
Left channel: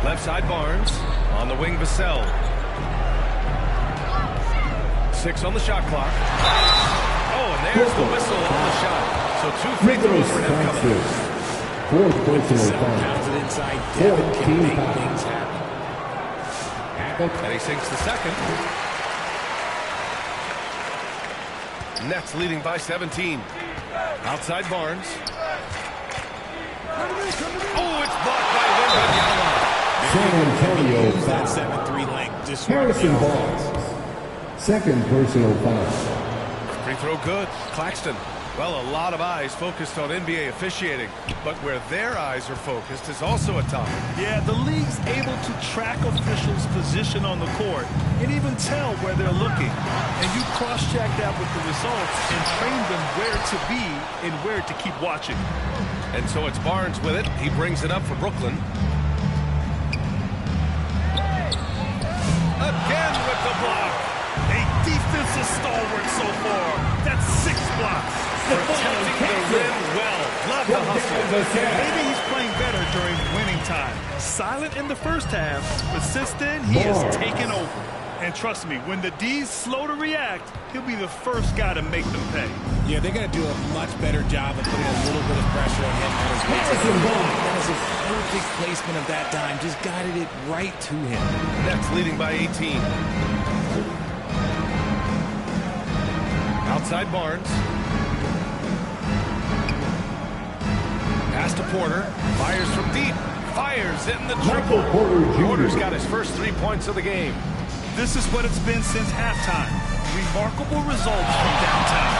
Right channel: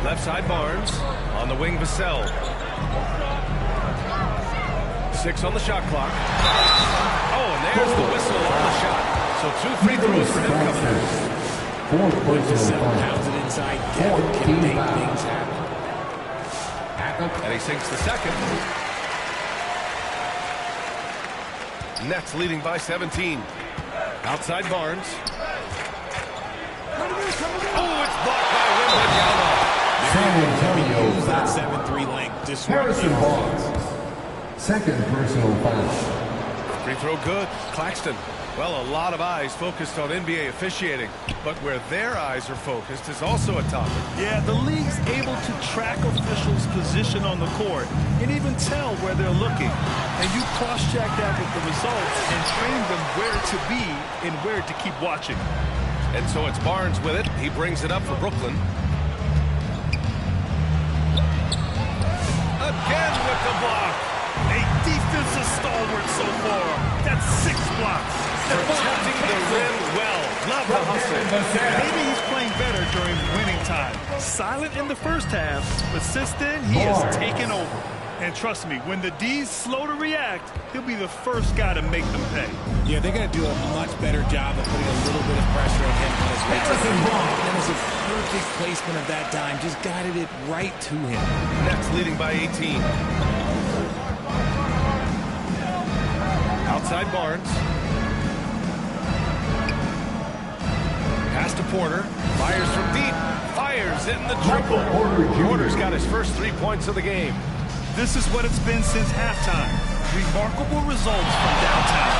Left side Barnes. On the wing, Vassell. 6 on the shot clock. Oh, and there's the whistle on the shot. So 2 free throws for him coming up. Fourth personal foul. Pounds it inside. Devin can make things happen. And he sinks the second. Nets leading by 17. Outside Barnes. Oh, it's blocked by Wembanyama. San Antonio Use that foul. 7-3 length. Disrupt Harrison the Barnes. Second personal foul. Free throw good. Claxton. Well, a lot of eyes focused on NBA officiating, but where their eyes are focused is also a topic. Yeah, the league's able to track officials' position on the court and even tell where they're looking. And you cross-check that with the results and train them where to be and where to keep watching. And so it's Barnes with it. He brings it up for Brooklyn. Again with the block. A defensive stalwart so far. That's 6 blocks. Protecting the rim well. Love the hustle. Maybe he's playing better during winning time. Silent in the first half, but since then, he has taken over. And trust me, when the D's slow to react, he'll be the first guy to make them pay. Yeah, they're going to do a much better job of putting a little bit of pressure on him on his way to the ball. That is a perfect placement of that dime. Just guided it right to him. Nets leading by 18. Outside Barnes. Pass to Porter. Fires from deep. Fires in the triple. Porter's got his first 3 points of the game. This is what it's been since halftime. Remarkable results from downtown.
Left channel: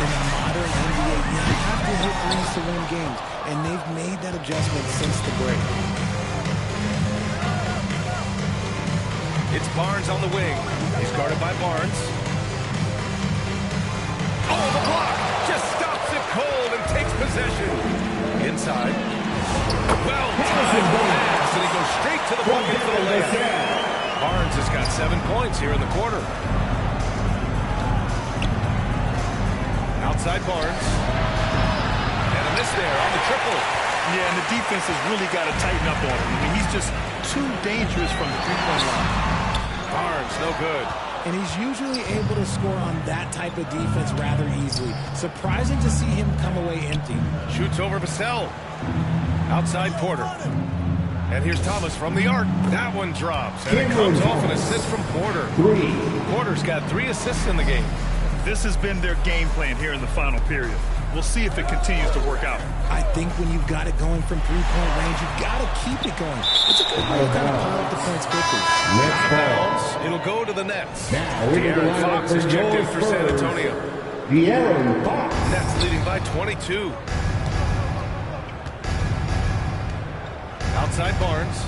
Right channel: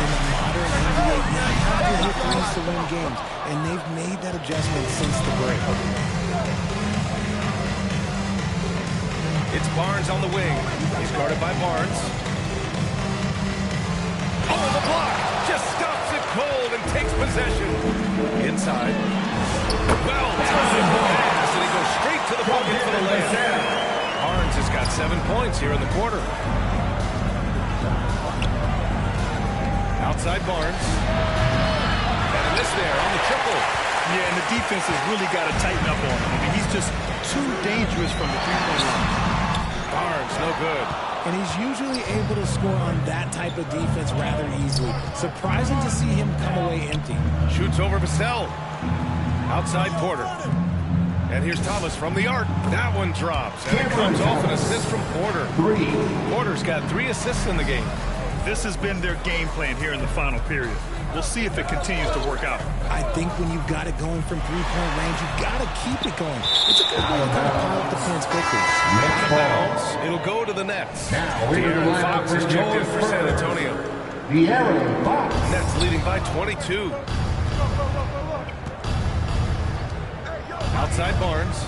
In the modern NBA, you have to hit threes to win games, and they've made that adjustment since the break. It's Barnes on the wing. He's guarded by Barnes. Oh, the block! Just stops it cold and takes possession. Inside. Well-timed pass, and he goes straight to the bucket for the layup. Barnes has got 7 points here in the quarter. Outside Barnes. And a miss there on the triple. Yeah, and the defense has really got to tighten up on him. I mean, he's just too dangerous from the three-point line. Barnes, no good. And he's usually able to score on that type of defense rather easily. Surprising to see him come away empty. Shoots over Vassell. Outside Porter. And here's Thomas from the arc. That one drops. And it comes off an assist from Porter. Porter's got 3 assists in the game. This has been their game plan here in the final period. We'll see if it continues to work out. I think when you've got it going from three-point range, you've got to keep it going. It's a good way to kind of pile up the points quickly. Out of bounds. It'll go to the Nets. De'Aaron Fox is checked in for San Antonio. De'Aaron Fox. Nets leading by 22. Outside Barnes.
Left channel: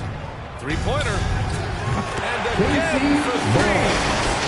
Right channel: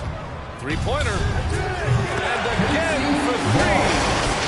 Three-pointer. And again for three.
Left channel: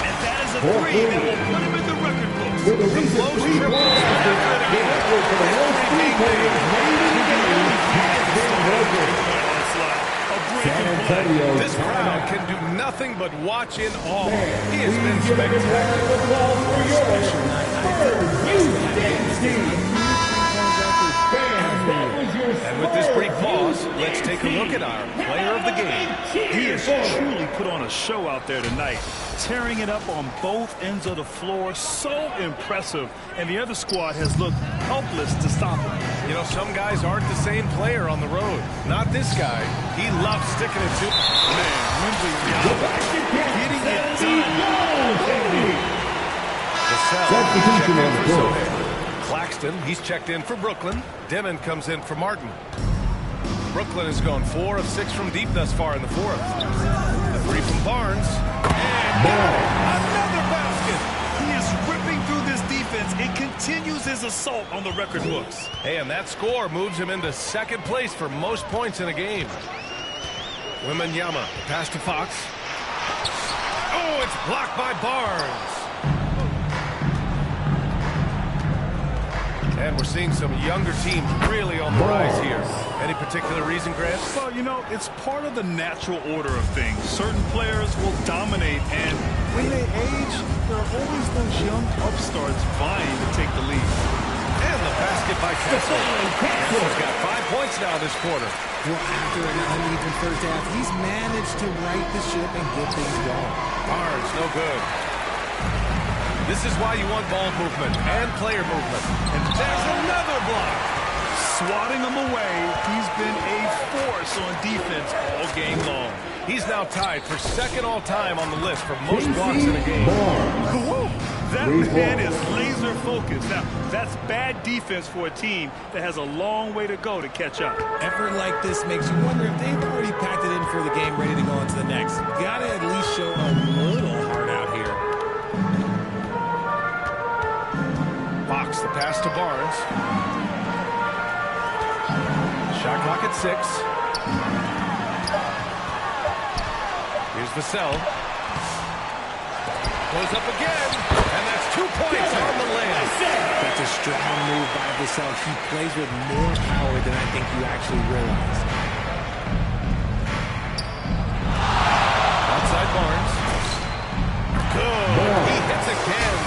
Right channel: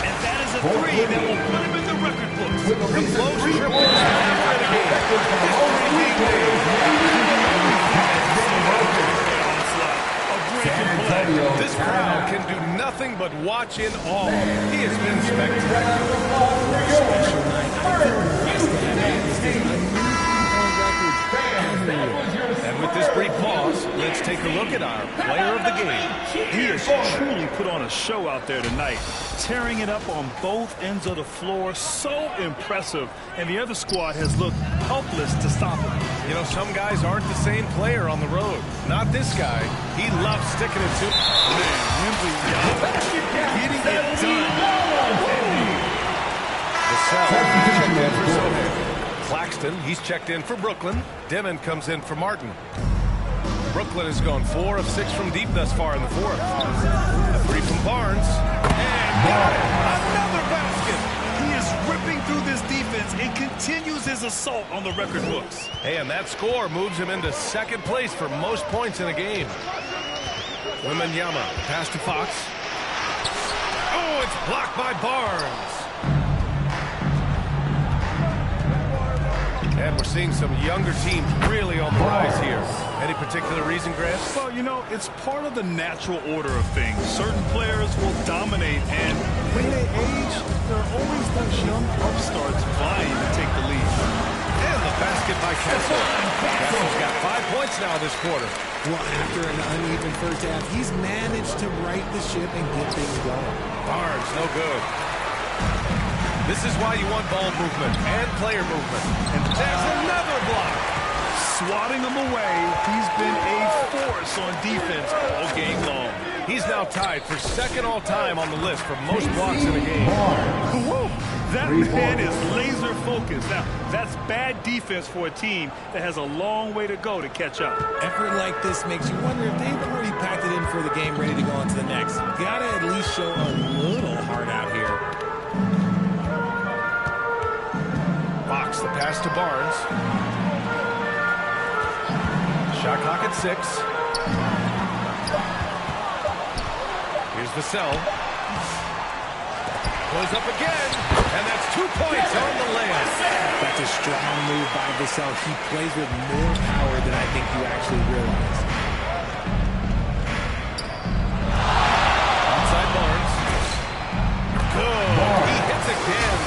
And that is a three that will put him in the record books. The most triples ever in a game. History being made. The only thing that can slow down a three-point onslaught. A break and play. This crowd can do nothing but watch in awe. He has been spectacular. For a special night, I feel blessed to have witnessed this. A new three-point record everywhere. And with this brief pause, let's take a look at our player of the game. He has truly put on a show out there tonight, tearing it up on both ends of the floor. So impressive. And the other squad has looked helpless to stop him. You know, some guys aren't the same player on the road. Not this guy. He loves sticking it to. Man, Wembley getting it done. Vassell checked in for Sohan. Claxton, he's checked in for Brooklyn. Demon comes in for Martin. Brooklyn has gone 4 of 6 from deep thus far in the fourth. A three from Barnes. And got it! Another basket! He is ripping through this defense and continues his assault on the record books. Hey, and that score moves him into second place for most points in a game. Wembanyama, the pass to Fox. Oh, it's blocked by Barnes. And we're seeing some younger teams really on the rise here. Any particular reason, Grant? Well, you know, it's part of the natural order of things. Certain players will dominate, and when they age, there are always those young upstarts vying to take the lead. And the basket by Kessel. Kessel's got 5 points now this quarter. Well, after an uneven first half, he's managed to right the ship and get things going. Barnes, no good. This is why you want ball movement and player movement. And there's another block. Swatting him away, he's been a force on defense all game long. He's now tied for second all-time on the list for most blocks in a game. Whoa, that man is laser focused. Now, that's bad defense for a team that has a long way to go to catch up. Effort like this makes you wonder if they've already packed it in for the game ready to go on to the next. Gotta at least show a little heart out here. Fox, the pass to Barnes. Shot clock at 6. Here's Vassell. Goes up again, and that's 2 points on the layup. That's a strong move by Vassell. He plays with more power than I think you actually realize. Outside Barnes. Good. He hits again.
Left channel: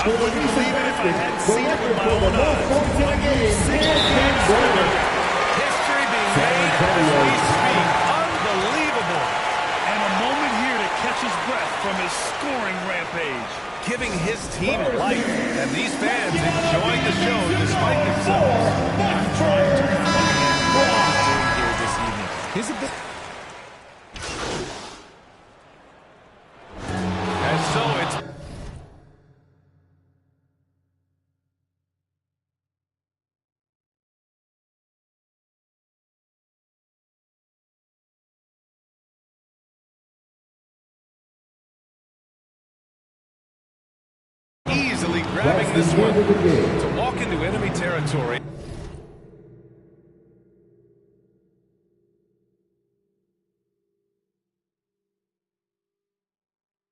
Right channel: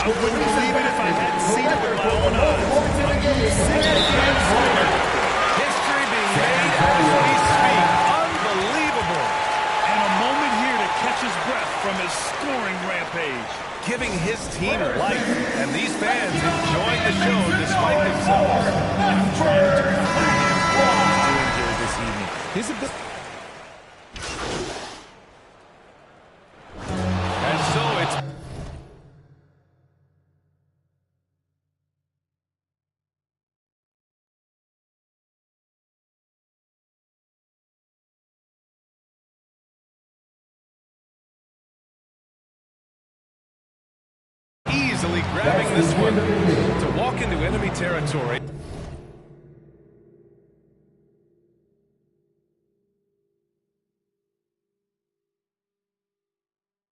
I wouldn't believe it if I hadn't seen it with my own eyes. A new 6-game scoring record. History being made as we speak. Unbelievable. And a moment here to catch his breath from his scoring rampage. Giving his team life. And these fans enjoying the show despite themselves. I'm trying to comprehend what he's doing here this evening. His ability. And so it's... easily grabbing this one to walk into enemy territory.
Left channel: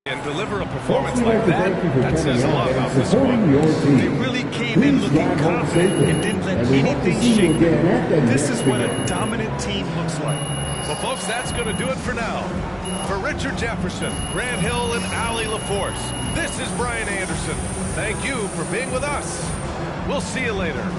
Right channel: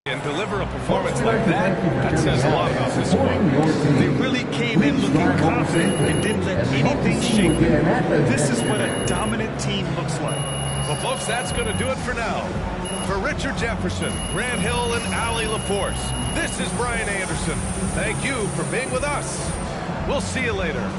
And deliver a performance like that, that says a lot about this one. They really came in looking confident and didn't let anything shake them. This is what a dominant team looks like. Well, folks, that's going to do it for now. For Richard Jefferson, Grant Hill, and Allie LaForce, this is Brian Anderson. Thank you for being with us. We'll see you later.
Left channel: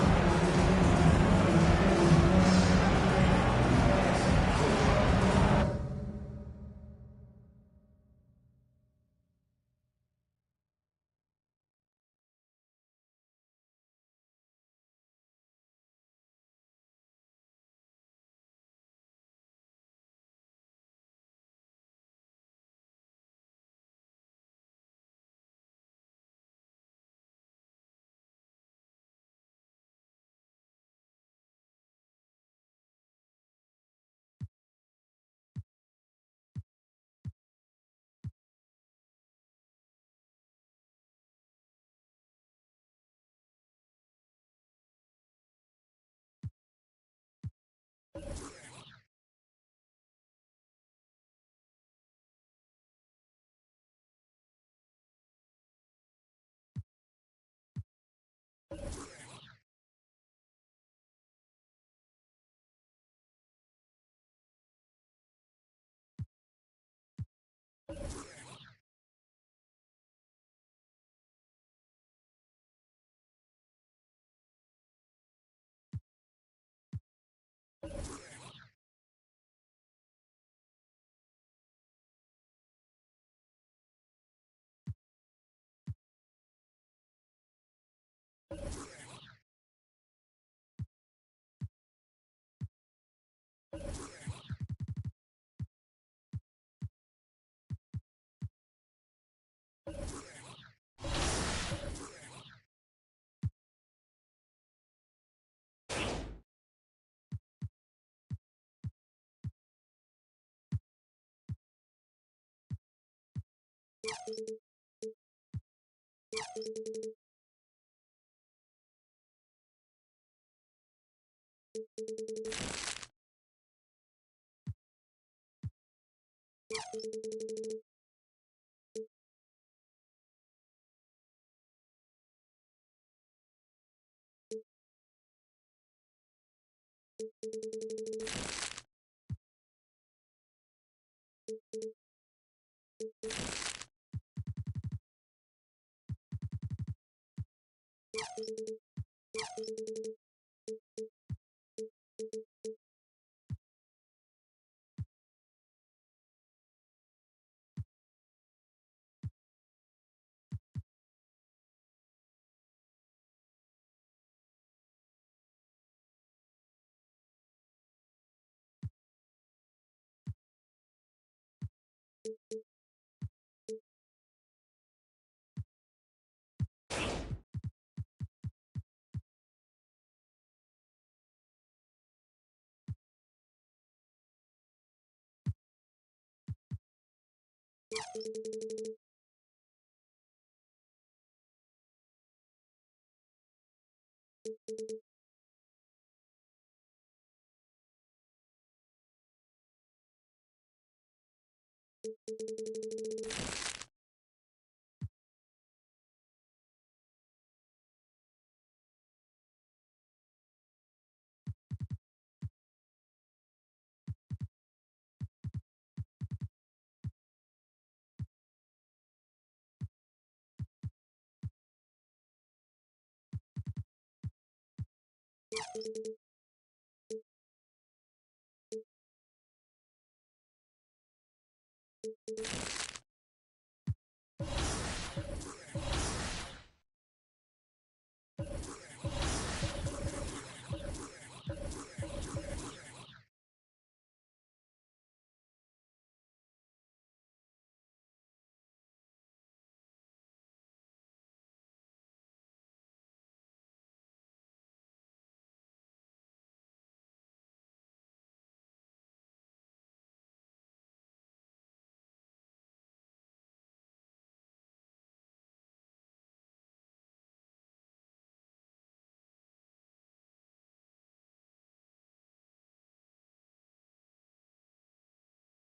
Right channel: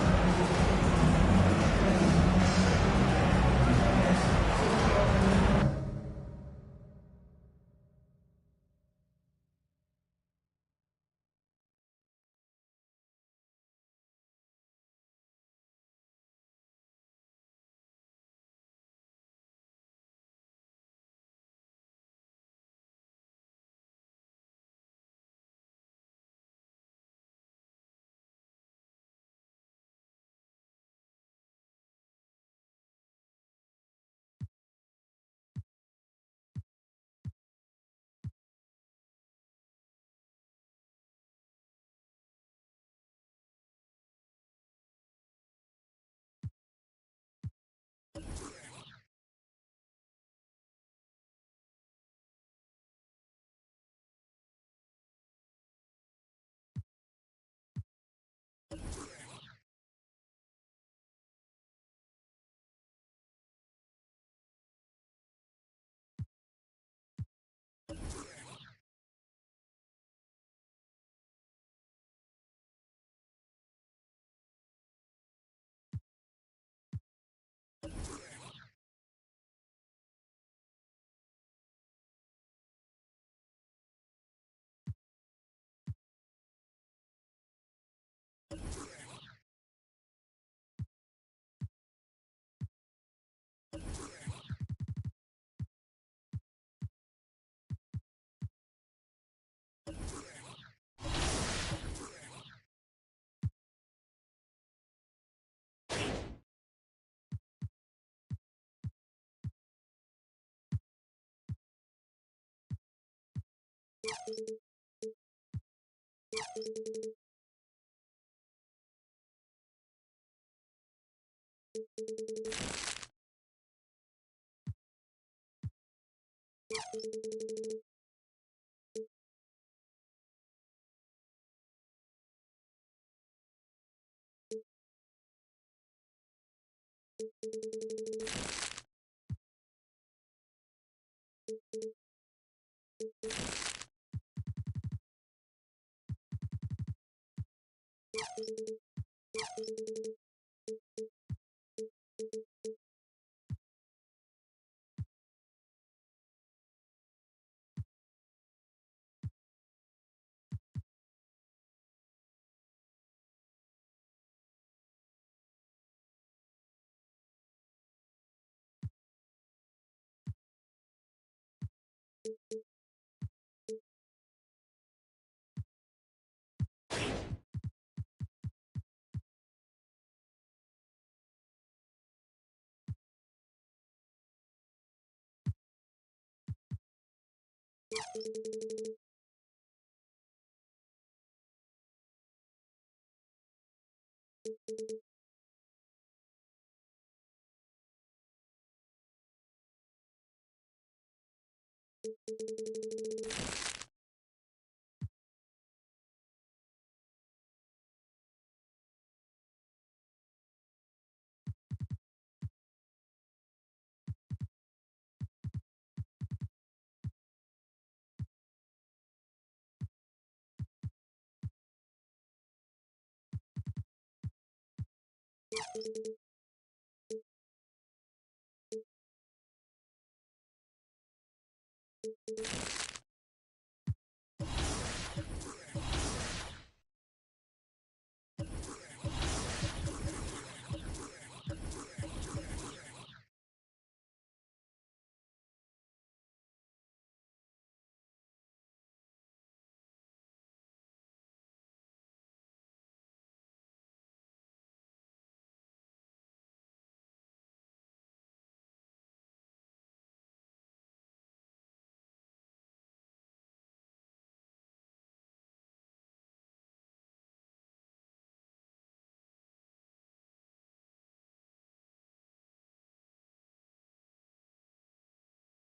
You